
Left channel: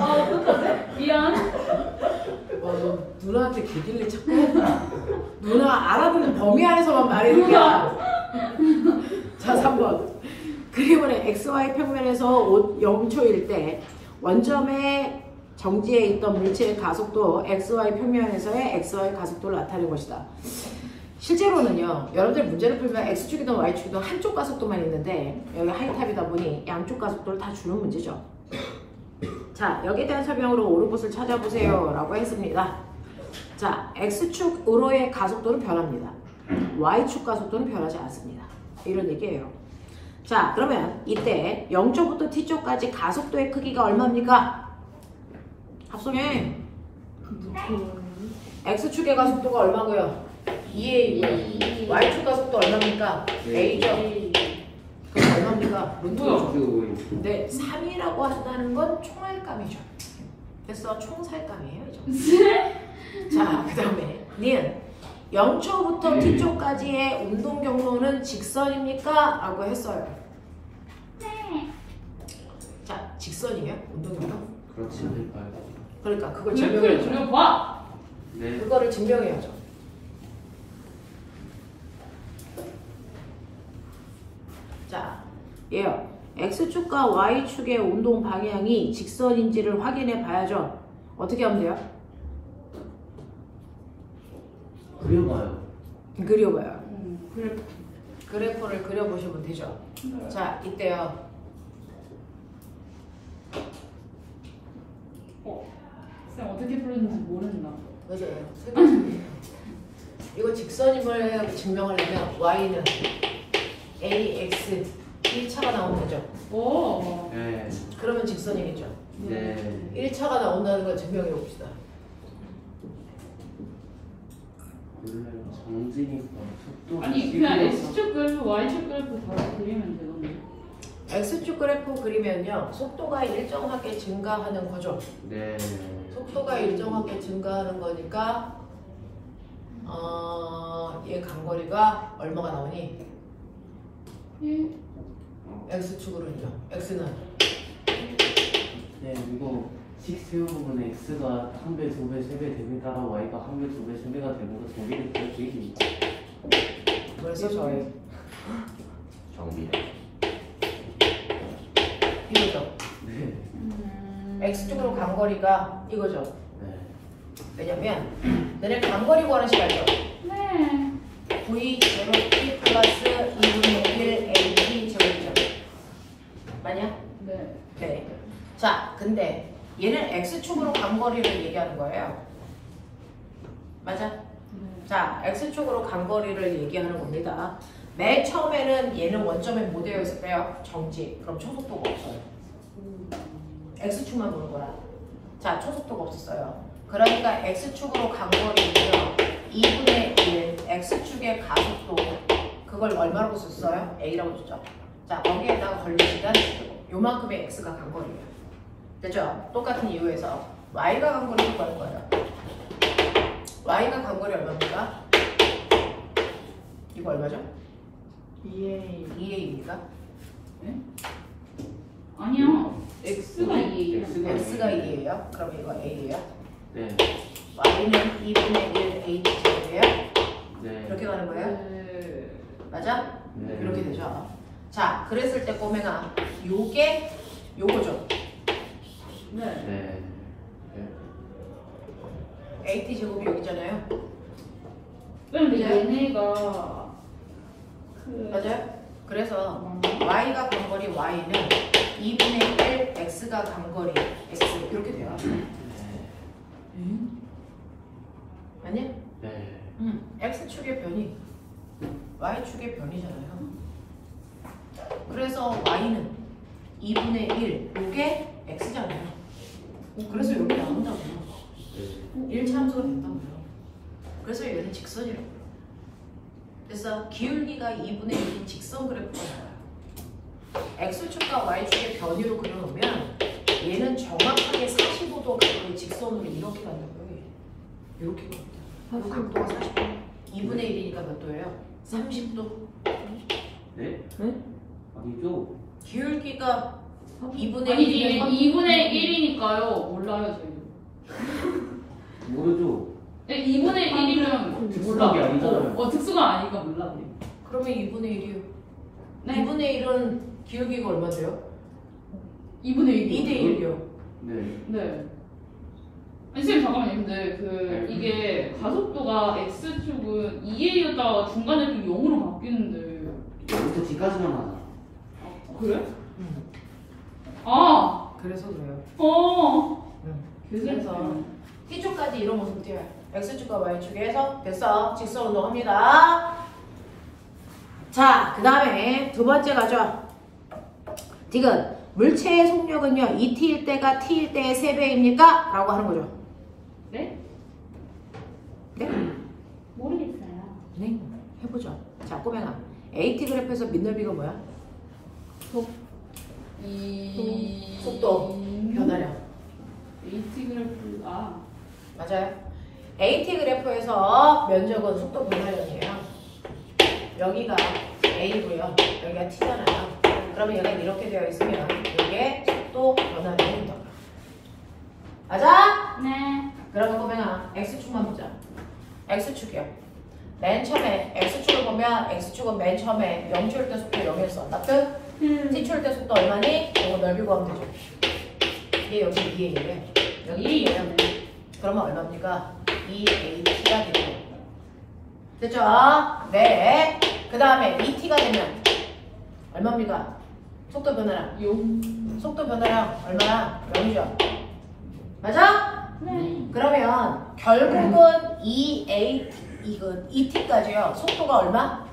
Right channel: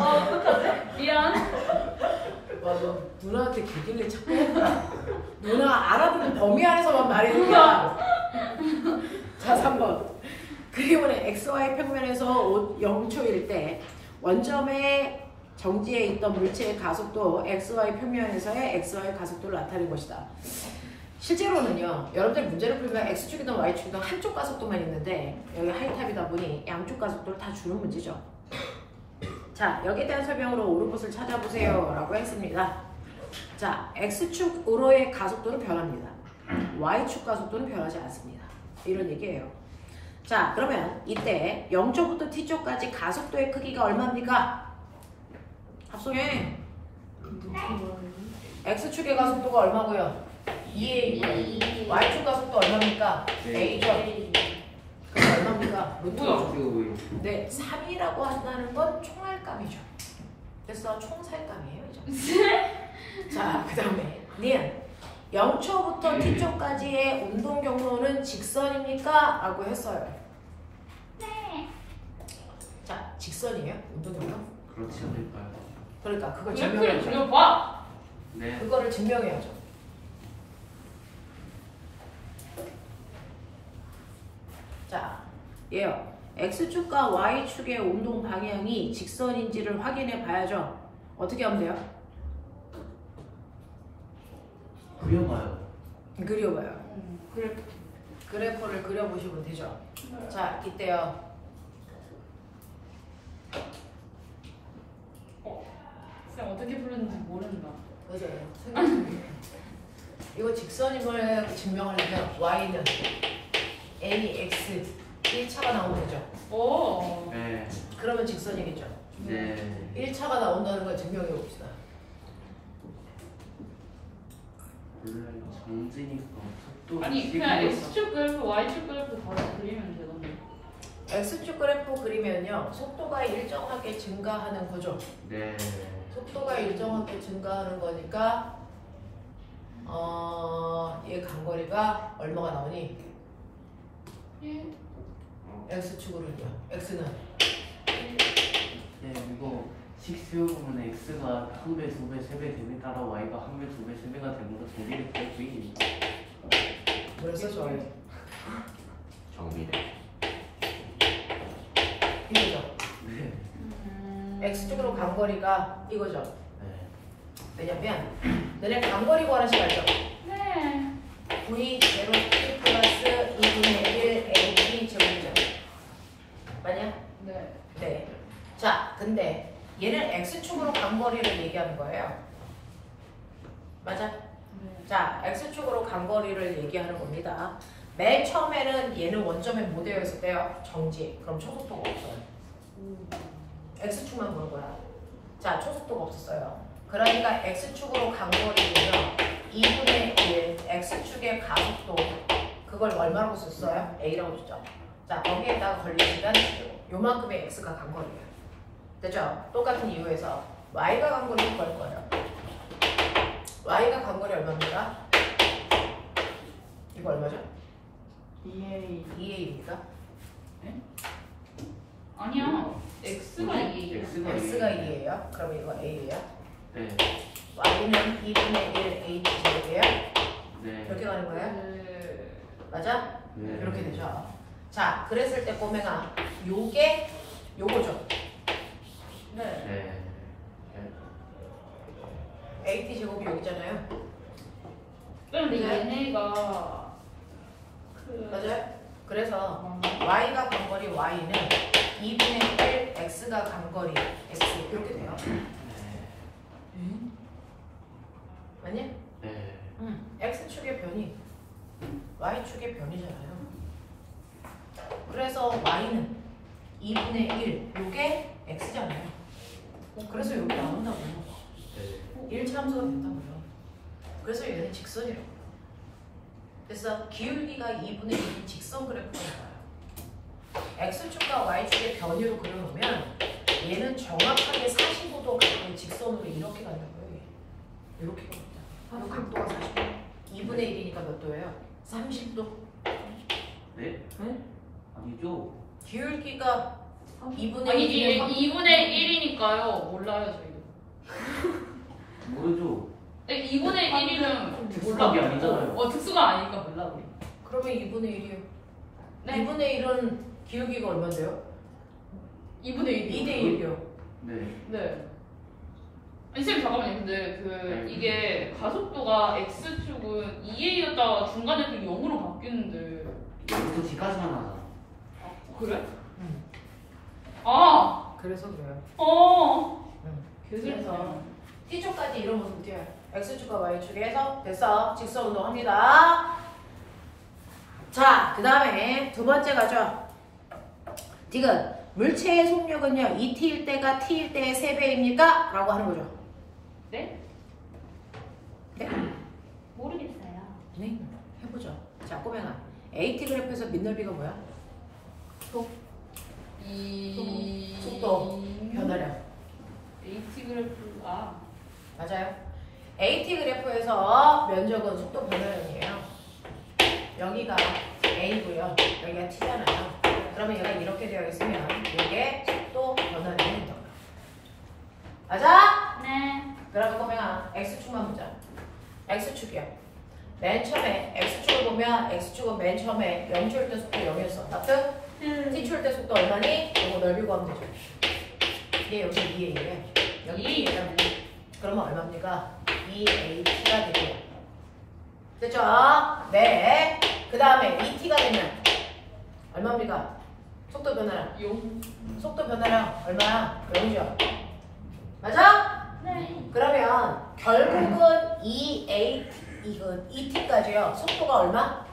아, 어떡하지? 미안. 와, 너 누나한테 개길래 자꾸 누나 알아듣는 범위 안에서만 말해는 거야. 자, 3번. 그림은 XY 평면에서 0초일 때 원점의 정지에 있던 물체의 가속도 XY 평면에서의 XY 가속도를 나타낸 것이다. 실제로는요, 여러분들 문제를 풀면 X축이든 Y축이든 한쪽 가속도만 있는데 여기 하이탑이다 보니 양쪽 가속도를 다 주는 문제죠. 자, 여기에 대한 설명으로 옳은 것을 찾아보세요 라고 했습니다. 자, X축으로의 가속도는 변합니다. Y축 가속도는 변하지 않습니다. 이런 얘기예요. 자, 그러면 이때 0쪽부터 t쪽까지 가속도의 크기가 얼마입니까? 합성해. x축의 가속도가 얼마고요? 2a. y축 가속도 얼마입니까? a죠. 그럼 얼마입니까? 루트죠. 네, 3이라고 한다는 건 총알감이죠. 됐어, 총살감이에요. 자, 그 다음에 니은 0초부터 t초까지의 운동 경로는 직선입니까? 라고 했어요. 자, 직선이에요? 운동 경로? 그렇지 않을까요? 그러니까 그걸 그래프를 증명해야죠. 그려봐. 네. 그거를 증명해야죠. 자, 얘요. x축과 y축의 운동 방향이 직선인지를 확인해 봐야죠. 어떻게 하면 돼요? 그려봐요. 그려봐요. 그래. 그래프를 그려보시면 되죠. 자, 이때요. 쌤 어떻게 부르는지 모른다. 맞아요. 생각해보세요. 이거 직선인 걸 증명하려면 y는 ax 1차가 나오면 되죠. 오. 네. 그러면 직선이겠죠. 네. 1차가 나온다는 걸 증명해 봅시다. 원래 정지니까 속도 아니 그냥 x축 그래프 y축 그래프 바로 그리면 되던데. x축 그래프 그리면요. 속도가 일정하게 증가하는 거죠. 네. 속도가 일정하게 증가하는 거니까 얘 간거리가 얼마가 나오니? 예. x축으로는요. x는 네, 이거 식 세워보면 x가 한 배, 두 배, 세 배 되면 따라 y가 한 배, 두 배, 세 배가 되는 거 정비례 되니까. 뭐랬어 저희? 정비례. 이거죠. 네. x축으로 간거리가 이거죠. 네. 왜냐면 너네 간거리 구하는 식 알죠? 네. v 제로 t 플러스 2분의 1 a 제곱이죠. 맞냐? 네. 네. 자, 근데 얘는 x축으로 간거리를 얘기하는 거예요. 맞아? 네. 자, x축으로 간거리를 얘기하는 겁니다. 맨 처음에는 얘는 원점에 뭐 되어 있을까요? 정지. 그럼 초속도가 없어요. x축만 보는 거야. 자, 초속도가 없었어요. 그러니까 x축으로 간거리는요. 2분의 1 x축의 가속도 그걸 얼마라고 썼어요? a라고 줬죠. 자, 거기에다가 걸리시는 요만큼의 x가 간거리예요. 됐죠? 똑같은 이유에서 y가 간거리를 구할 거예요. y가 간거리 얼마입니까? 이거 얼마죠? 2A 2a입니까? 아니야. x가 2. x가 2예요. 그럼 이거 a예요. 네. y는 2분의 1 a 제곱이에요. 네. 그렇게 가는 거예요? 네. 맞아? 네. 이렇게 되죠. 자, 그랬을 때 꼬맹아, 요게 요거죠. 네. 네. 네. at 제곱이 여기잖아요. 근데 네. 얘네가 그 맞아요? 그래서 y가 간거리 y는 2분의 1 x가 간거리 x 이렇게 돼요. 맞냐? 네. x축의 변이 y축의 변이잖아요. 그래서 y는 2분의 1 요게 x잖아요. 그래서 여기 나온다고요. 네. 1차 함수가 된다고요. 그래서 얘는 직선이라고요. 그래서 기울기가 2분의 1인 직선 그래프가 나와요. x축과 y축의 변이로 그려놓으면 얘는 정확하게 45도 각도의 직선으로 이렇게 간다고요. 이렇게 갑니다. 그 각도가 45도. 2분의 1이니까 몇 도예요? 30도. 네? 네? 아니죠. 기울기가 2분의 아니 1이면 2분의 1이니까요. 몰라요 지금. 모르죠. 네, 2분의 1이면 특수각이 아니잖아요. 특수가 아니니까 몰라 우리. 그러면 2분의 1이에요. 네. 2분의 1은 기울기가 얼마인데요? 2분의 1이. 2대 1이요. 네. 네. 아니 쌤 잠깐만요. 근데 그 네. 이게 가속도가 x축은 2a였다가 중간에 또 0으로 바뀌는데. 여기부터 뒤까지만 하자. 그래? 응. 아. 그래서 그래요. 응. 그래서 T축까지 이런 모습 띄워요. X축과 Y축에서 됐어. 직선 운동합니다. 자, 그 다음에 두 번째 가죠. 디귿. 물체의 속력은요, ET일 때가 T일 때의 3배입니까? 라고 하는 거죠. 네? 네? 모르겠어요. 네. 해보죠. 자, 꼬맹아. AT 그래프에서 민넓이가 뭐야? 속도, 변화량. AT 그래프 맞아요. AT 그래프에서 면적은 속도 변화량이에요. 여기가 A고요. 여기가 T잖아요. 그러면 얘가 이렇게 되어 있으면 이게 속도 변화량입니다. 맞아? 네. 그러면 꼬맹아 X축만 보자. X축이요. 맨 처음에 X축을 보면 X축은 맨 처음에 0초일 때 속도 0이었어. 맞죠? T초일 때 속도 얼마니? 이거 넓이 구하면 되죠. 이게 여기 2A예요. 여기 2A예요. 그러면 얼마입니까? 2AT가 되죠. 됐죠? 네. 그 다음에 2T가 되면 얼마입니까? 속도 변화량. 속도 변화량 얼마야? 0이죠. 맞아? 네. 그러면 결국은 2T까지요. 속도가 얼마?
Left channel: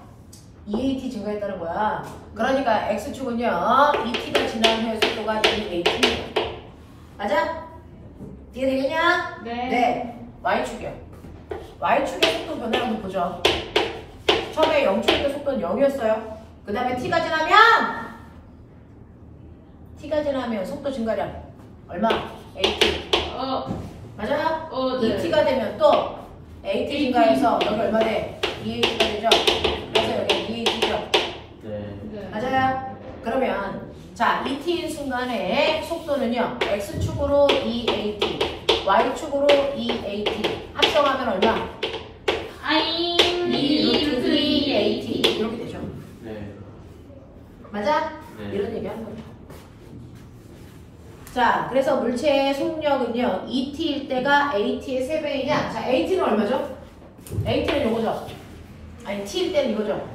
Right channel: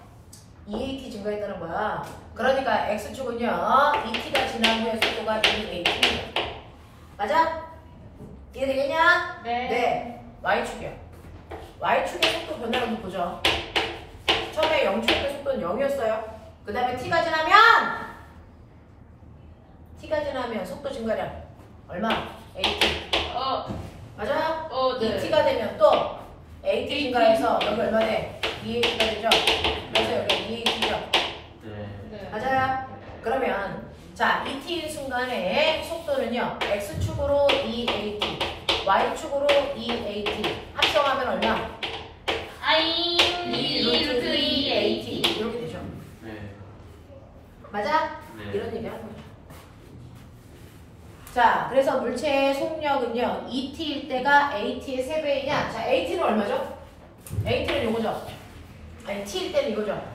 2AT 증가했다는 거야. 그러니까 X축은요. 2T가 지난 후에 속도가 2AT입니다. 맞아? 이해되겠냐? 네. 네. Y축이요. Y축의 속도 변화를 한번 보죠. 처음에 0초일 때 속도는 0이었어요. 그 다음에 T가 지나면 속도 증가량 얼마? AT. 맞아? 네. 2T가 되면 또 AT 증가해서 여기 얼마 돼? 2AT가 되죠? 그래서 여기 2AT죠? 네. 맞아요? 그러면 자, 2T인 순간에 속도는요. X축으로 2AT, Y축으로 2AT 합성하면 얼마? I 2루트 2AT 이렇게 되죠. 네. 맞아? 네. 이런 얘기 하는 거죠. 자, 그래서 물체의 속력은요. ET일 때가 AT의 3배이냐? 자, AT는 얼마죠? AT는 이거죠. 아니, T일 때는 이거죠.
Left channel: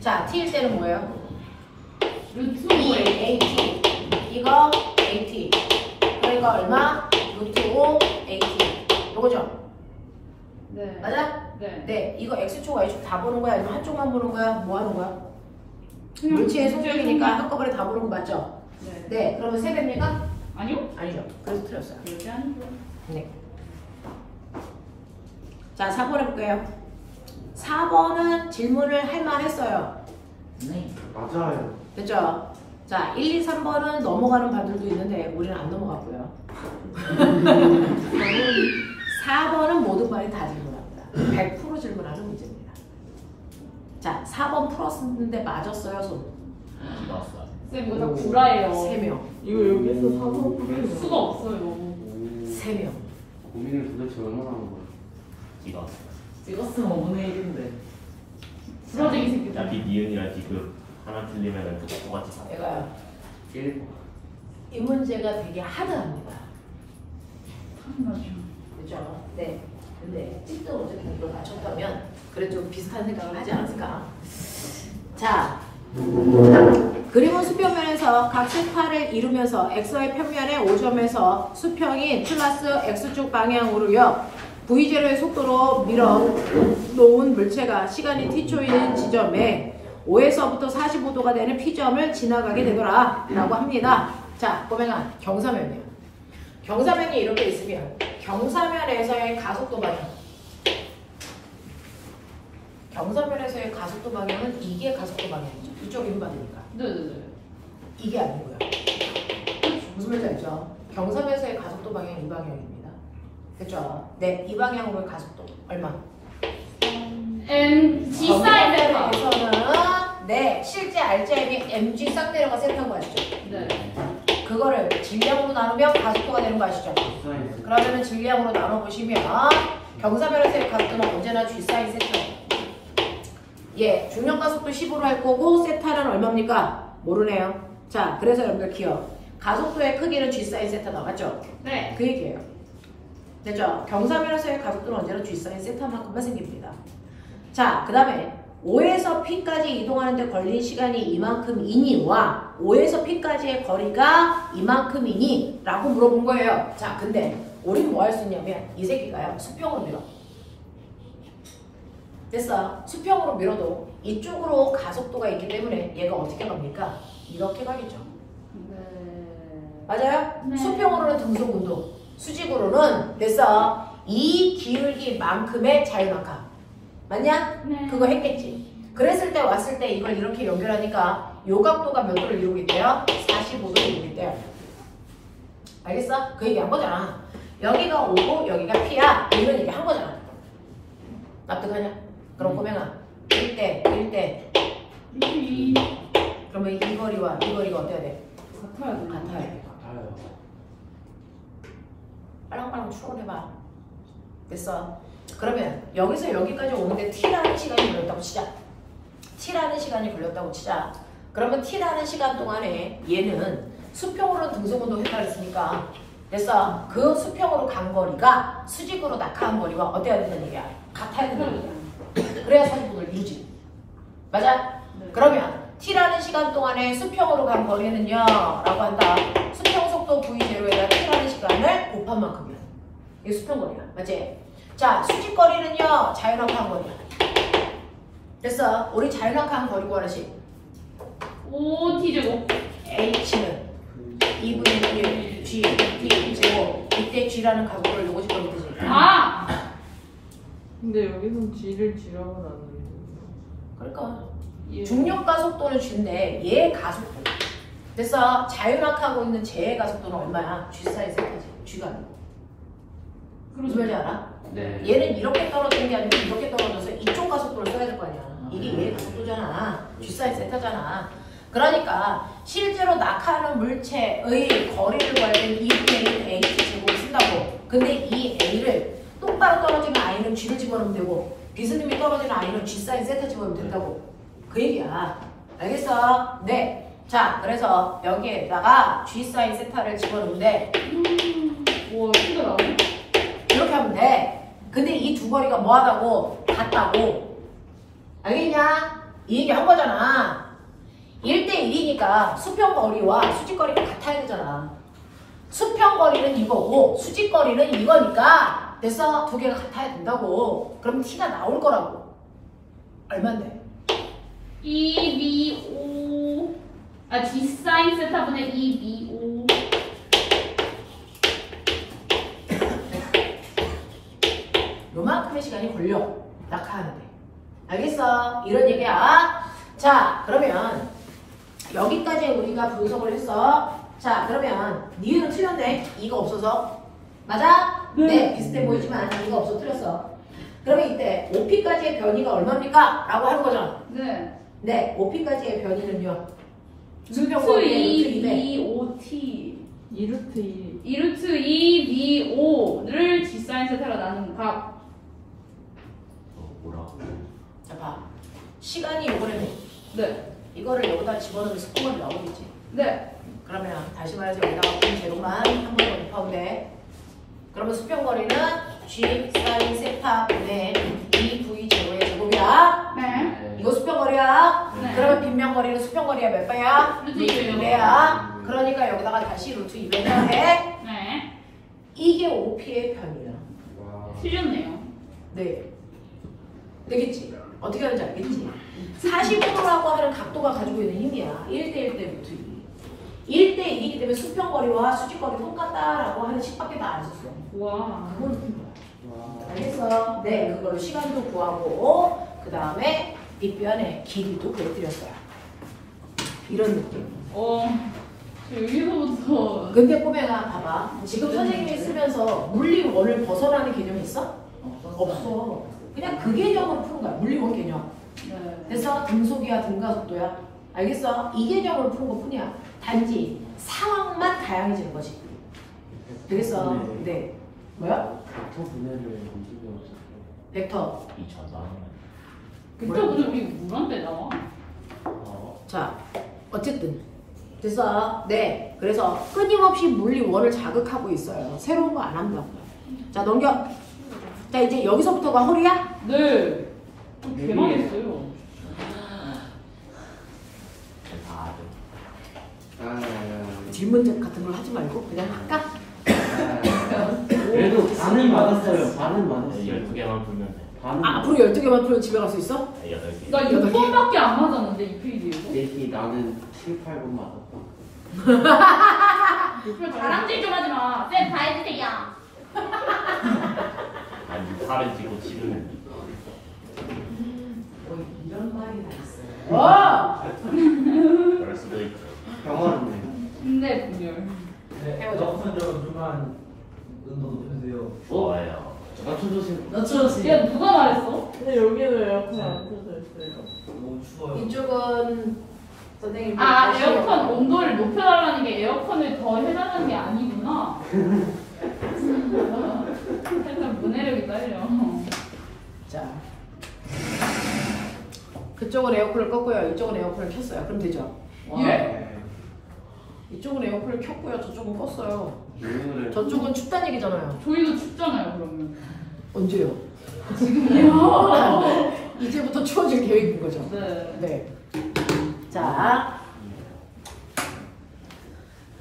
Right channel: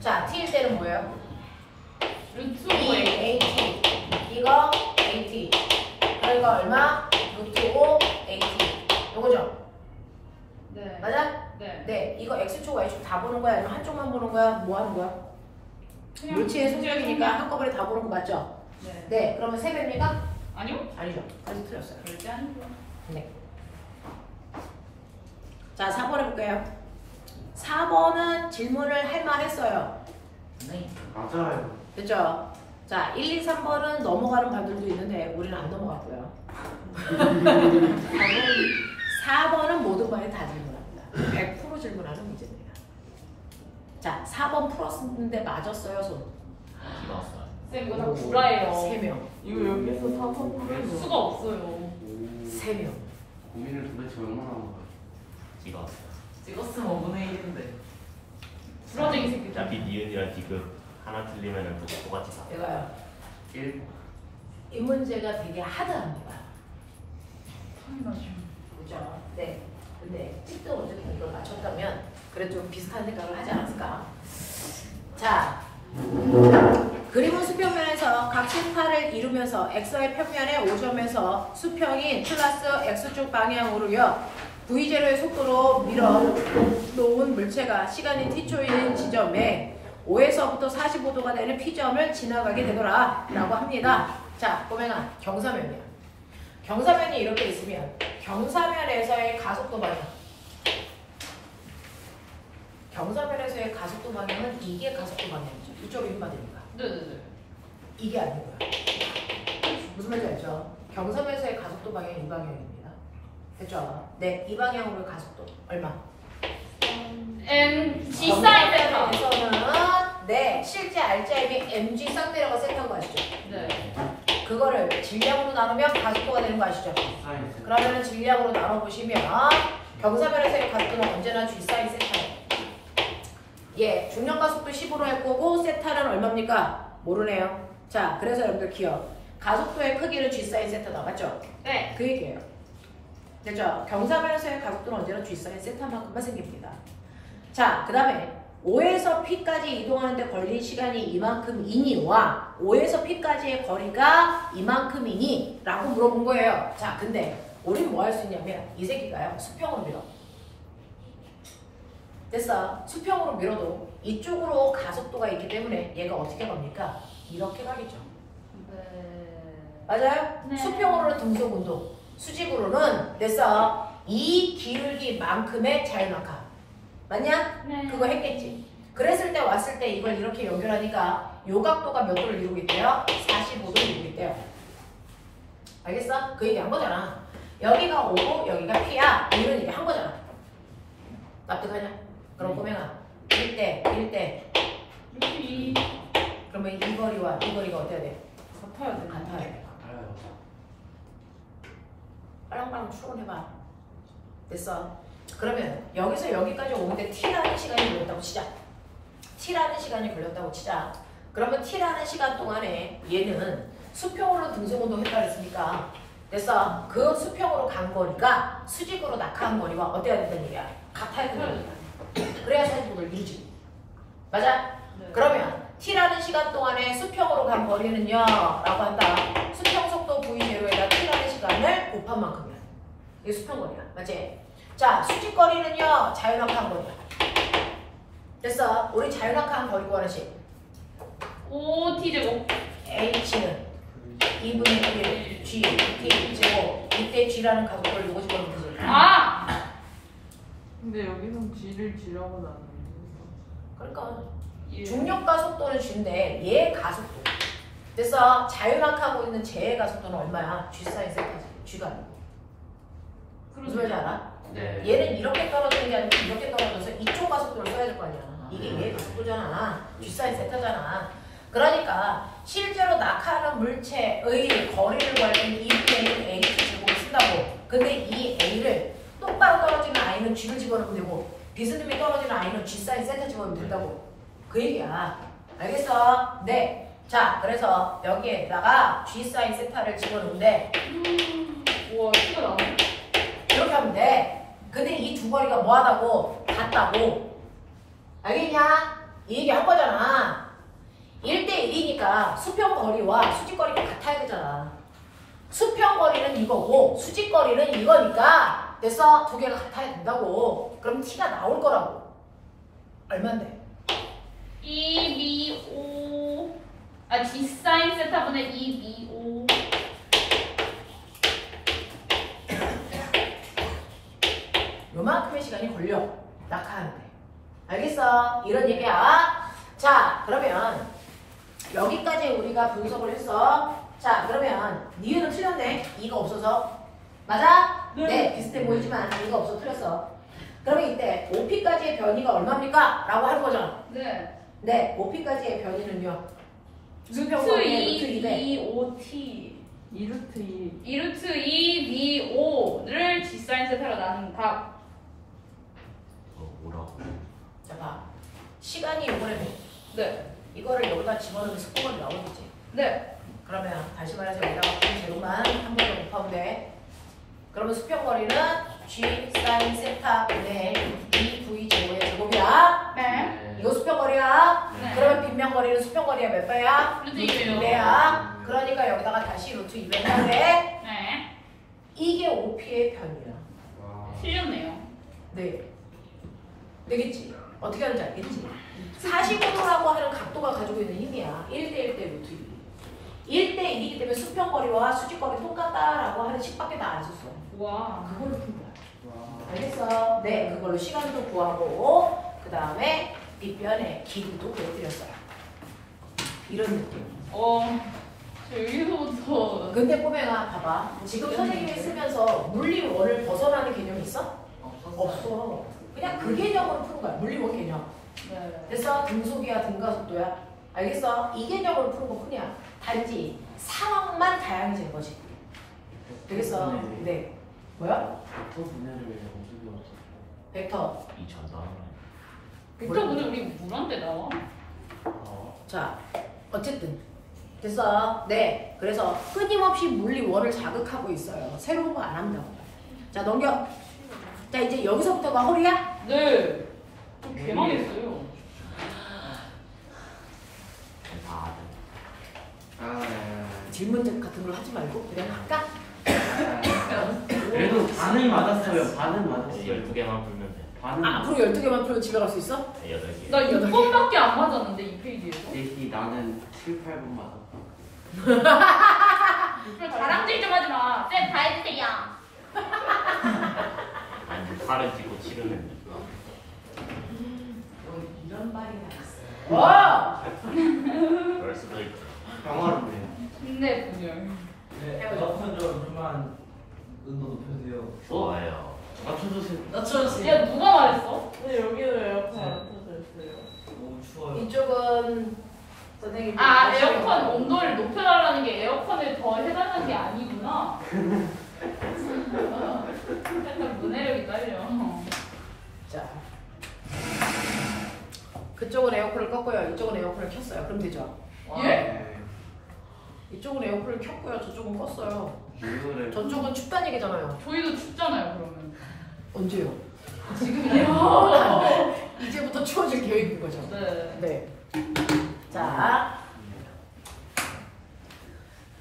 자, T일 때는 뭐예요? 루트 2 AT. 이거 AT. 그러니까 얼마? 루트 5 AT. 이거죠. 네. 맞아? 네. 네. 이거 X축, Y축 다 보는 거야? 아니면 한쪽만 보는 거야? 뭐 하는 거야? 물체의 속력이니까 한꺼번에 다 보는 거 맞죠? 네. 네. 그러면 3배입니까? 아니요? 아니죠. 그래서 틀렸어요. 그렇게 아니고. 네. 자, 4번 해볼게요. 4번은 질문을 할 만했어요. 네. 맞아요. 됐죠? 자, 1, 2, 3번은 넘어가는 바들도 있는데 우리는 안 넘어갔고요. 4번은 모든 반이 다 질문합니다. 100% 질문하는 문제입니다. 자, 4번 풀었는데 맞았어요, 손? 나왔어요. 쌤 이거 다 구라예요. 3명. 이거 여기서 사선 풀어요. 수가 없어요. 3명. 고민을 도대체 얼마나 한 거야? 찍었어요. 찍었어. 5분의 1인데. 부러지기 새끼들. 어차피 니은이랑 디귿 하나 틀리면은 똑같이 사. 제가 1. 이 문제가 되게 하드합니다. 맞아. 그죠? 네. 근데 찝도 어쨌든 이걸 맞췄다면 그래 좀 비슷한 생각을 하지 않았을까? 자, 그림은 수평면에서 각 세타를 이루면서 x의 평면의 5점에서 수평인 플러스 x축 방향으로요. v0의 속도로 밀어 놓은 물체가 시간이 t초인 지점에 5에서부터 45도가 되는 p점을 지나가게 되더라 라고 합니다. 자, 꼬맹아, 경사면이야. 경사면이 이렇게 있으면 경사면에서의 가속도 방향, 경사면에서의 가속도 방향은 이게 가속도 방향이죠. 이쪽이 힘받으니까. 네네네. 이게 아니고요. 무슨 말인지 알죠? 경사면에서의 가속도 방향 이 방향입니다. 됐죠? 네, 이 방향으로의 가속도 얼마? G 사인 세타. 경사면에서는 네, 실제 RGM이 mg 쌍내려가 세타인 거 아시죠? 네. 그거를 질량으로 나누면 가속도가 되는 거 아시죠? 사인. 그러면은 질량으로 나눠보시면 경사면에서의 가속도는 언제나 G 사인 세타예요. 예, 중력 가속도 10으로 할 거고 세타는 얼마입니까? 모르네요. 자, 그래서 여러분들 기억. 가속도의 크기는 G 사인 세타다. 맞죠? 네. 그 얘기예요. 됐죠? 경사면에서의 가속도는 언제나 G 사인 세타만큼만 생깁니다. 자, 그 다음에 5에서 P까지 이동하는데 걸린 시간이 이만큼이니와 5에서 P까지의 거리가 이만큼이니 라고 물어본 거예요. 자, 근데 우린 뭐 할 수 있냐면 이 새끼가요. 수평으로 밀어. 됐어. 수평으로 밀어도 이쪽으로 가속도가 있기 때문에 얘가 어떻게 갑니까? 이렇게 가겠죠. 맞아요? 네. 수평으로는 등속 운동, 수직으로는 됐어. 이 기울기만큼의 자유낙하. 맞냐? 네. 그거 했겠지. 그랬을 때 왔을 때 이걸 이렇게 연결하니까 요 각도가 몇 도를 이루고 있대요? 45도를 이루고 있대요. 알겠어? 그 얘기 한 거잖아. 여기가 O고 여기가 P야. 이런 얘기 한 거잖아. 납득하냐? 그럼 꼬맹아 1대 이 그러면 이 거리와 이 거리가 어때야 돼? 같아야 돼. 같아야 돼. 같아요. 빨랑빨랑 추론해봐. 됐어. 그러면 여기서 여기까지 오는데 T라는 시간이 걸렸다고 치자. T라는 시간이 걸렸다고 치자. 그러면 T라는 시간 동안에 얘는 수평으로 등속운동 했다 그랬으니까 됐어. 그 수평으로 간 거리가 수직으로 낙하한 거리와 어때야 된다는 얘기야? 같아야 된다는 얘기야. 그래야 사진분을 이루지. 맞아? 네. 그러면 T라는 시간 동안에 수평으로 간 거리는요 라고 한다. 수평 속도 V0에다 T라는 시간을 곱한 만큼이야. 이게 수평 거리야. 맞지? 자, 수직 거리는요 자유낙하한 거리야. 됐어. 우리 자유낙하한 거리 구하듯이 5T제곱. H는 2분의 1 G T 제곱. 이때 G라는 각도를 요거 집어넣으면 되지. 아! 근데 여기선 G를 G라고 나누는 그러니까 예. 중력가 속도는 G인데 얘 가속도. 됐어. 자유낙하고 있는 쟤의 가속도는 얼마야? G 사인 세타지. G가 아니고. 무슨 말인지 알아? 네. 얘는 이렇게 떨어지는 게 아니고 이렇게 떨어져서 이쪽 가속도를 써야 될 거 아니야. 이게 얘의 가속도잖아. G 사인 세타잖아. 그러니까 실제로 낙하하는 물체의 거리를 구할 때는 2분의 1 H 제곱을 쓴다고. 근데 이 A를 똑바로 떨어지는 I는 G를 집어넣으면 되고 비스듬히 떨어지는 I는 G 사인 세타 집어넣으면 된다고. 그 얘기야. 알겠어? 네. 자, 그래서 여기에다가 G 사인 세타를 집어넣는데 와, T가 나오네. 이렇게 하면 돼. 근데 이 두 거리가 뭐하다고? 같다고. 알겠냐? 이 얘기 한 거잖아. 1대1이니까 수평거리와 수직거리가 같아야 되잖아. 수평거리는 이거고 수직거리는 이거니까 됐어? 두 개가 같아야 된다고. 그럼 T가 나올 거라고. 얼만데? 2B5 아 G 사인 세타분의 2B5 요만큼의 시간이 걸려. 낙하하는데. 알겠어? 이런 얘기야. 자, 그러면 여기까지 우리가 분석을 했어. 자, 그러면 니은은 틀렸네. 이가 없어서. 맞아? 네. 비슷해 보이지만 이가 없어 틀렸어. 그러면 이때 5P까지의 변이가 얼마입니까? 라고 하는 거잖아. 네. 네. 5P까지의 변이는요. 수평 루트 거리의 루트 2B5T 2루트 2 2루트 2B5를 G 사인 세타로 나눈 각. 뭐라고? 자, 봐. 시간이 요거라며. 네. 이거를 여기다 집어넣으면 수평거리 나오겠지. 네. 그러면 다시 말해서 여기다가 분 제로만 한 번 더 곱하면 돼. 그러면 수평거리는 G 사인 세타 분의 2V 제곱의 제곱이야. 네. 이거 수평거리야. 네. 그러면 빗면거리는 수평거리야 몇 배야? 루트 2배요. 2배야. 그러니까 여기다가 다시 루트 2배 해야 돼. 네. 이게 5P의 편이야. 틀렸네요. 네. 되겠지? 어떻게 하는지 알겠지? 45도라고 하는 각도가 가지고 있는 힘이야. 1대1 대 루트 2. 1대1이기 때문에 수평거리와 수직거리 똑같다라고 하는 식밖에 다 안 썼어. 와. 그걸로 푼 거야. 알겠어? 네, 그걸로 시간도 구하고 그 다음에 빗변의 길이도 구해드렸어요. 이런 느낌. 여기서부터 근데 꼬맹아 봐봐. 지금 선생님이 쓰면서 물리원을 벗어나는 개념이 있어? 없어. 그냥 그 개념으로 푸는 거야. 물리원 개념. 네. 됐어? 등속이야 등가속도야. 알겠어? 이 개념으로 푸는 것 뿐이야. 단지 상황만 다양해지는 거지. 되겠어? 네. 뭐야? 벡터 분해를 언제 배웠어? 벡터. 2000만 그때 오늘 우리 물한테 나와? 자, 어쨌든 됐어. 네. 그래서 끊임없이 물리원을 자극하고 있어요. 새로운 거 안 한다고요. 자, 넘겨. 자, 이제 여기서부터가 허리야? 네. 개망했어요. 질문 같은 걸 하지 말고 그냥 할까? 그래도 반은 맞았어요. 반은 맞았어요. 12개만 풀면 돼. 반은 아, 앞으로 12개만 풀면 집에 갈 수 있어? 8개. 나 6번밖에 안 맞았는데 이 페이지에서. 대신 나는 7, 8번 맞았다. 자랑질 좀 하지 마. 쌤 다 해주세요. 아니 살을 찌고 치르는. 뭐 이런 말이 다 있어요. 와! 그럴 수도 있죠. 영어로네요. 근데 분열. 해보죠. 좀만 온도 높여주세요. 좋아요. 맞춰주세요. 낮춰주세요. 야 누가 말했어? 근데 여기는 에어컨 안 켜져 있어요. 너무 추워요. 이쪽은 선생님. 아 에어컨 온도를 높여달라는 게 에어컨을 더 해달라는 게 아니구나. 약간 문해력이 딸려. 자. 그쪽은 에어컨을 껐고요. 이쪽은 에어컨을 켰어요. 그럼 되죠? 예? 이쪽은 에어컨을 켰고요. 저쪽은 껐어요. 이거를 저쪽은 춥다는 얘기잖아요. 저희도 춥잖아요 그러면. 언제요? 지금이요? 이제부터 추워질 계획인 거죠. 네. 네. 자,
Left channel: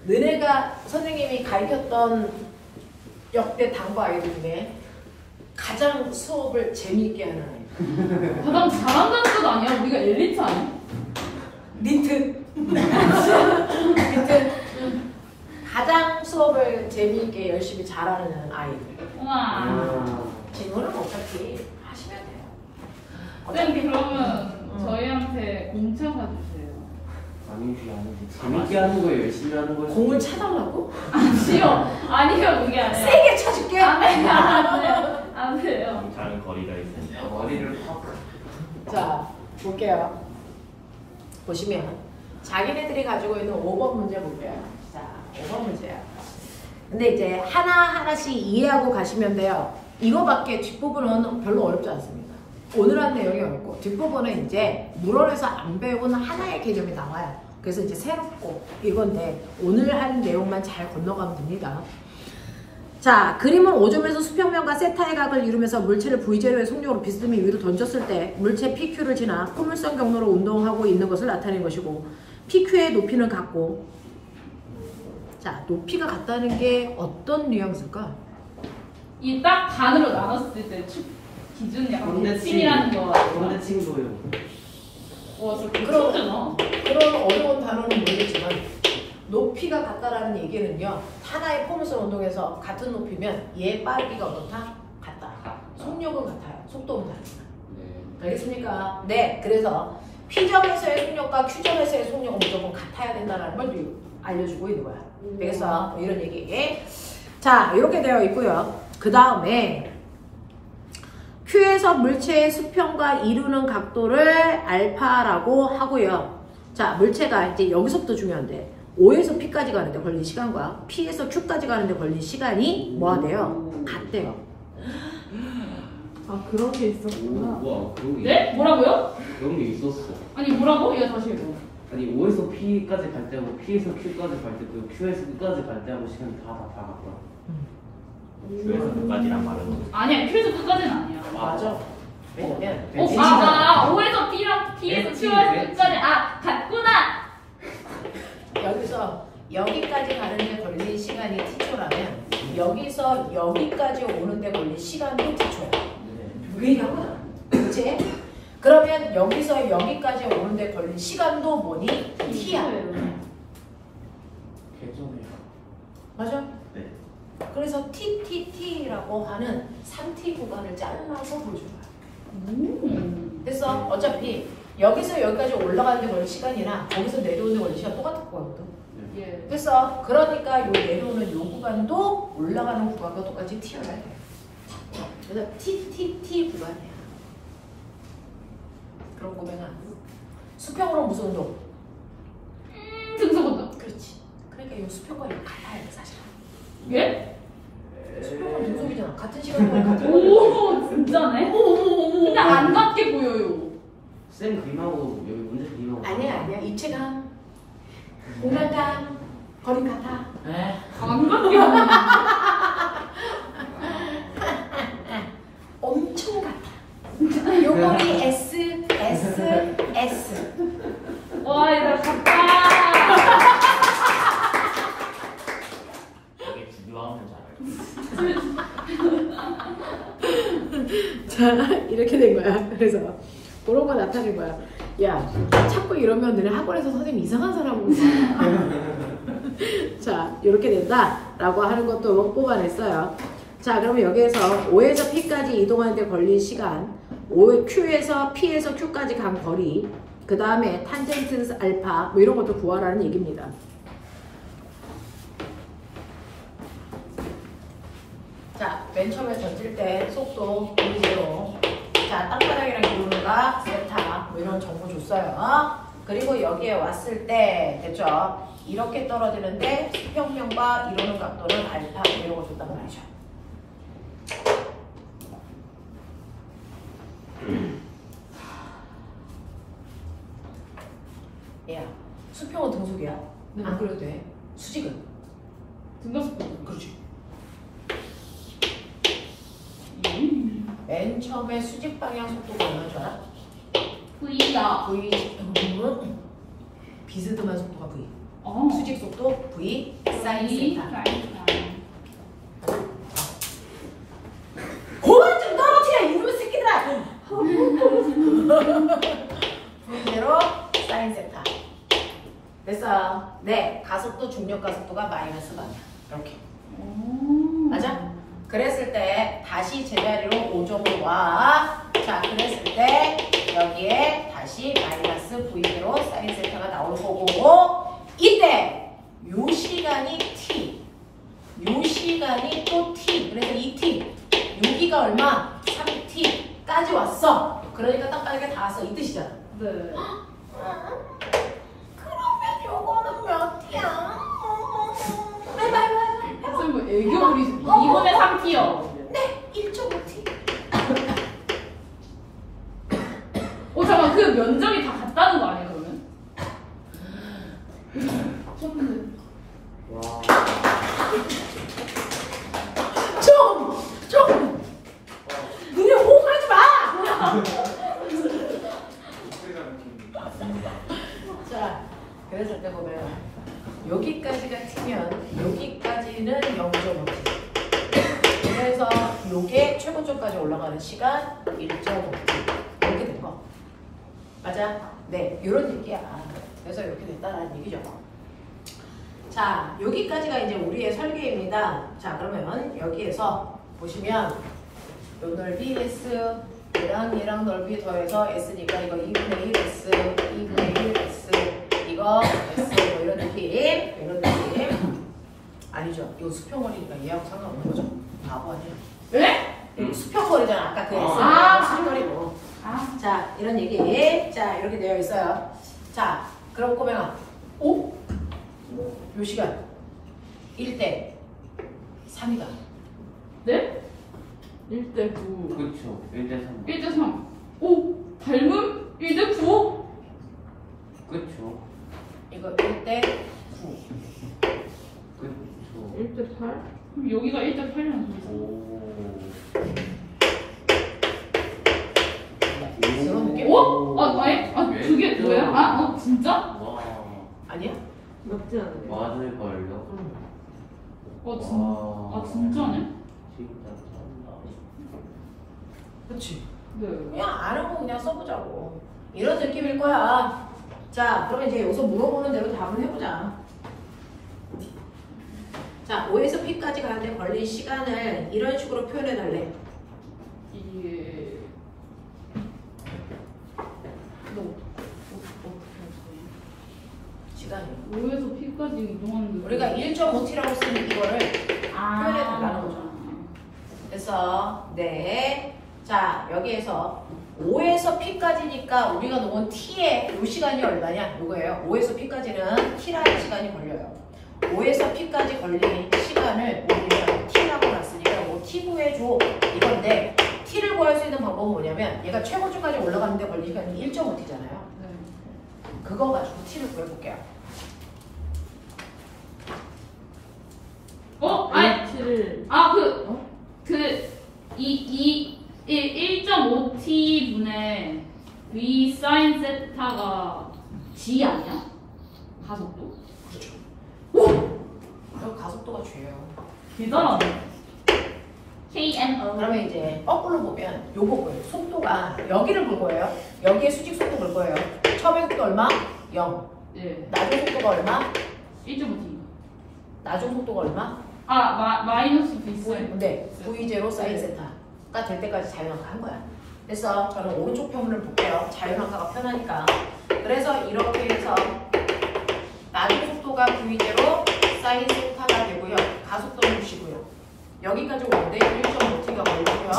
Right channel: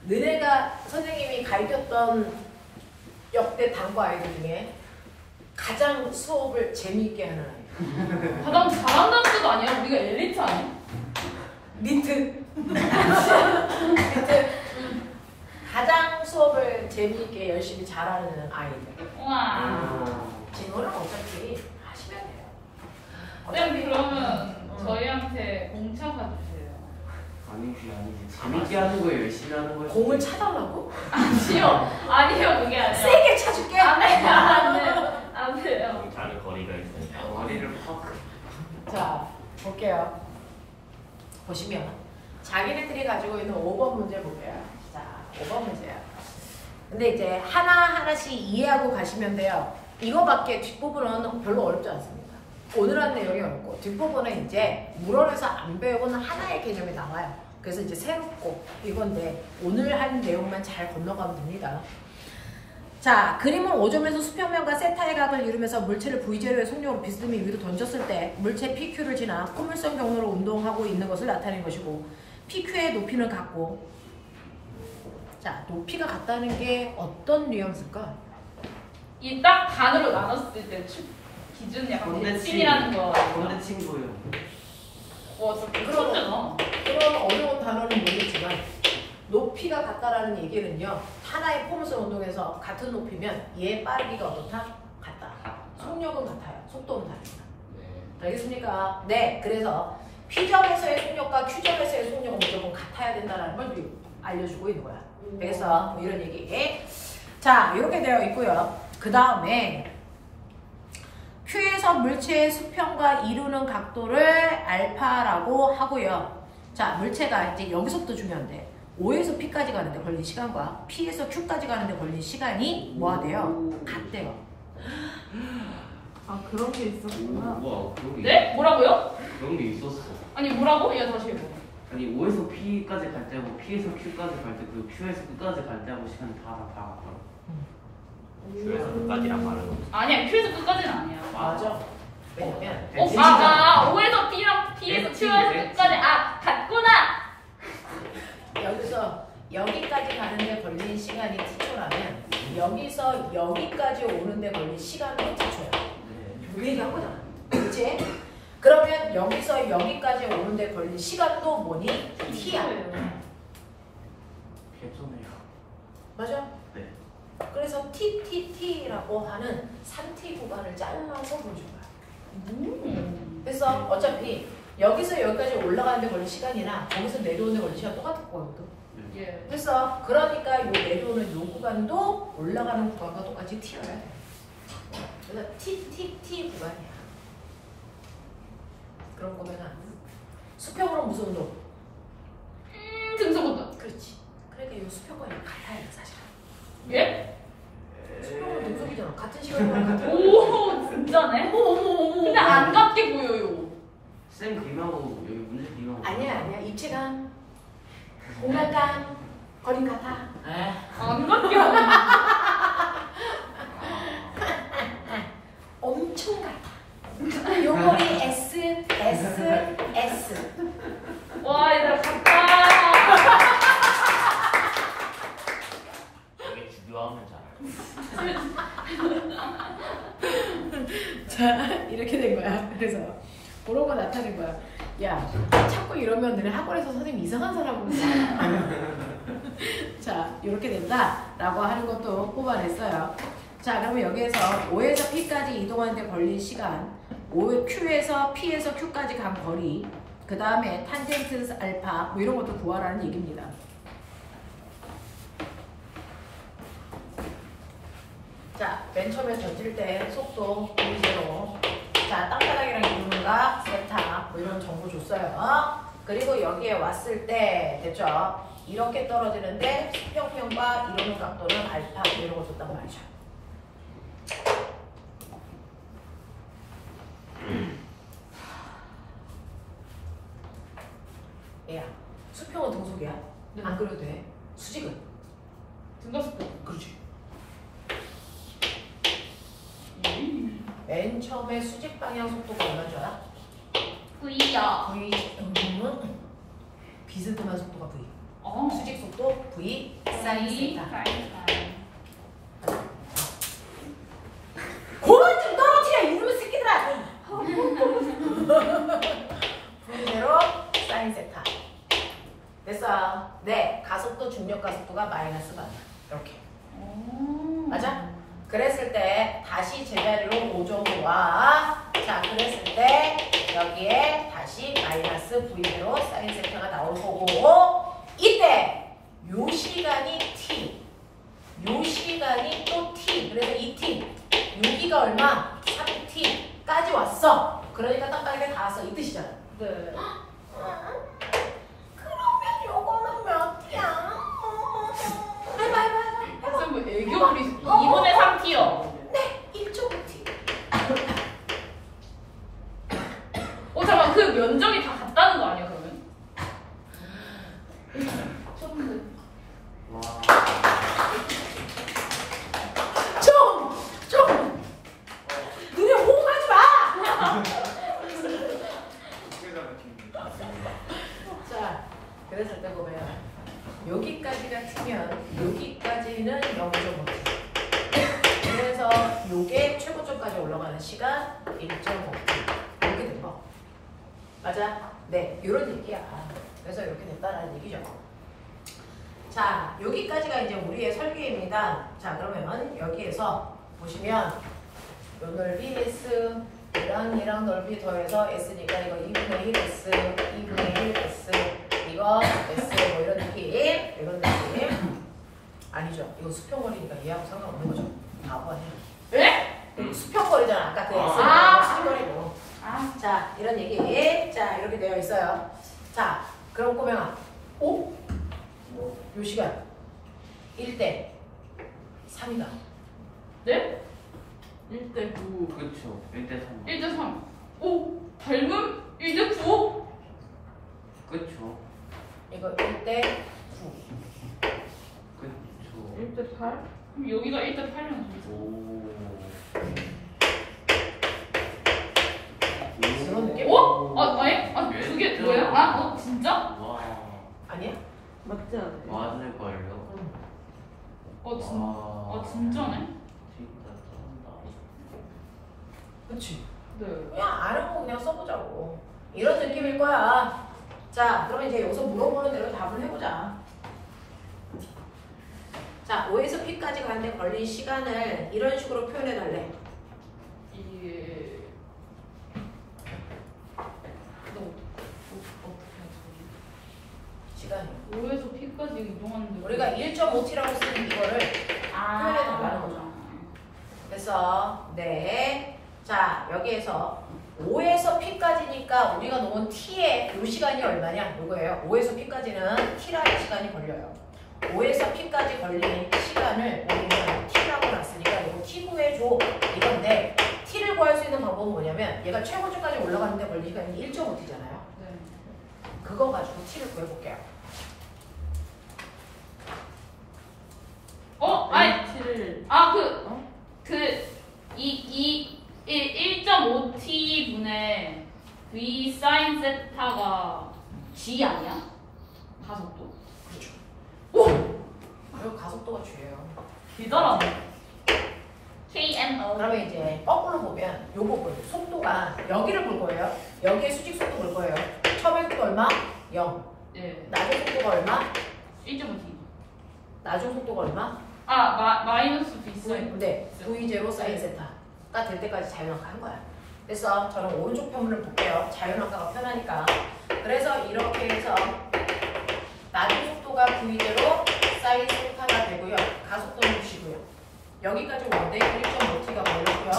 너네가 선생님이 가르쳤던 역대 당구 아이들 중에 가장 수업을 재미있게 하는 아이. 가장 잘한다는 뜻 아니야? 우리가 엘리트 아니야? 니트. 니트. 가장 수업을 재미있게 열심히 잘하는 아이들. 와. 질문은 어차피 하시면 돼요. 쌤 그러면 저희한테 공차 사주세요. 아니지. 재밌게 하는 거 열심히 하는 거. 공을 찾아오라고? 아니요 그게 아니라. 세게 쳐줄게. 안 돼요 안 돼요 안 돼요. 그렇게 하는 거리가 있으니까. 머리를 확. 자, 볼게요. 보시면 자기네들이 가지고 있는 5번 문제 볼게요. 자, 5번 문제야. 근데 이제 하나하나씩 이해하고 가시면 돼요. 이거밖에 뒷부분은 별로 어렵지 않습니다. 오늘 한 내용이 어렵고 뒷부분은 이제 물원에서 안 배운 하나의 개념이 나와요. 그래서 이제 새롭고 이건데 오늘 한 내용만 잘 건너가면 됩니다. 자, 그림은 5점에서 수평면과 세타의 각을 이루면서 물체를 V제로의 속력으로 비스듬히 위로 던졌을 때 물체 PQ를 지나 포물선 경로로 운동하고 있는 것을 나타낸 것이고 PQ의 높이는 같고, 자, 높이가 같다는 게 어떤 뉘앙스일까? 이 딱 반으로 나눴을 때 기준이 약간 대칭이라는 거. 근데 친구요. 와, 저 그럼- 개천재나? 그런 어려운 단어는 모르겠지만 높이가 같다라는 얘기는요, 하나의 포물선 운동에서 같은 높이면 얘 빠르기가 어떻다? 같다. 속력은 같아요. 속도는 다릅니다. 네. 알겠습니까? 네, 그래서 P점에서의 속력과 Q점에서의 속력은 무조건 같아야 된다는 걸 알려주고 있는 거야. 그래서 이런 얘기. 자, 이렇게 되어 있고요. 그 다음에 Q에서 물체의 수평과 이루는 각도를 알파라고 하고요. 자, 물체가 이제 여기서부터 중요한데 5에서 P까지 가는데 걸린 시간과 P에서 Q까지 가는데 걸린 시간이 뭐가 돼요? 같대요. 아 그런 게 오, 있었구나. 와, 그런 게 네? 뭐라고요? 그런 게 있었어. 아니 뭐라고? 야 다시 해봐. 아니 5에서 P까지 갈 때하고 P에서 Q까지 갈 때 그 Q에서 끝까지 갈 때하고 시간 다 같다. 그래서 끝까지란 말은 아니야 Q에서 끝까지는 아니야. 맞아. 왜냐면 O에서 P랑 P에서 그치, Q에서 그치. 끝까지 같구나. 여기서 여기까지 가는데 걸린 시간이 t초라면 여기서 여기까지 오는데 걸린 시간도 t초야. 그 얘기한 거다. 그치? 그러면 여기서 여기까지 오는데 걸린 시간도 뭐니? t야. 개쩌네요. 맞아? 네. 그래서 TTT라고 하는 3T 구간을 잘라서 보여준 거야. 그래서 어차피 여기서 여기까지 올라가는데 걸린 시간이나 거기서 내려오는데 걸린 시간 똑같을 거거든. 예. 그래서 그러니까 요 내려오는 요 구간도 올라가는 구간과 똑같이 T여야 돼. 그래서 TTT 구간이야. 그런 거면 수평으로 무슨 운동? 등속운동. 그렇지. 그러니까 요 수평과 이거 같아야 돼 사실. 예? 수평은 등속이잖아. 같은 시간 동안 같은. 오 진짜네. 근데 안 같게 보여요. 쌤 그림하고 여기 문제 그림하고 아니야. 입체감, 공간감, 거리 같아. 안 같게 보여. 엄청 같아. 요 거리 S. 와 얘들아 같다. 여기 진도하면 잘 알고. 자, 이렇게 된 거야. 그래서 그런 거 나타낸 거야. 야, 자꾸 이러면 너네 학원에서 선생님 이상한 사람으로 봐. 자, 이렇게 된다라고 하는 것도 뽑아냈어요. 자, 그러면 여기에서 O에서 P까지 이동하는데 걸린 시간, Q에서 P에서 Q까지 간 거리, 그 다음에 탄젠트 알파, 뭐 이런 것도 구하라는 얘기입니다. 자, 맨 처음에 던질 때 속도 V0, 자, 땅바닥이랑 기울는가 세타, 뭐 이런 정보 줬어요. 그리고 여기에 왔을 때 됐죠? 이렇게 떨어지는데 수평면과 이루는 각도는 알파, 뭐 이런 거 줬단 말이죠. 야, 수평은 등속이야? 안 그려도 돼. 수직은? 등가스평. 그렇지. 맨 처음에 수직 방향 속도가 얼마인 줄 알아? V야. V, 비스듬한 속도가 V. 어. 수직 속도 V, 사인 세타. 그만 좀 떨어뜨려 이놈의 새끼들아! V대로 사인 세타. 됐어. 네, 가속도 중력 가속도가 마이너스 반이야. 이렇게. 맞아? 그랬을 때 다시 제자리로 5.5 와. 자, 그랬을 때 여기에 다시 마이너스 V대로 사인 세타가 나올 거고, 이때 요 시간이 T, 요 시간이 또 T. 그래서 이 T, 여기가 얼마? 3T까지 왔어. 그러니까 딱딱하게 다 왔어. 이 뜻이잖아. 네. 그러면 요거는 몇 T야? 해봐. 선생님 뭐 애교 부리시 2분의 3T요. 네, 1.5T. 잠깐 그 면적이 다 같다는 거 아니야 그러면? 와. 좀 눈에 호흡하지 마. 자, 그랬을 때 보면 여기까지가 T면 여기까지는 0.5T. 그래서 요게 최고점까지 올라가는 시간 1.5T. 이렇게 된 거. 맞아? 네, 이런 얘기야. 그래서 이렇게 됐다는 얘기죠. 자, 여기까지가 이제 우리의 설계입니다. 자, 그러면 여기에서 보시면 요 넓이 S, 이랑 넓이 더해서 S니까 이거 2분의 1 S, 2분의 1 S, 이거 S 뭐 이런 느낌, 이런 느낌. 아니죠. 이거 수평거리니까 얘하고 상관없는 거죠. 바보 아니야. 네? 수평거리잖아. 아까 그 S. 아. 수평거리고. 자, 이런 얘기. 자, 이렇게 되어 있어요. 자, 그럼 꼬맹아. 오? 요 시간. 1대 3이다. 네? 1대 9. 그렇죠. 1대3. 1대 3. 오! 닮음? 1대 9? 그렇죠. 이거 1대 9. 그렇죠. 1대 8? 그럼 여기가 1대 8이라는 소리죠. 그런 느낌? 어? 아니? 그게 그거야? 진짜? 와. 아니야? 맞지 않나요? 맞을걸요? 진짜네? 진짜 쩐다. 그치? 네. 그냥 아는 거 그냥 써보자고. 이런 느낌일 거야. 자, 그러면 이제 여기서 물어보는 대로 답을 해보자. 자, O에서 P까지 가는데 걸린 시간을 이런 식으로 표현해달래. 이게 시간이. 5에서 P까지 이동하는데 우리가 1.5T라고 쓰는 이거를 표현해달라는 거죠. 됐어. 네. 자, 여기에서 5에서 P까지니까 우리가 놓은 T의 요 시간이 얼마냐? 요거예요. 5에서 P까지는 T라는 시간이 걸려요. 5에서 P까지 걸린 시간을 우리가 T라고 놨으니까 이거 T 구해줘 이건데, T를 구할 수 있는 방법은 뭐냐면 얘가 최고점까지 올라가는데 걸린 시간이 1.5T잖아요. 네. 그거 가지고 T를 구해볼게요. 아니 7. 이 1.5t 분의 v 사인 세타가 g 아니야? 가속도? 그리고 가속도가 주예요. 대단하네. KMO. 그러면 이제 거꾸로 보면 요 부분 속도가 여기를 볼 거예요. 여기에 수직 속도 볼 거예요. 처음에 속도 얼마? 0. 네. 나중에 속도가 얼마? 1.5t. 나중 속도가 얼마? 마이너스 V0. 네, V0 사인 세타가 될 때까지 자유낙하 한 거야. 그래서 저는 오른쪽 편을 볼게요. 자유낙하가 편하니까. 그래서 이렇게 해서 나중 속도가 V0 사인 세타가 되고요. 가속도는 주시고요. 여기까지 오는데 1.5t가 걸리고요.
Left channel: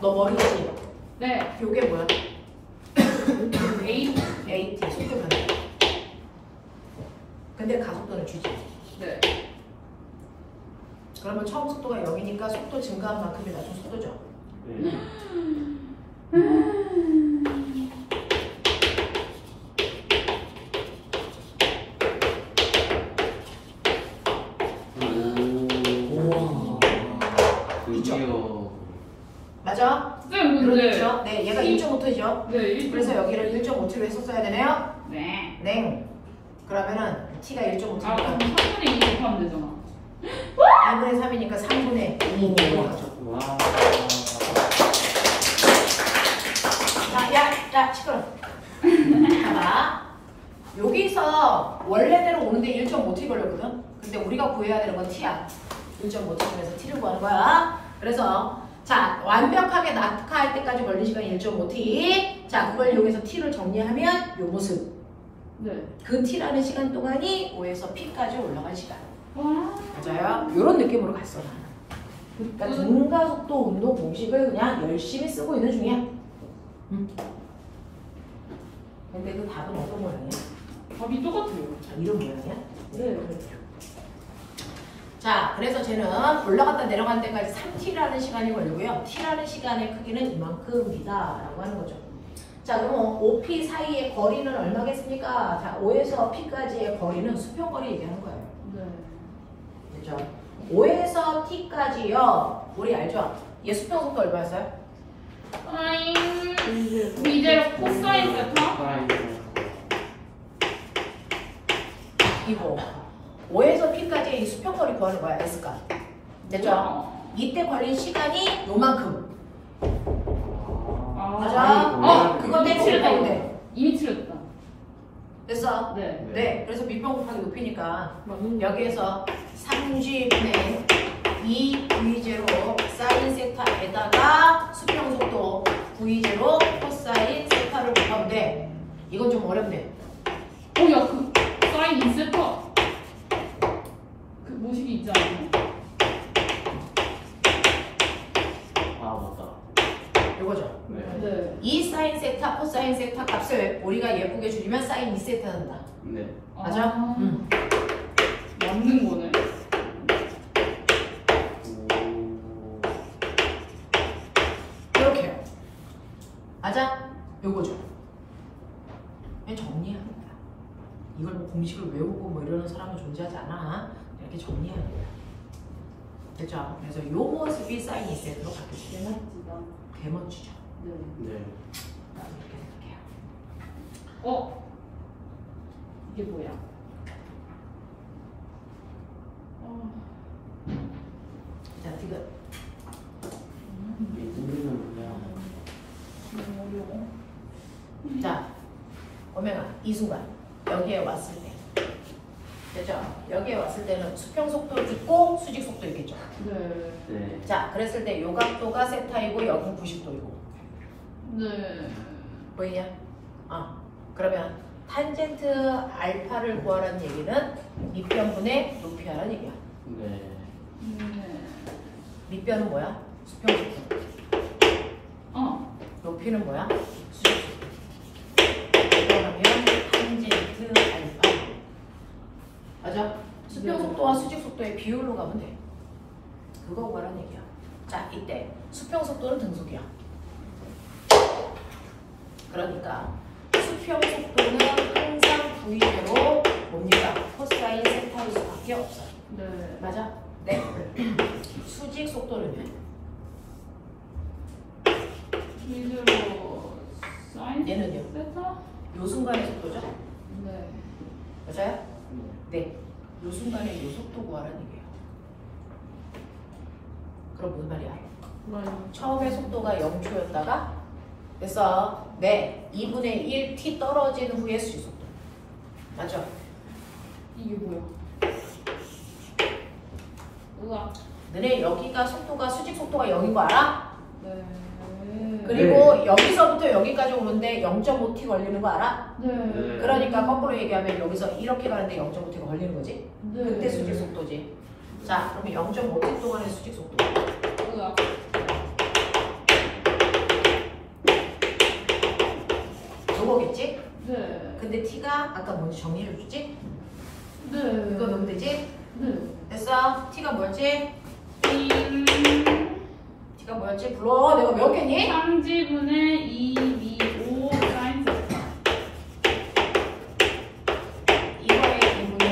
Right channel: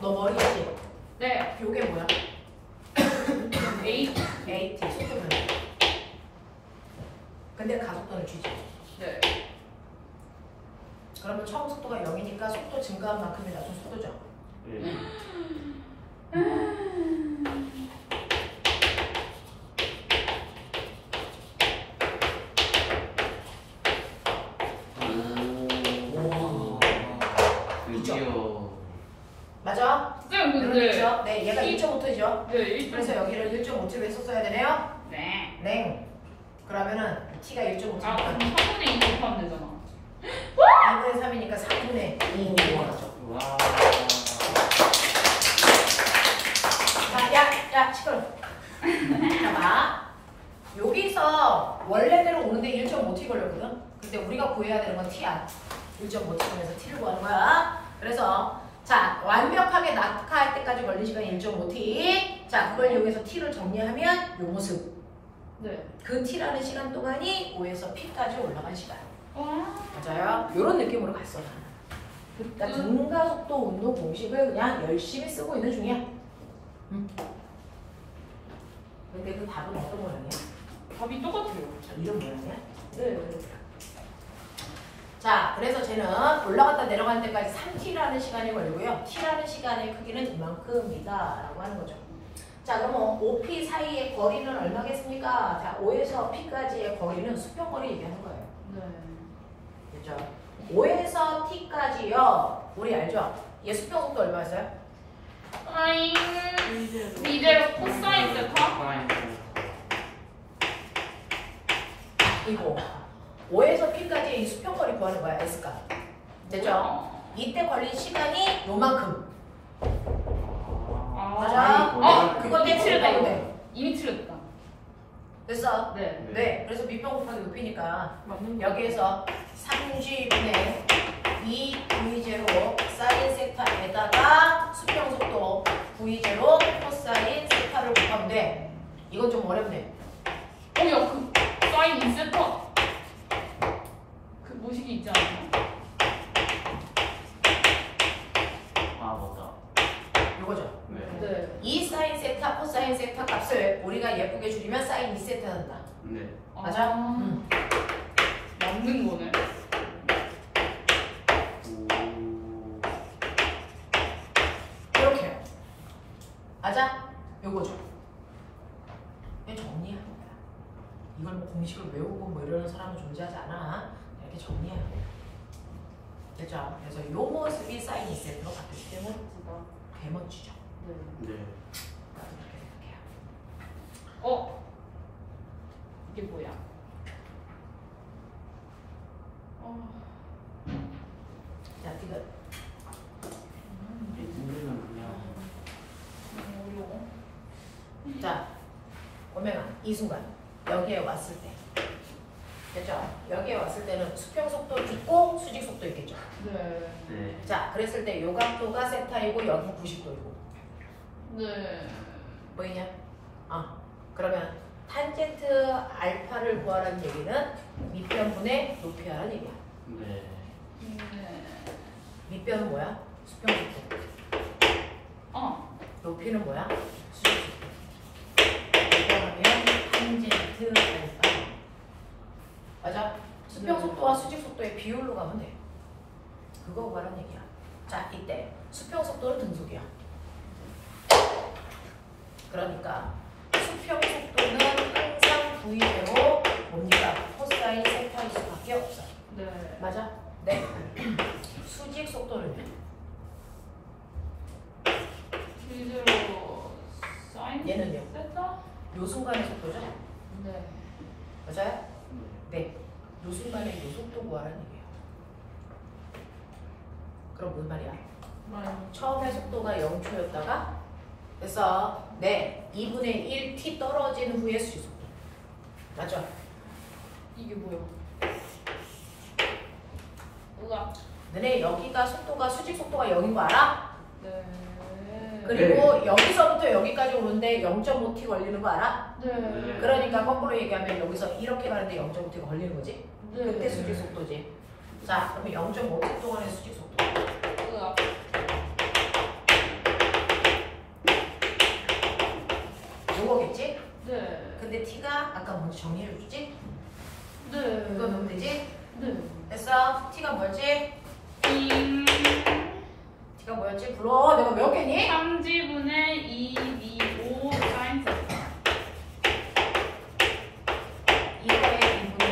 너 머리지? 네. 요게 뭐야? AT 속도 변화. 근데 가속도는 주지. 네. 그러면 처음 속도가 0이니까 속도 증가한 만큼이 나중 속도죠. 네. 오. 드디어. 맞아? 쌤 근데. 그렇죠? 네, 얘가 1.5T죠. 네. 그래서 여기를 1.5T로 했었어야 되네요. 네. 네. 그러면은 T가 1.5T니까 아 그럼 3분의 2 곱하면 되잖아. 2분의 3이니까 3분의 2. 와. 야, 시끄러. 봐봐. 여기서 원래대로 오는데 1.5T 걸렸거든. 근데 우리가 구해야 되는 건 T야. 1.5T에서 T를 구하는 거야. 그래서 자, 완벽하게 낙하할 때까지 걸린 시간이 1.5T. 자, 그걸 이용해서 T를 정리하면 요 모습. 네. 그 T라는 시간 동안이 5에서 P까지 올라간 시간. 와. 맞아요. 이런 느낌으로 갔어. 그러니까 등가속도 운동 공식을 그냥 열심히 쓰고 있는 중이야. 근데 그 답은 어떤 모양이야? 답이 똑같아요. 이런 모양이야? 네. 자, 그래서 쟤는 올라갔다 내려간 데까지 3t라는 시간이 걸리고요. t라는 시간의 크기는 이만큼이다 라고 하는 거죠. 자, 그럼 5p 사이의 거리는 얼마겠습니까? 자, 5에서 p까지의 거리는 수평거리 얘기하는 거예요. 네. 그죠? 5에서 t까지요. 우리 알죠? 얘 수평속도 얼마였어요? 사인 V0 코사인 세타. 이거 5에서 p까지 이 수평거리 구하는 거야, S가. 됐죠? 이때 걸린 시간이 요만큼. 맞아? 그거 이미 칠했다, 칠했다. 근데. 이미 칠했다. 됐어? 네. 네. 그래서 밑변 곱하기 높이니까 맞는 거. 여기에서 3G분의 2V0 사인 세타에다가 수평속도 V0 코사인 세타를 곱하면 돼. 이건 좀 어렵네. 야, 그 사인 2세타. 그 모식이 있지 않아요? 아 맞다. 요거죠. 네. 네. 이 사인 세타, 코사인 세타 값을 우리가 예쁘게 줄이면 사인 2세타 한다. 네. 맞아? 아, 응. 맞는 거네. 오. 이렇게 해요. 맞아? 요거죠. 그냥 정리하는 거야. 이걸 뭐 공식을 외우고 뭐 이러는 사람은 존재하지 않아. 이렇게 정리하는 거야. 됐죠? 그래서 요 모습이 사인 2세트로 바뀌죠. 대낮지다. 개멋지죠. 네. 네. 나도 그렇게 생각해요. 이게 뭐야? 자, 지금 이 우리는 뭐냐? 너무 어려워. 자, 오메가 이 순간 여기에 왔을 때 됐죠? 여기에 왔을 때는 수평 속도 있고 수직 속도 있겠죠? 네. 네. 자, 그랬을 때 요 각도가 세타이고 여긴 90도이고 네. 보이냐? 그러면 탄젠트 알파를 구하라는 얘기는 밑변분의 높이하라는 얘기야. 네. 밑변은 뭐야? 수평 속도. 높이는 뭐야? 수직 속도. 그러면 탄젠트 알파. 맞아? 수평 속도와 수직 속도의 비율로 가면 돼. 그거 구하라는 얘기야. 자, 이때 수평 속도는 등속이야. 그러니까 수평 속도는 항상 V대로 뭡니까? 코사인 세타일 수밖에 없어. 네. 맞아? 네. 수직 속도는요? 실제로 사인 얘는요? 세타? 요 순간의 속도죠? 네. 맞아요? 네. 요 순간의 요 속도 구하라는 얘기예요. 그럼 무슨 말이야? 처음에 속도가 0초였다가 그래서 네 2분의 1t 떨어진 후에 수직 속도. 맞죠? 이게 뭐야? 으악. 너네 여기가 속도가 수직 속도가 0인 거 알아? 네. 그리고 여기서부터 여기까지 오는데 0.5t 걸리는 거 알아? 네. 그러니까 거꾸로 얘기하면 여기서 이렇게 가는데 0.5t가 걸리는 거지? 네. 그때 수직 속도지. 자, 그러면 0.5t 동안의 수직 속도. 으악. 요거겠지? 네. 근데 t가 아까 먼저 정리해 주지? 네. 이거 넣으면 되지? 네. 됐어? t가 뭐였지? 띵. t가 뭐였지? 불러. 내가 몇 개니? 3지분의 2b5 사인 세타. 2분의 2분의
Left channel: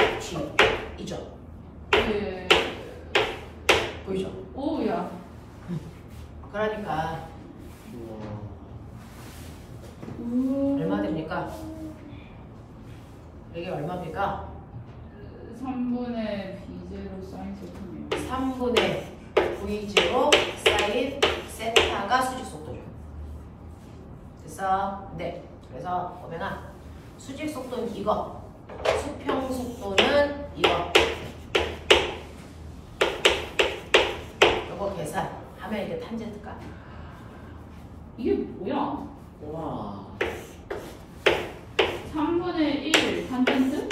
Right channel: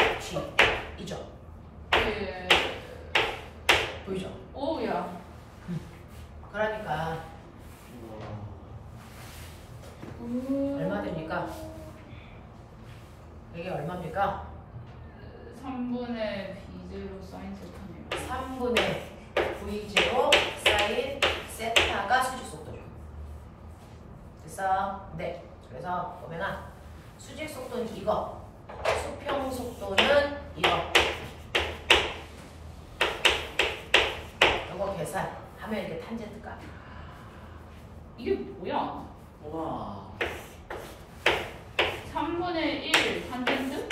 1 g. 이죠? 네. 보이죠? 오야. 그러니까 우와. 얼마 됩니까? 이게 얼마입니까? 3분의 b0 사인 세타네요. 3분의 V제로 사인 세타가 수직 속도죠. 됐어? 네. 그래서 보면은 수직 속도는 이거, 수평 속도는 이거. 이거 계산하면 이게 탄젠트값. 이게 뭐야? 와. 3분의 1 탄젠트?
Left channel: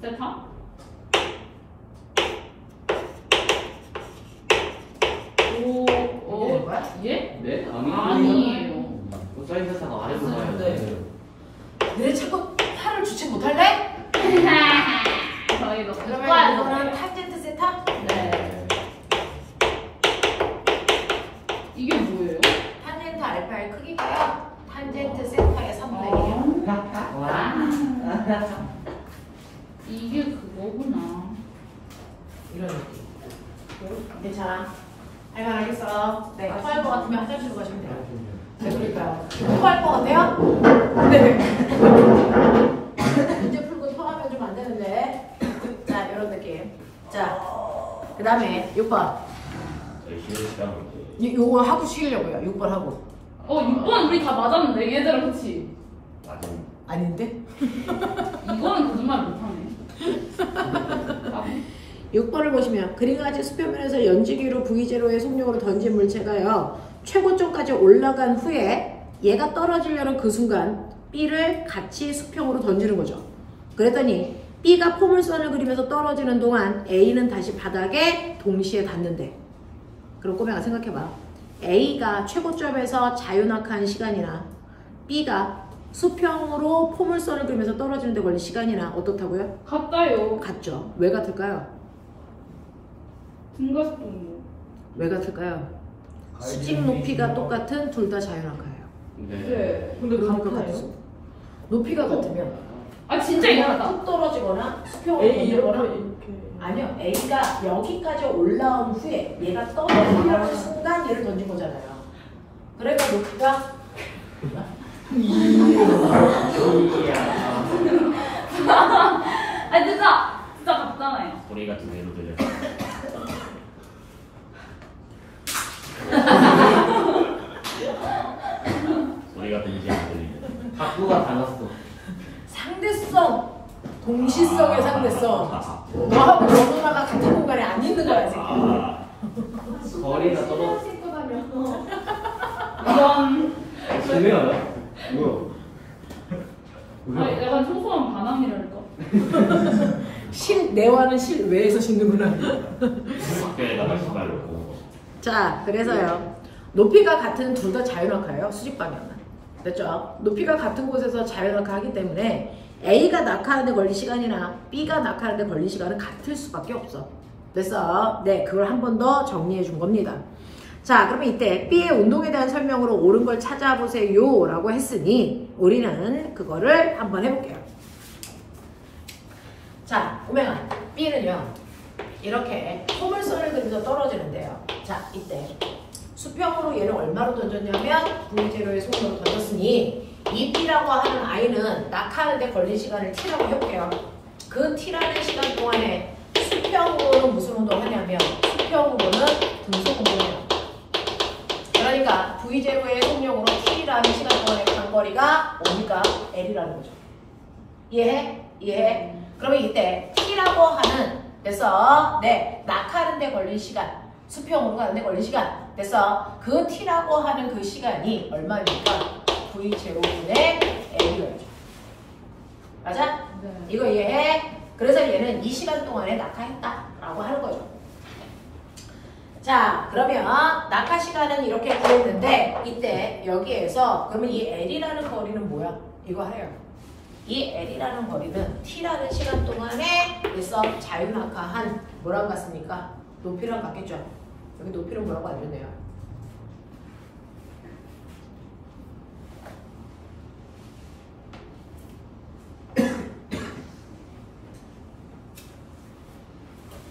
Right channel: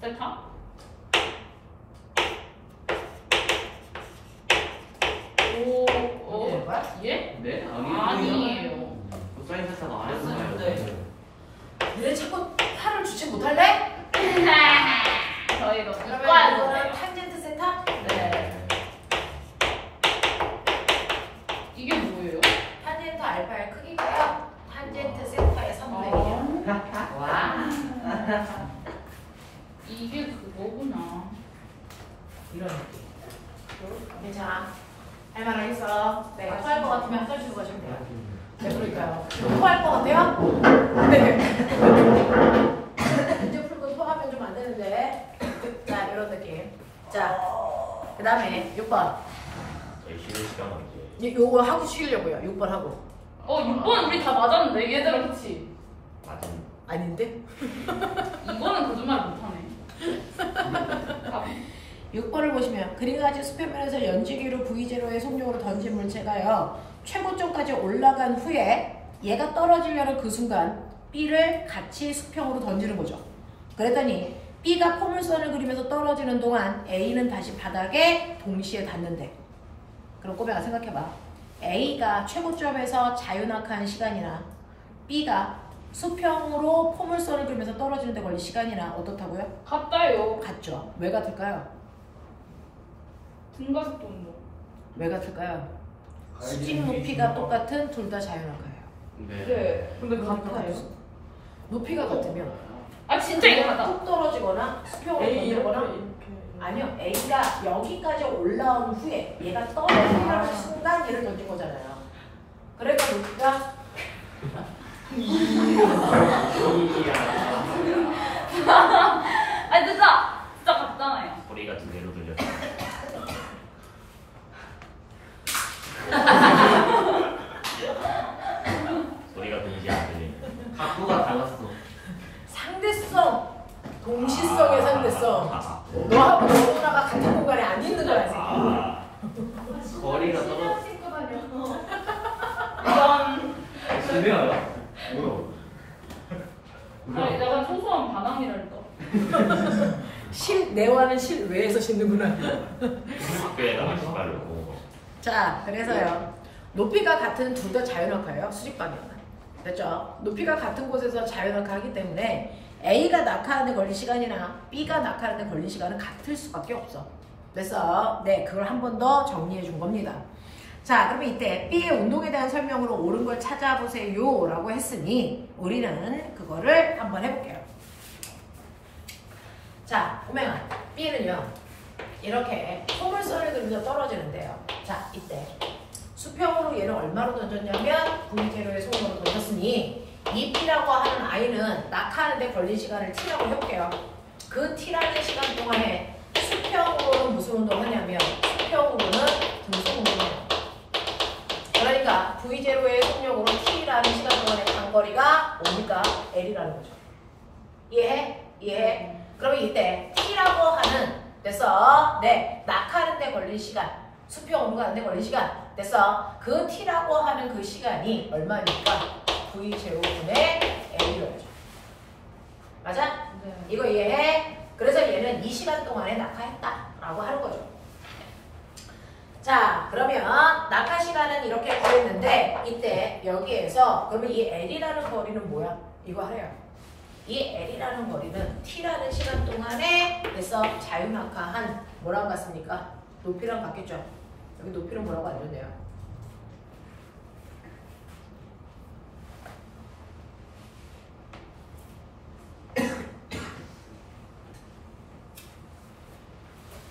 세타? 오, 이게 되는 거야? 예? 네? 아니에요. 그 사인 세타가 안 해도 봐요. 네. 왜 자꾸 팔을 주체 못할래? 저희가 그러면 이거는 탄젠트 세타? 네. 이게 뭐예요? 탄젠트 알파의 크기가요. 탄젠트 세타의 3분의 1. 아. 이게 그거구나. 이런 느낌. 괜찮아. 할만하겠어. 네, 토할 것 같으면 화장실 가시면 돼요. 네, 그러니까요. 토할 것 같아요? 네. 문제 풀고 토하면 좀 안 되는데. 자, 이런 느낌. 자, 그 다음에 6번. 저희 쉬는 시간 볼게요. 요거 하고 쉬려고요. 6번 하고. 6번 우리 다 맞았는데 얘들아 그치? 맞은 아닌데? 이거는 거짓말 못하네. 6번을 보시면 그림과 같이 수평면에서 연지기로 V0의 속력으로 던진 물체가요. 최고점까지 올라간 후에 얘가 떨어지려는 그 순간 B를 같이 수평으로 던지는 거죠. 그랬더니 B가 포물선을 그리면서 떨어지는 동안 A는 다시 바닥에 동시에 닿는데, 그럼 꼬맹아 생각해봐. A가 최고점에서 자유낙하한 시간이나 B가 수평으로 포물선을 그리면서 떨어지는 데 걸린 시간이나 어떻다고요? 같아요. 같죠. 왜 같을까요? 등가속도는 왜 같을까요? 수직 높이가 똑같은 둘 다 자유낙하예요. 네. 네. 근데 그러니까 같아요. 같았어. 높이가 같으면 아 진짜 이거 A가 같다. 툭 떨어지거나 수평으로 A 이렇게 던지거나, 이렇게. 아니요, A가 여기까지 올라온 후에 얘가 떨어지려는 순간 얘를 던진 거잖아요. 그러니까 높이가 아 진짜 같잖아요. 소리가 두 개로 들려. 소리가 동시에 안 들리네. 각도가 달랐어. 상대성, 동시성의 상대성. 너하고 너 누나가 같은 공간에 안 있는 거야, 이 새끼. 아, 거리가 떨어져. 이런 재미나요? 뭐야? 약간 소소한 반항이랄까. 실내와는 실외에서 신는구나. 학교에다가 신발 놓고. 자, 그래서요. 높이가 같은 둘 다 자유낙하예요. 수직 방향은. 됐죠? 높이가 같은 곳에서 자유낙하하기 때문에 A가 낙하하는데 걸린 시간이나 B가 낙하하는데 걸린 시간은 같을 수밖에 없어. 됐어? 네, 그걸 한 번 더 정리해 준 겁니다. 자, 그러면 이때 B의 운동에 대한 설명으로 옳은 걸 찾아보세요 라고 했으니 우리는 그거를 한번 해볼게요. 자, 오맹아, B는요 이렇게 포물선을 그리면서 떨어지는데요. 자, 이때 수평으로 얘는 얼마로 던졌냐면 V0의 속도로 던졌으니 이 B라고 하는 I는 낙하하는데 걸린 시간을 T라고 해볼게요. 그 T라는 시간 동안에 수평으로는 무슨 운동을 하냐면 수평으로는 등속 운동이에요. 그러니까 V0의 속력으로 T라는 시간 동안의 간거리가 오니까 L이라는 거죠. 이해해? 이해해? 그러면 이때 T라고 하는, 됐어? 네, 낙하하는 데 걸린 시간, 수평으로 가는 데 걸린 시간. 됐어? 그 t라고 하는 그 시간이 얼마니까? v0분의 L이로 해줘. 맞아? 네. 이거 이해해? 그래서 얘는 이 시간 동안에 낙하했다라고 하는 거죠. 자, 그러면 낙하 시간은 이렇게 구했는데 이때 여기에서 그러면 이 L이라는 거리는 뭐야? 이거 하래요. 이 L이라는 거리는 T라는 시간 동안에 그래서 자유낙하한 뭐랑 같습니까? 높이랑 같겠죠? 여기 높이는 뭐라고 알려내요?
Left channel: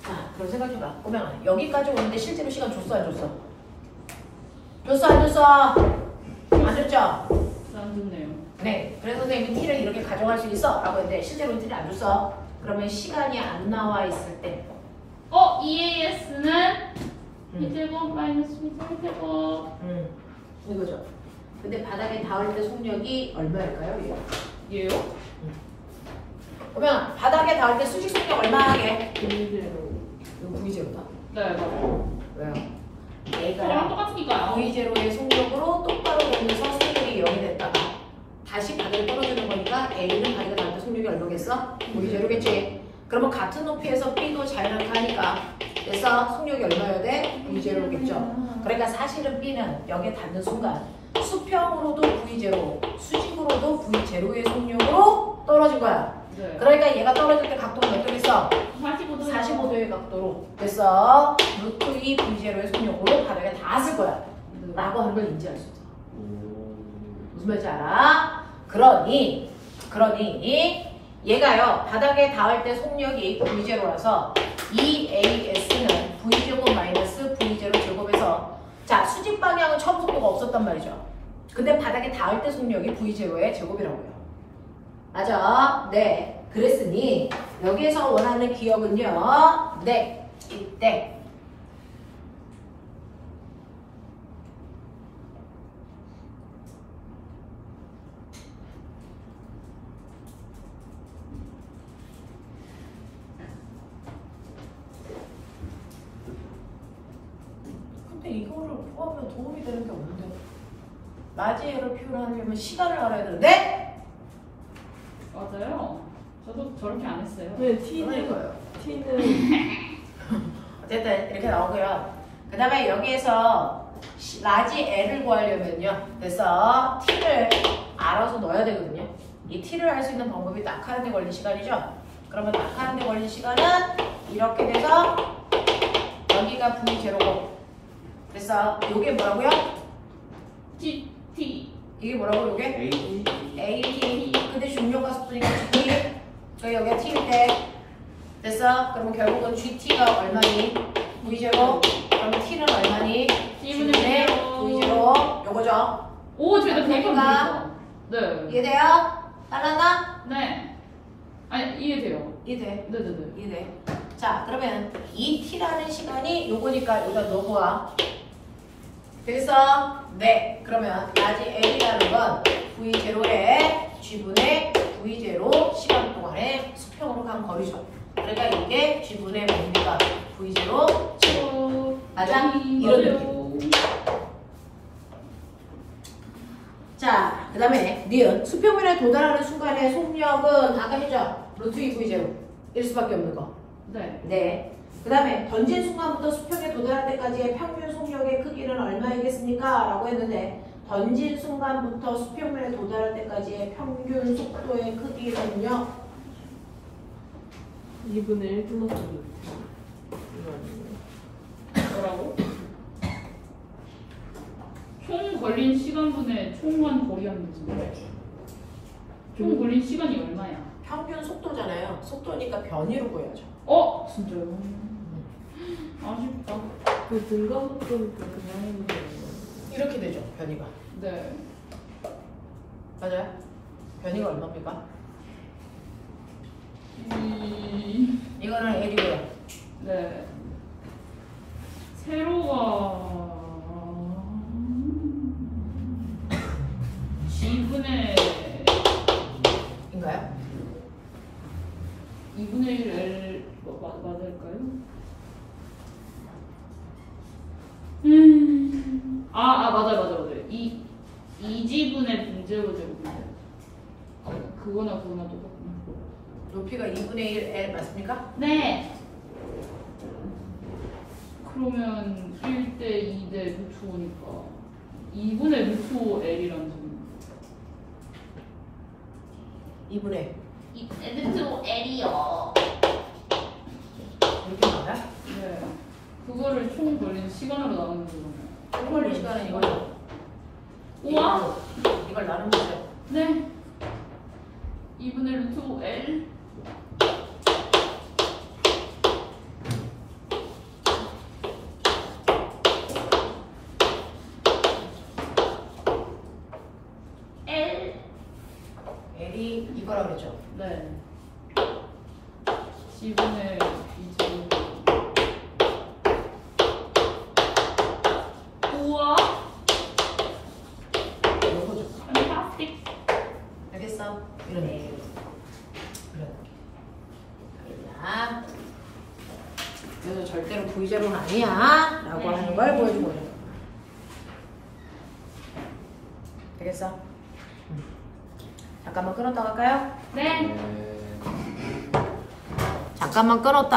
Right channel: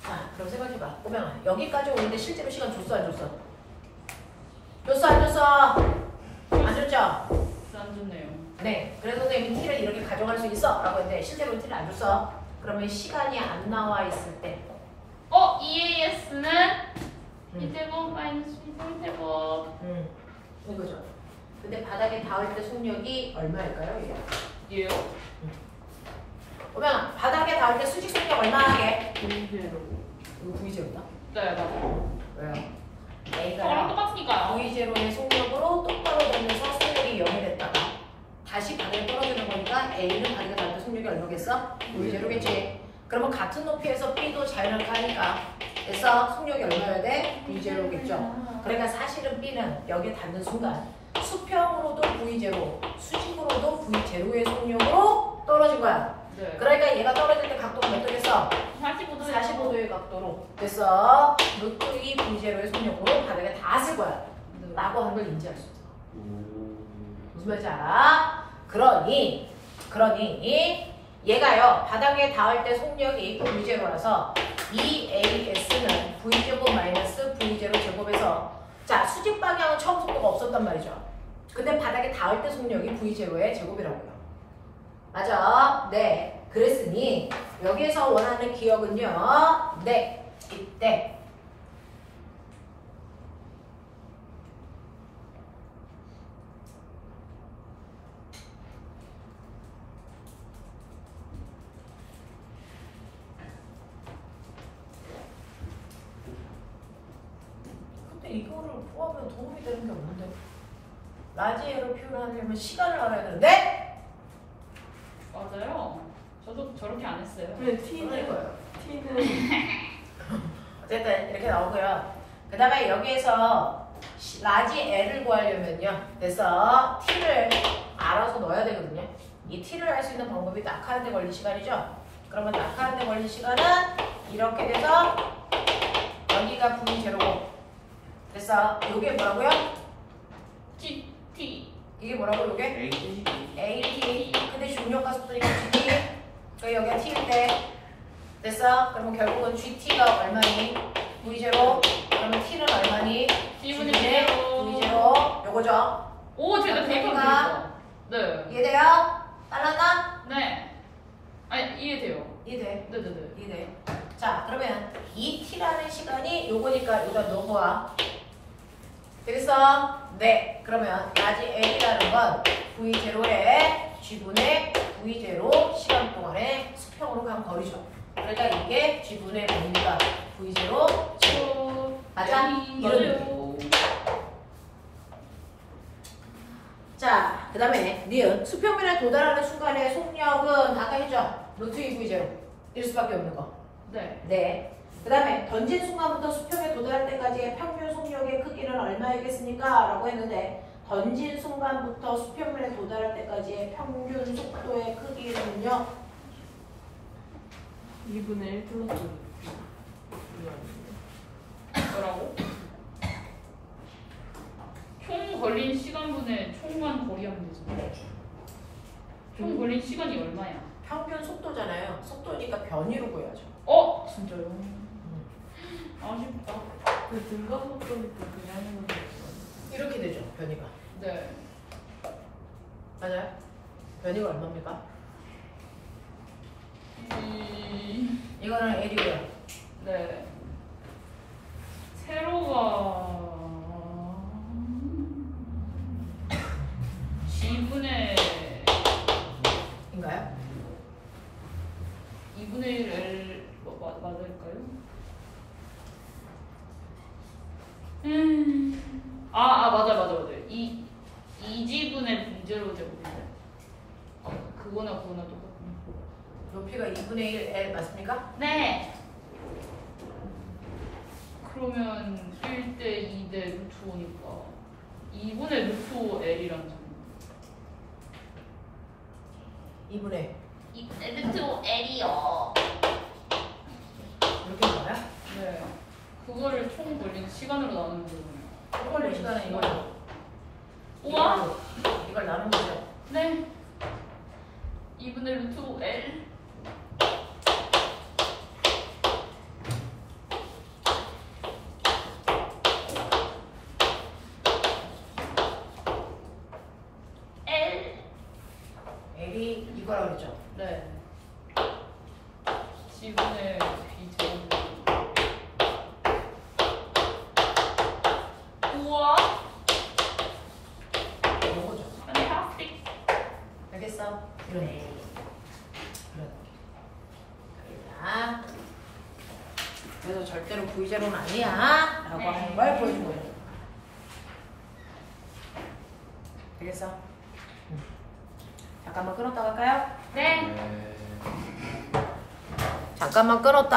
자, 그럼 생각해봐. 보면 여기까지 오는데 실제로 시간 줬어 안 줬어? 줬어 안 줬어? 안 줬죠? 안 좋네요. 네, 그래서 선생님이 t를 이렇게 가져갈 수 있어 라고 했는데 실제로 t를 안 줬어. 그러면 시간이 안 나와 있을 때 EAS는 1제곱 마이너스 1제곱. 이거죠. 근데 바닥에 닿을 때 속력이 얼마일까요? 얘? 예요? 보면 바닥에 닿을 때 수직 속력 얼마 하게? V0. 이거 V0다. 네, 맞아요. 왜요? 저랑 A가 똑같으니까요. V0의 속력으로 똑바로 가면서 속력이 0이 됐다가 다시 바닥에 떨어지는 거니까 A는 바닥에 닿을 때 속력이 얼마겠어? V0겠지. 그러면 같은 높이에서 B도 자유낙하니까 그래서 속력이 얼마여야 돼? V0겠죠. 그러니까 사실은 B는 여기에 닿는 순간 수평으로도 V0, 수직으로도 V0의 속력으로 떨어진 거야. 네. 그러니까 얘가 떨어질 때 각도가 몇 도겠어? 45도. 45도의 각도로. 그래서 루트 2 V0의 속력으로 바닥에 닿았을 거야. 라고 하는 걸 인지할 수 있어. 무슨 말인지 알아? 그러니 얘가요 바닥에 닿을 때 속력이 V0라서 EAS는 V제곱 마이너스 V0 제곱에서 자 수직 방향은 처음 속도가 없었단 말이죠. 근데 바닥에 닿을 때 속력이 V0의 제곱이라고요. 맞아? 네. 그랬으니 여기에서 원하는 기억은요. 네. 이때 근데 이거를 포함하면 도움이 되는 게 없는데 라지에로 표현하려면 시간을 알아야 되는데 맞아요. 저도 저렇게 안 했어요. 네, 그럴 거예요. T는 어쨌든 이렇게 나오고요. 그 다음에 여기에서 라지 L을 구하려면요. 그래서 T를 알아서 넣어야 되거든요. 이 T를 할 수 있는 방법이 낙하하는 데 걸린 시간이죠. 그러면 낙하하는 데 걸린 시간은 이렇게 돼서 여기가 V0고 그래서 요게 뭐라고요? T. 이게 뭐라고 요게? AT 근데 중력과 속도니까 GT 그러니까 여기가 T일 때 됐어? 그러면 결국은 GT가 얼마니? V0 그러면 T는 얼마니? T분의 V0 요거죠? 오, 제가 그러니까 대입합니다. 네. 이해돼요? 따랐나? 네. 아니, 이해돼요. 이해돼 네네네. 이해돼 자 그러면 이 T라는 시간이 요거니까 여기다 넣고 와 그래서 네 그러면 라지 L이라는 건 V0에 G분의 V0 시간 동안에 수평으로 간 거리죠. 그러니까 이게 G분의 뭡니까? V0 제곱 맞아? 이런 느낌. 자, 그 다음에 니은 수평면에 도달하는 순간의 속력은 아까 했죠? 루트 2 V0 일 수밖에 없는 거. 네. 네. 그 다음에 던진 순간부터 수평에 도달할 때까지의 평균 속력의 크기는 얼마이겠습니까? 라고 했는데 던진 순간부터 수평면에 도달할 때까지의 평균 속도의 크기는요? 2분의 1 플러스 뭐라고? 총 걸린 시간분의 총만 거리하면 되지. 총 걸린 시간이 얼마야? 평균 속도잖아요. 속도니까 변이로 보여야죠. 진짜요? 아쉽다. 그 증가 속도는 그렇게 하는 거예요. 이렇게 되죠. 변이가. 네. 맞아요? 변이가 얼마입니까? 이거는 L이고요. 네. 세로가 G분의 인가요? 2분의 1 L 맞을까요? 맞아. 이지분의 분제로 제곱인데. 그거나 똑같구나. 높이가 2분의 1 L 맞습니까? 네. 그러면 1대 2대 루트 5니까 2분의 루트 5 L이란 소리. 2분의 루트 5 L이요. 이렇게 나와요? 네. 그거를 총 걸린 시간으로 나누는 거잖아요. 총 걸린 시간에 이걸 우와. 이걸 나눈 거죠. 네. 2분의 루트 5 L. L이 이거라고 그랬죠. 네. 지분의 비제곱. 우와. 이거죠. fantastic. 알겠어? 이런 얘기. 이런 얘기. 그래서 절대로 V0는 아니야 라고 네. 하는 걸 보여준 거죠. 되겠어? 잠깐만 끊었다 갈까요? 네. 네. 잠깐만 끊었다